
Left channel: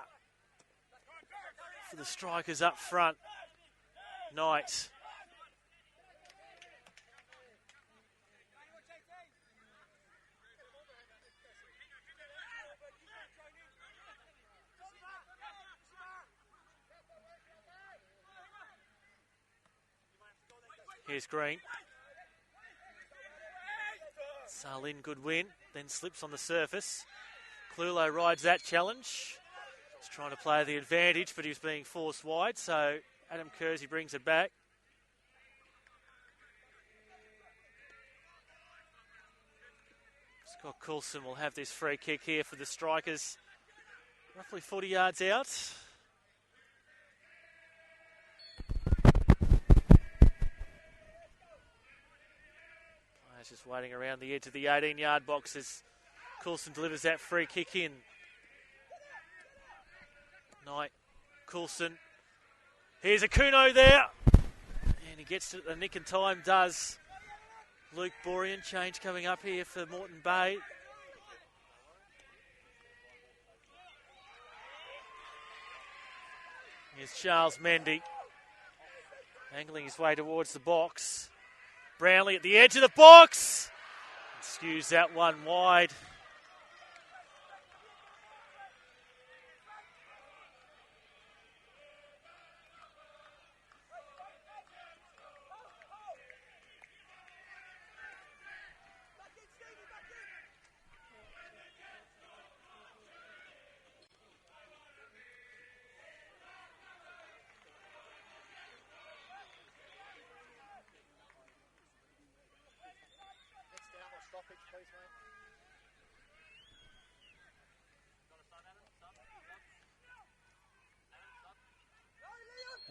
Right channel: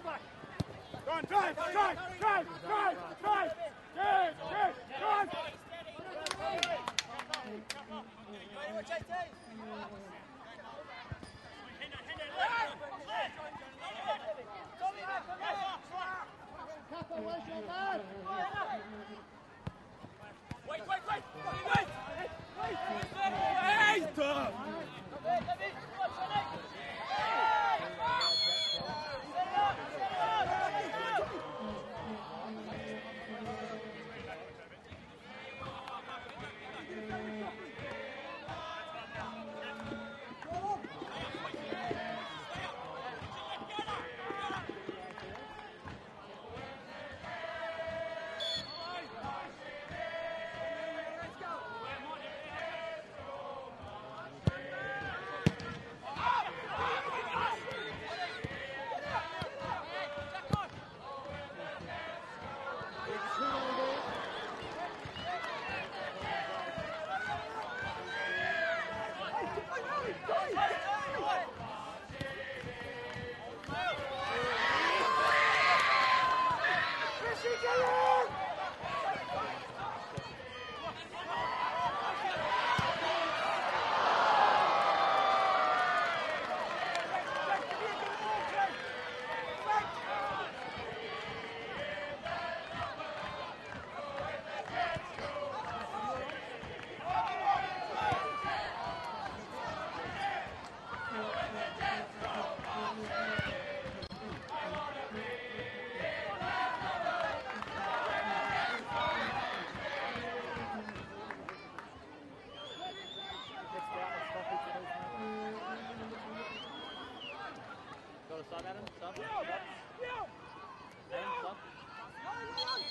The Strikers up front. Knight. Here's Green. Salin, good win, then slips on the surface. Clulo rides that challenge. He's trying to play the advantage, but he was being forced wide, so Adam Kersey brings it back. Scott Coulson will have this free kick here for the Strikers. 40 yards out. Around the edge of the 18-yard box as Coulson delivers that free kick in. Knight, Coulson. Here's a Kuno there. He gets it at the nick of time, does. Luke Borean, change coming up here for Moreton Bay. There's Charles Mendy angling his way towards the box. Brownlee at the edge of the box. Skews that one wide.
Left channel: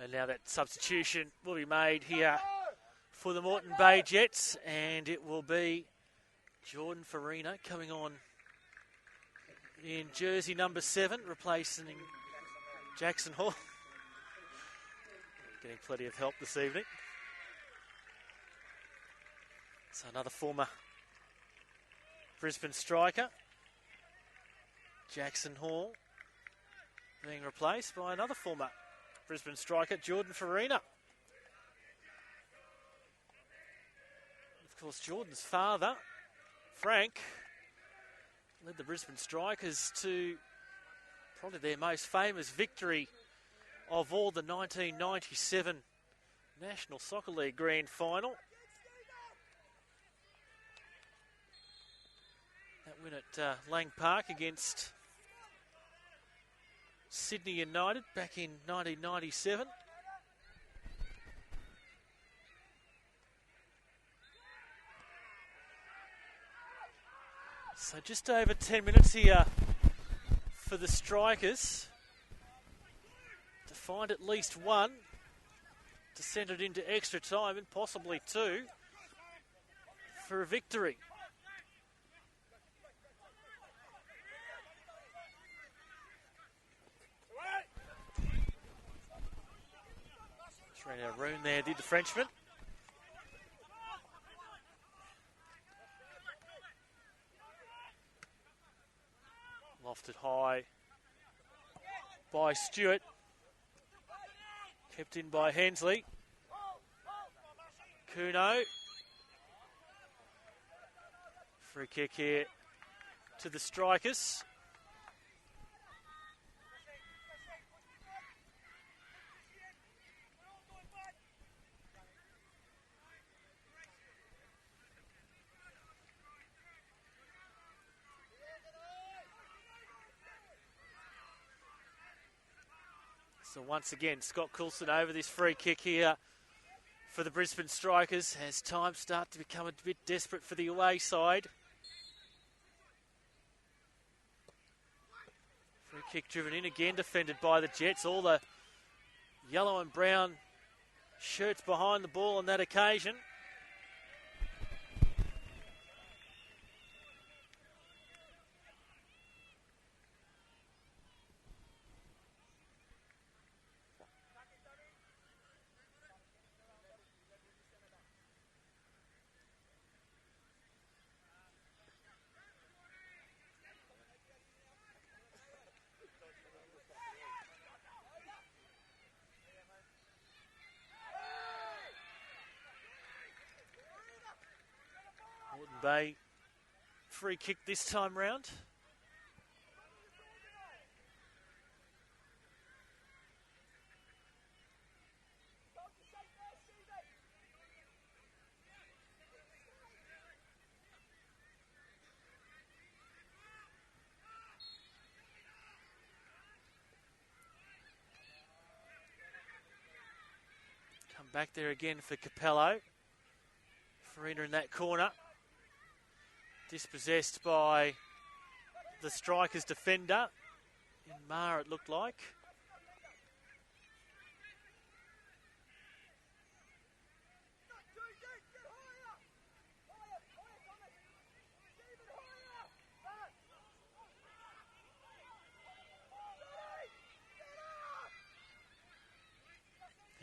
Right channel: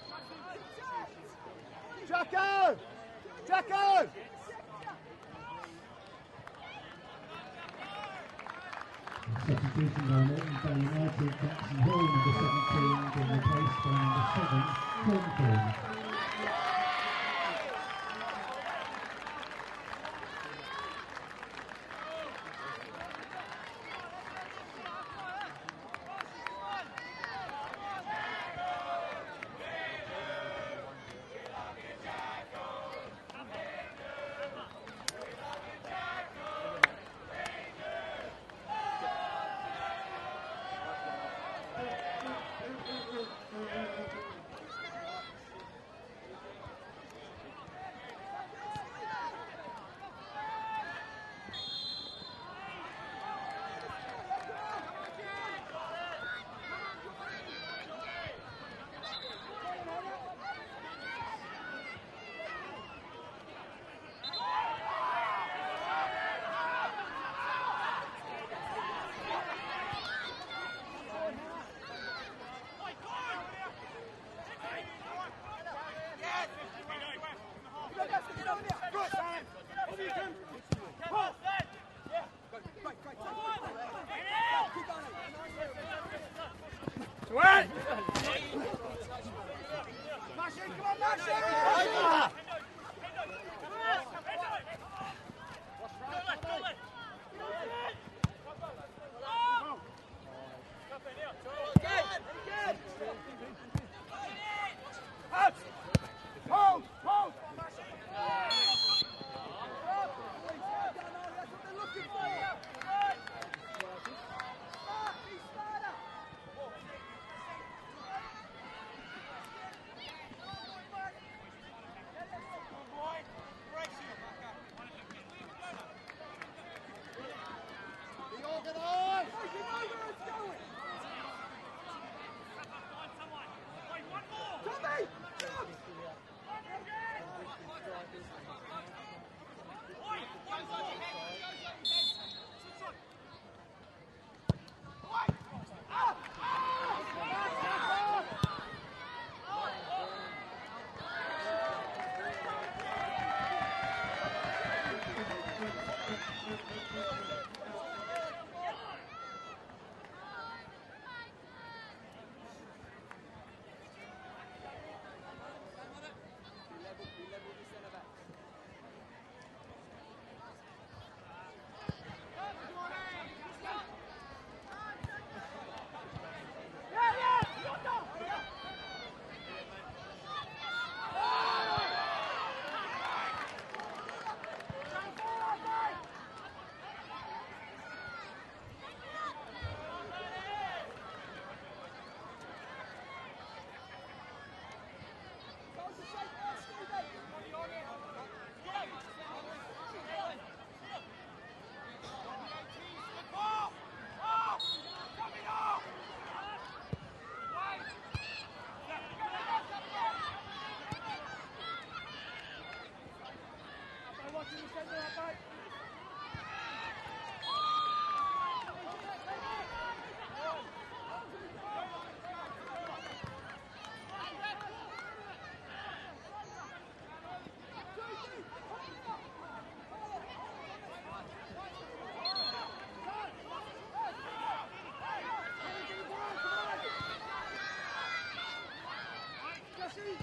And now that substitution will be made here for the Moreton Bay Jets, and it will be Jordan Farina coming on in jersey number 7, replacing Jackson Hall. This evening. It's another former Brisbane striker, Jackson Hall, being replaced by another former Brisbane striker, Jordan Farina. Of course, Jordan's father, Frank, led the Brisbane Strikers to their most famous victory of all, the 1997 National Soccer League Grand Final. At Lang Park against Sydney United back in 1997. So just over 10 minutes here for the Strikers to find at least one, to send it into extra time and possibly 2 for a victory. Bring there, did the Frenchman. Lofted high by Stewart. Kept in by Hensley. Kuno. For a kick here to the Strikers. Once again, Scott Coulson over this free kick here for the Brisbane Strikers as times start to become a bit desperate for the away side. Free kick driven in again, defended by the Jets. All the yellow and brown shirts behind the ball on that occasion. They free kick this time round. Back there again for Capello. Farina in that corner. Dispossessed by the Strikers defender. Mar, it looked like.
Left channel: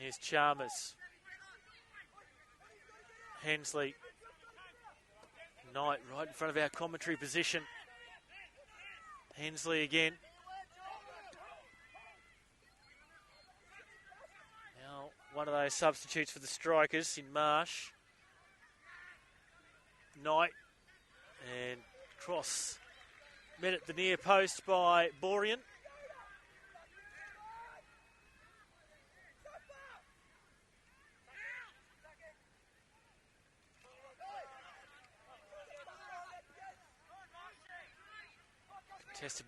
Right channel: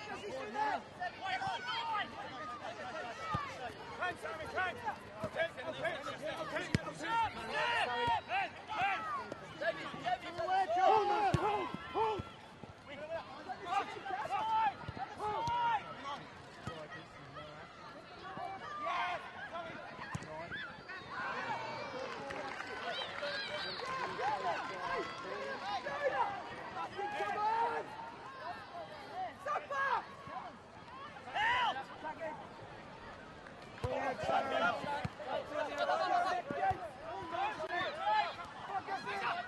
Here's Chalmers. Hensley. Knight right in front of our commentary position. Hensley again. One of those substitutes for the Strikers in Marsh. Knight. And cross. Met at the near post by Borean.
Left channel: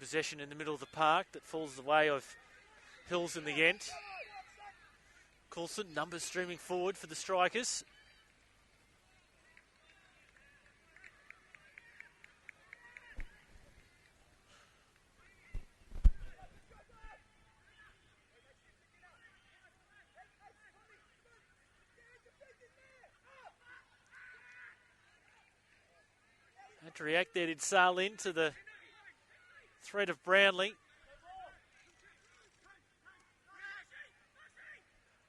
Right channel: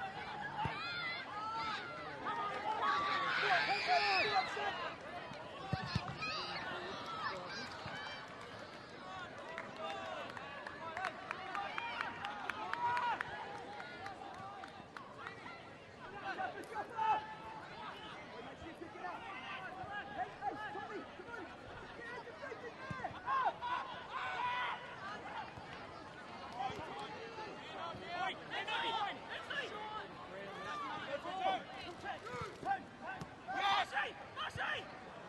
Possession in the middle of the park that falls the way of Coulson again. Coulson, numbers streaming forward for the Strikers. React there did Salin to the threat of Brownlee.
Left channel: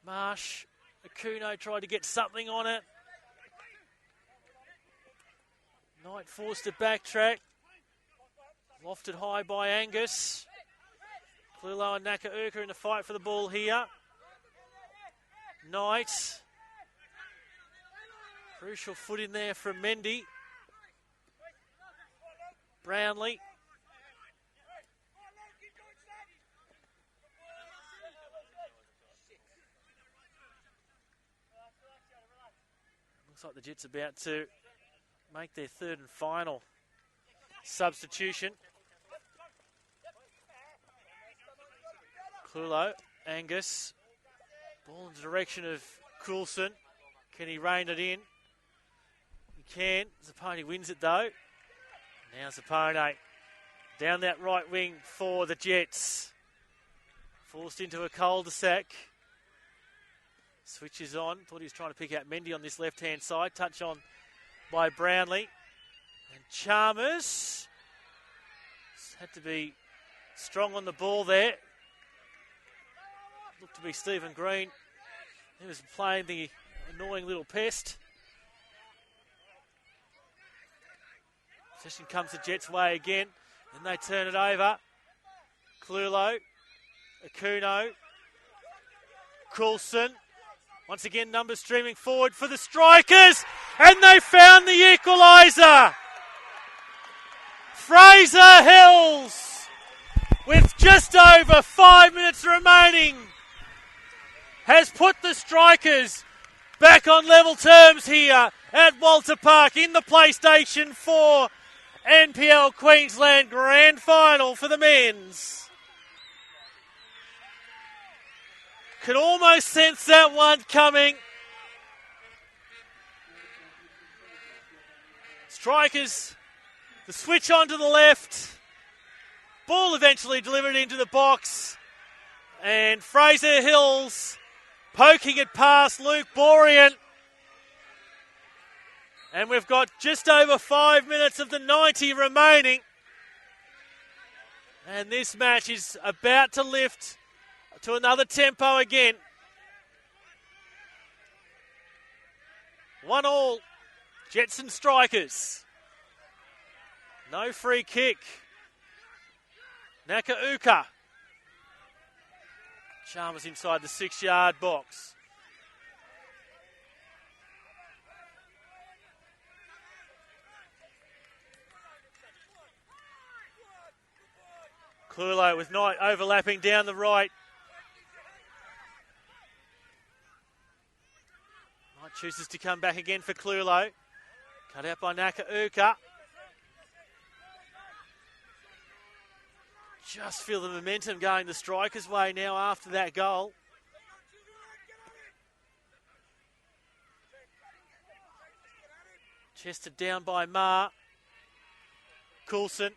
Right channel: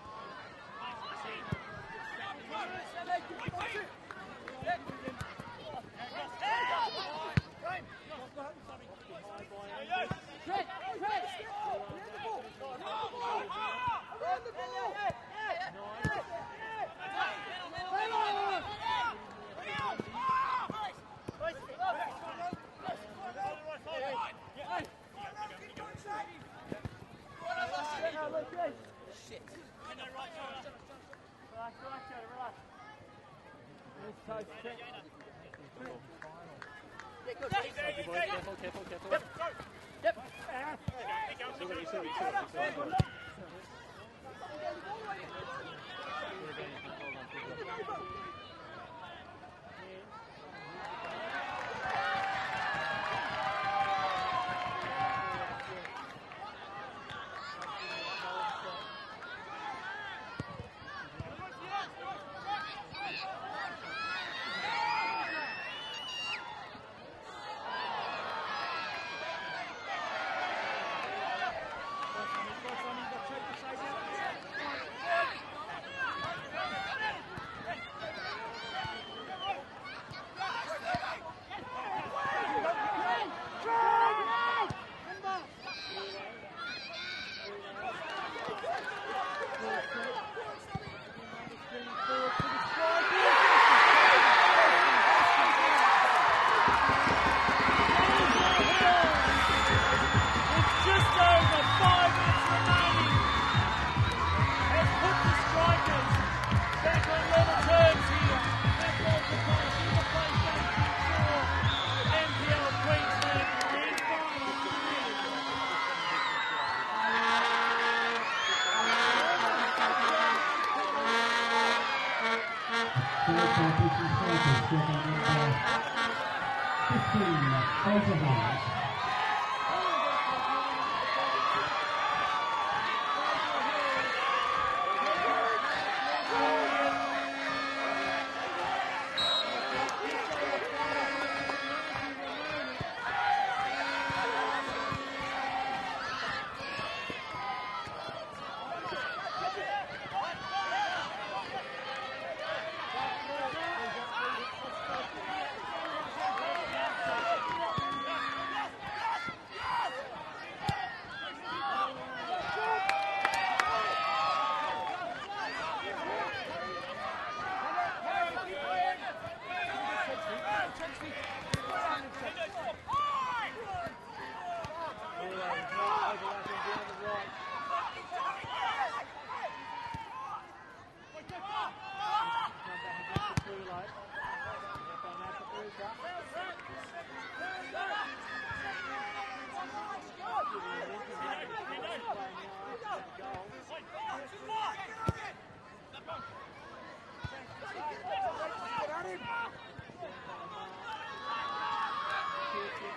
Marsh, Kuno tried to get something on it. Forced to backtrack. Lofted high by Angus. Lilo and Nakaurka in the fight for the ball here. Knight. Crucial foot in there from Mendy. Brownlee. Looks like the Jets about to make their third and final substitution. Hello, Angus. Direction of Coulson. Can he rein it in? Can. Zapone wins it though. And Zapone down that right wing for the Jets. Forced into a cul-de-sac. Switches on. Thought he was trying to pick out Mendy on this left-hand side. Touch on by Brownlee. Chalmers. Had to be strong on the ball there. To be Stephen Green. He was playing the annoying little pest. Possession comes the Jets' way again. And they turn it over. Flulo. Kuno. Coulson. Once again, numbers streaming forward for the Strikers. And they found the equaliser. Fraser Hills, with just over 5 minutes remaining, has put the Strikers back on level terms here at Walter Park in the PlayStation 4 NPL Queensland Grand Final for the men's. Can almost sense that one coming. Strikers switch on to the left. Ball eventually delivered into the box. And Fraser Hills poking it past Luke Borean. And we've got just over 5 minutes of the 90 remaining. And this match is about to lift to another tempo again. 1-1, Jets and Strikers. No free kick. Nakauka. Chalmers inside the 6-yard box. Clulo with Knight overlapping down the right. Chooses to come back again for Clulo. Cut out by Nakauka. Just feel the momentum going the Strikers' way now after that goal. Chested down by Marr. Coulson.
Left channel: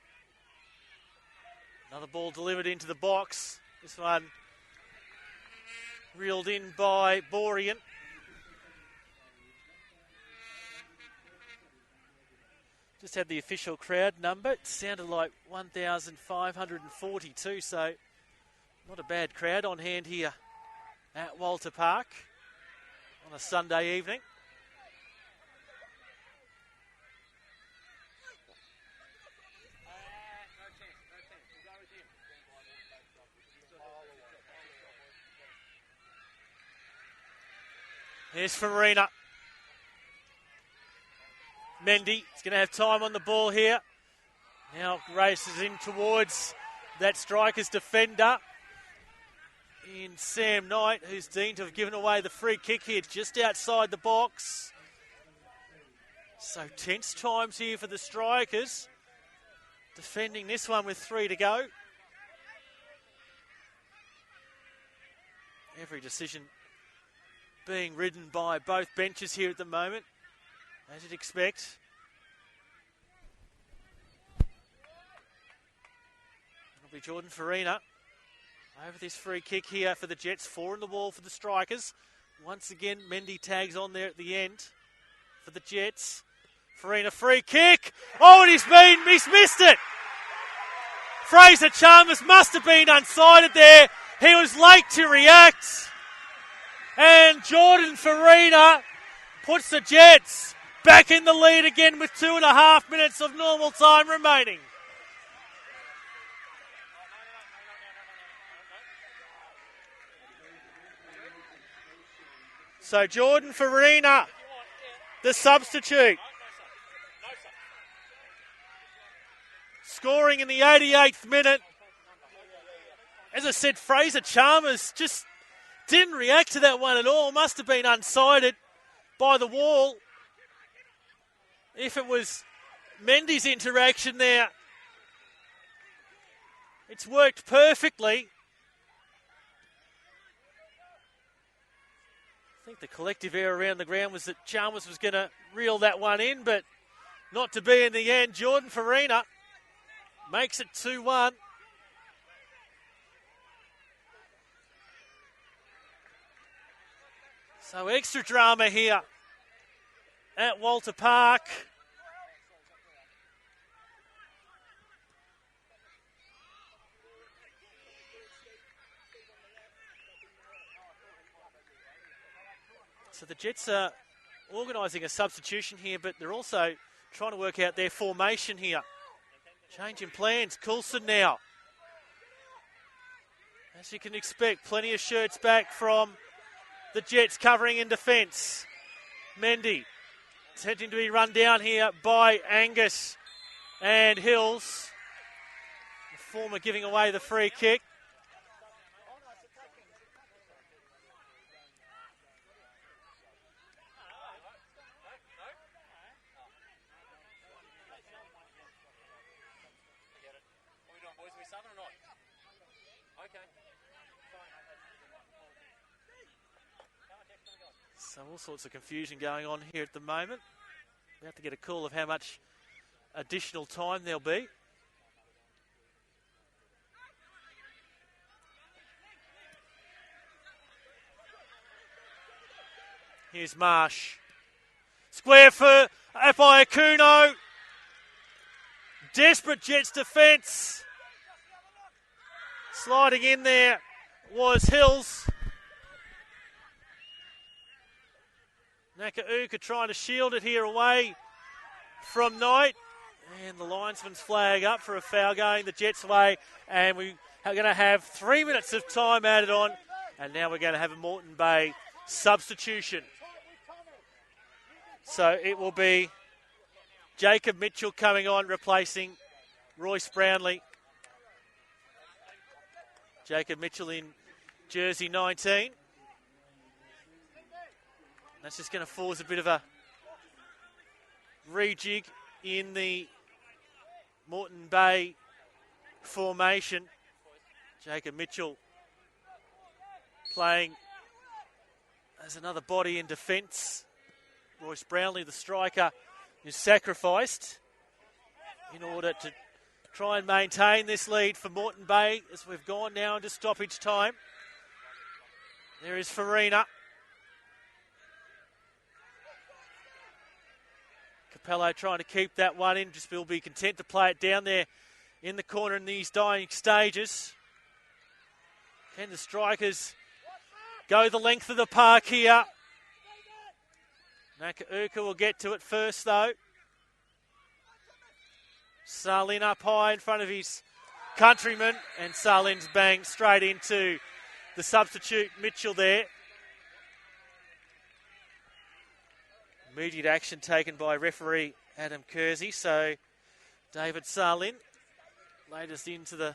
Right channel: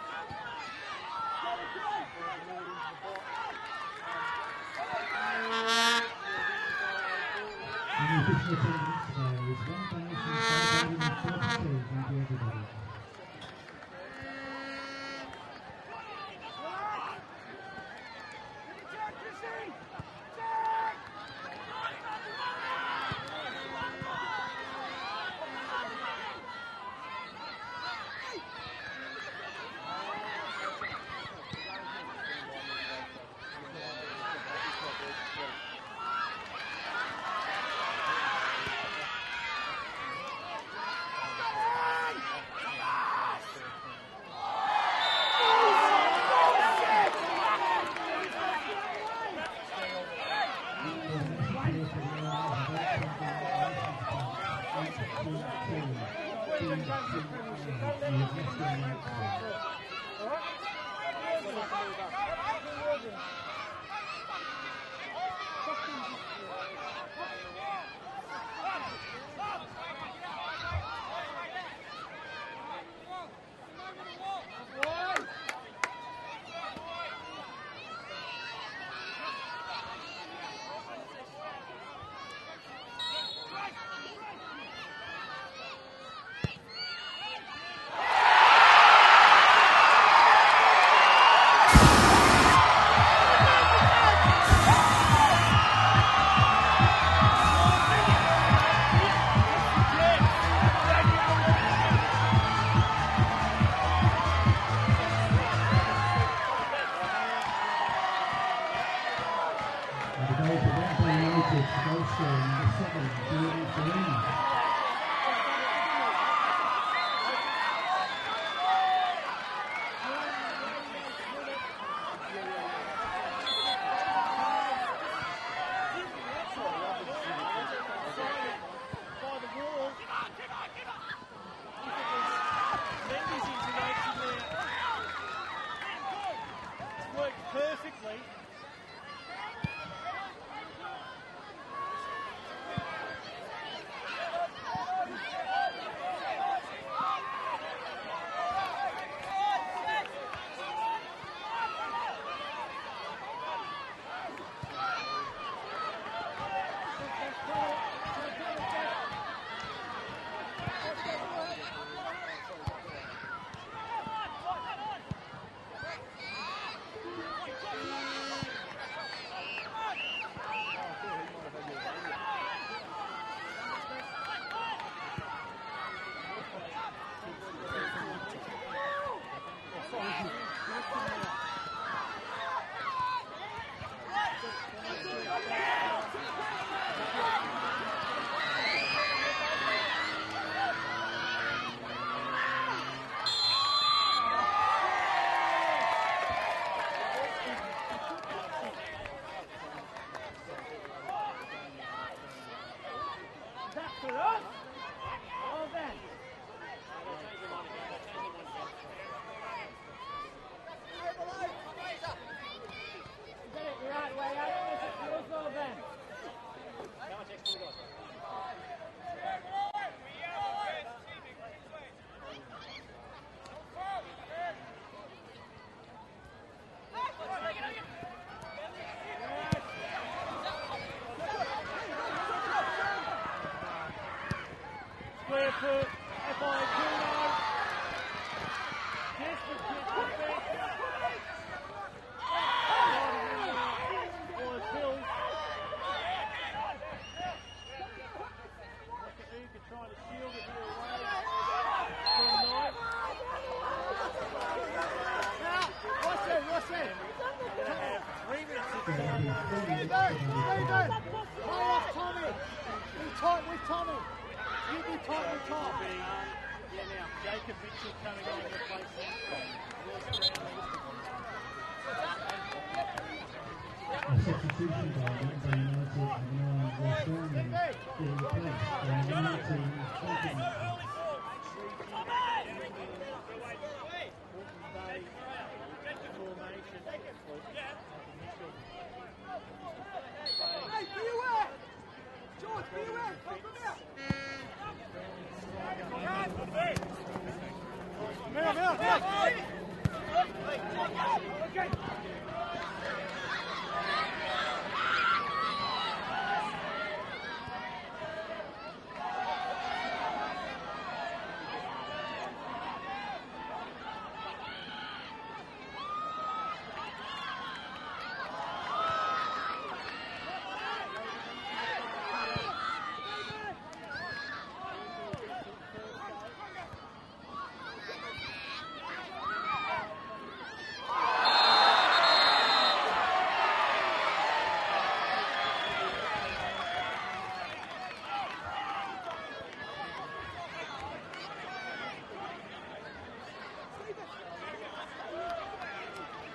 And the ball delivered into the box. This one reeled in by Borean. Just had the official crowd number. It sounded like 1,542, so not a bad crowd on hand here at Walter Park on a Sunday evening. Here's Farina. Mendy is going to have time on the ball here. Now races in towards that Strikers defender. And Sam Knight, who's deemed to have given away the free kick here just outside the box. Some tense times here for the Strikers. Defending this one with 3 to go. Every decision being ridden by both benches here at the moment, as you'd expect. Jordan Farina have this free kick here for the Jets, 4 on the wall for the Strikers. Once again, Mendy tags on there at the end for the Jets. Farina, free kick. Oh, and he's missed it. Fraser Chalmers must have been unsighted there. He was late to react. And Jordan Farina puts the Jets back in the lead again with 2.5 minutes of normal time remaining. So Jordan Farina, the substitute, scoring in the 88th minute. As I said, Fraser Chalmers just didn't react to that one at all. Must have been unsighted by the wall. If it was Mendy's interaction there, it's worked perfectly. The collective error around the ground was that Chalmers was going to reel that one in, but not to be in the end. Jordan Farina makes it 2-1. So extra drama here at Walter Park. So the Jets are organising a substitution here, but they're also trying to work out their formation here. Changing plans, Coulson now. As you can expect, plenty of shirts back from the Jets covering in defence. Mendy is having to be run down here by Angus and Hills. Former giving away the free kick. Lots of confusion going on here at the moment. We have to get a call of how much additional time there'll be. Here's Marsh. Square for Apai-Akuno. Desperate Jets defence. Sliding in there was Hills. Nakauka trying to shield it here away from Knight. And the linesman's flag up for a foul going the Jets' way. And we are going to have 3 minutes of time added on. And now we're going to have a Moreton Bay substitution. So it will be Jacob Mitchell coming on, replacing Royce Brownlee. Jacob Mitchell in jersey 19. This is going to force a bit of a rejig in the Moreton Bay formation. Jacob Mitchell playing as another body in defence. Royce Brownlee, the striker, is sacrificed. Try and maintain this lead for Moreton Bay as we've gone now into stoppage time. Here is Farina. Pello trying to keep that one in, just will be content to play it down there in the corner in these dying stages. And the strikers go the length of the park here. Nakauka will get to it first though. Salin up high in front of his countryman, and Salin's banged straight into the substitute Mitchell there. Immediate action taken by referee Adam Kersey, so David Salin made us into the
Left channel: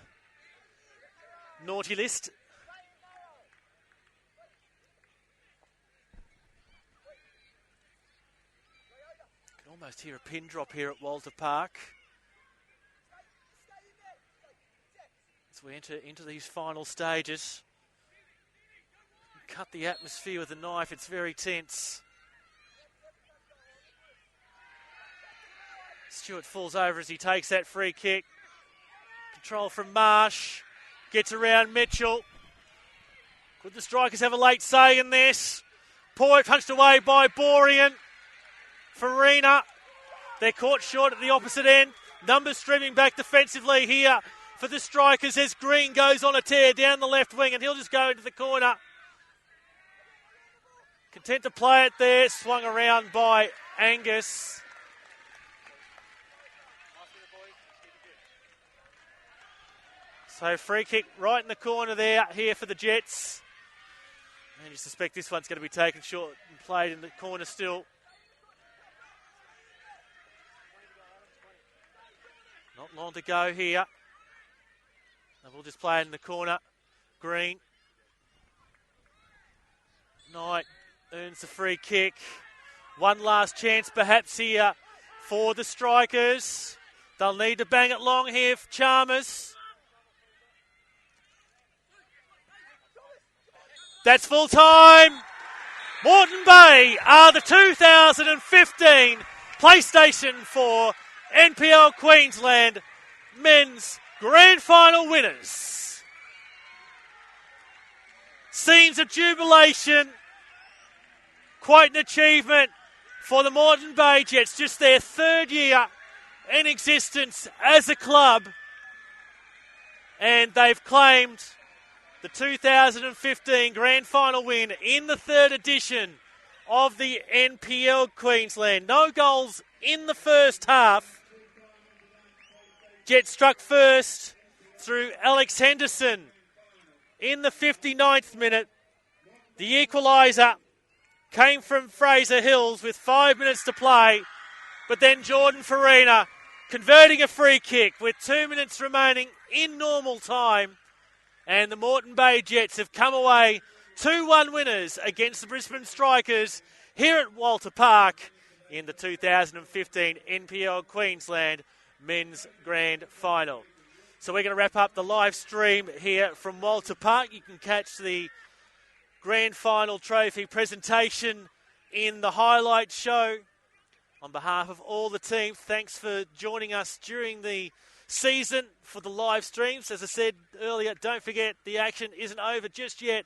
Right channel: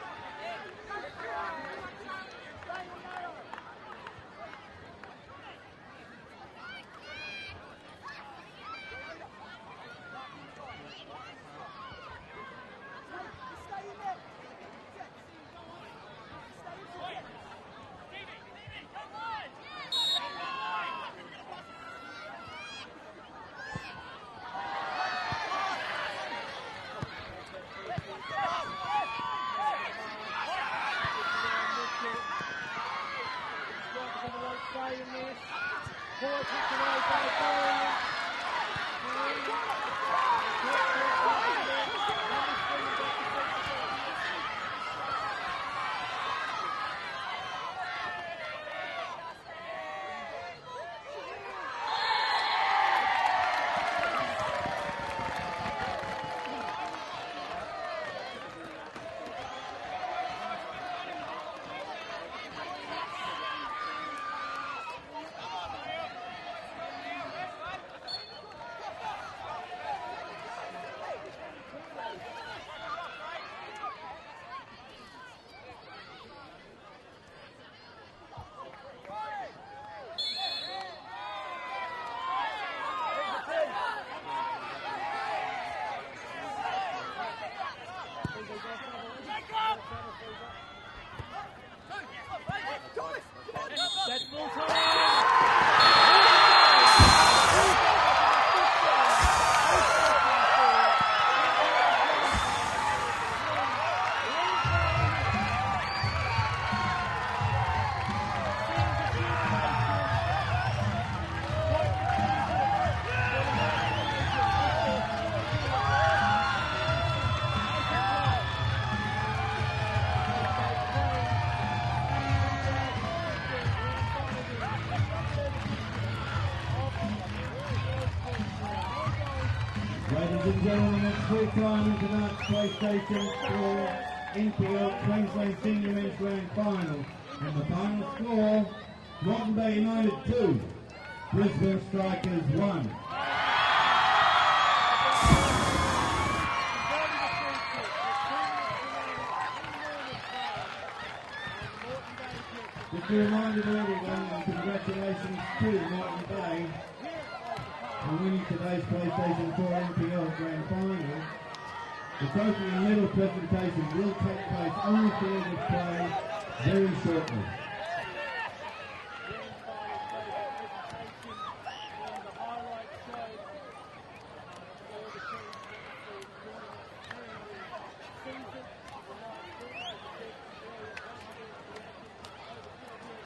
naughty list. Almost hear a pin drop here at Walter Park. As we enter into these final stages. Cut the atmosphere with a knife, it's very tense. Stewart falls over as he takes that free kick. Control from Marsh. Gets around Mitchell. The strikers have a late say in this. Poy punched away by Borean. Farina. They're caught short at the opposite end. Numbers streaming back defensively here for the strikers as Green goes on a tear down the left wing, and he'll just go into the corner. Content to play it there. Swung around by Angus. So free kick right in the corner there here for the Jets. I suspect this one's going to be taken short, played in the corner still. Not long to go here. And we'll just play it in the corner. Green. Knight earns the free kick. One last chance perhaps here for the strikers. They'll need to bang it long here for Chalmers. That's full time. Moreton Bay are the 2015 PlayStation 4 NPL Queensland Men's Grand Final winners. Scenes of jubilation. Quite an achievement for the Moreton Bay Jets. Just their third year in existence as a club. And they've claimed 2015 Grand Final win in the third edition of the NPL Queensland. No goals in the first half. Jets struck first through Alex Henderson in the 59th minute. The equaliser came from Fraser Hills with 5 minutes to play, but then Jordan Farina converting a free kick with 2 minutes remaining in normal time. And the Moreton Bay Jets have come away 2-1 winners against the Brisbane Strikers here at Walter Park in the 2015 NPL Queensland Men's Grand Final. So we're going to wrap up the live stream here from Walter Park. You can catch the Grand Final trophy presentation in the highlight show. On behalf of all the team, thanks for joining us during the season for the live streams. As I said earlier, don't forget the action isn't over just yet.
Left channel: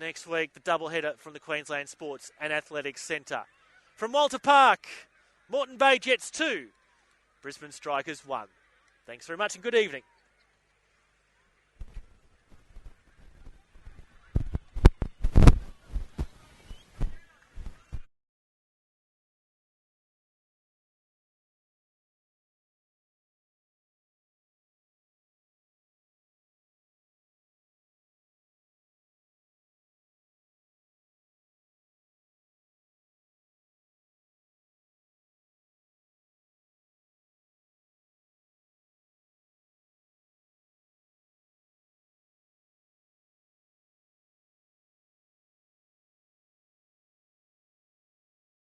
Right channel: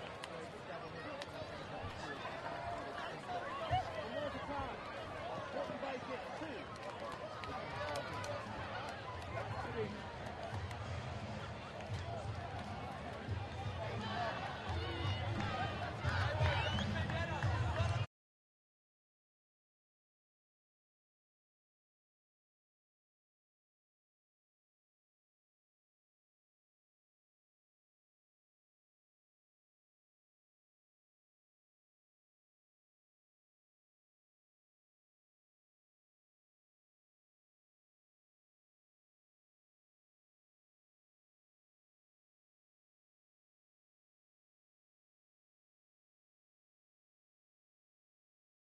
Next week, the doubleheader from the Queensland Sports and Athletics Centre. From Walter Park, Moreton Bay Jets 2, Brisbane Strikers 1. Thanks very much and good evening.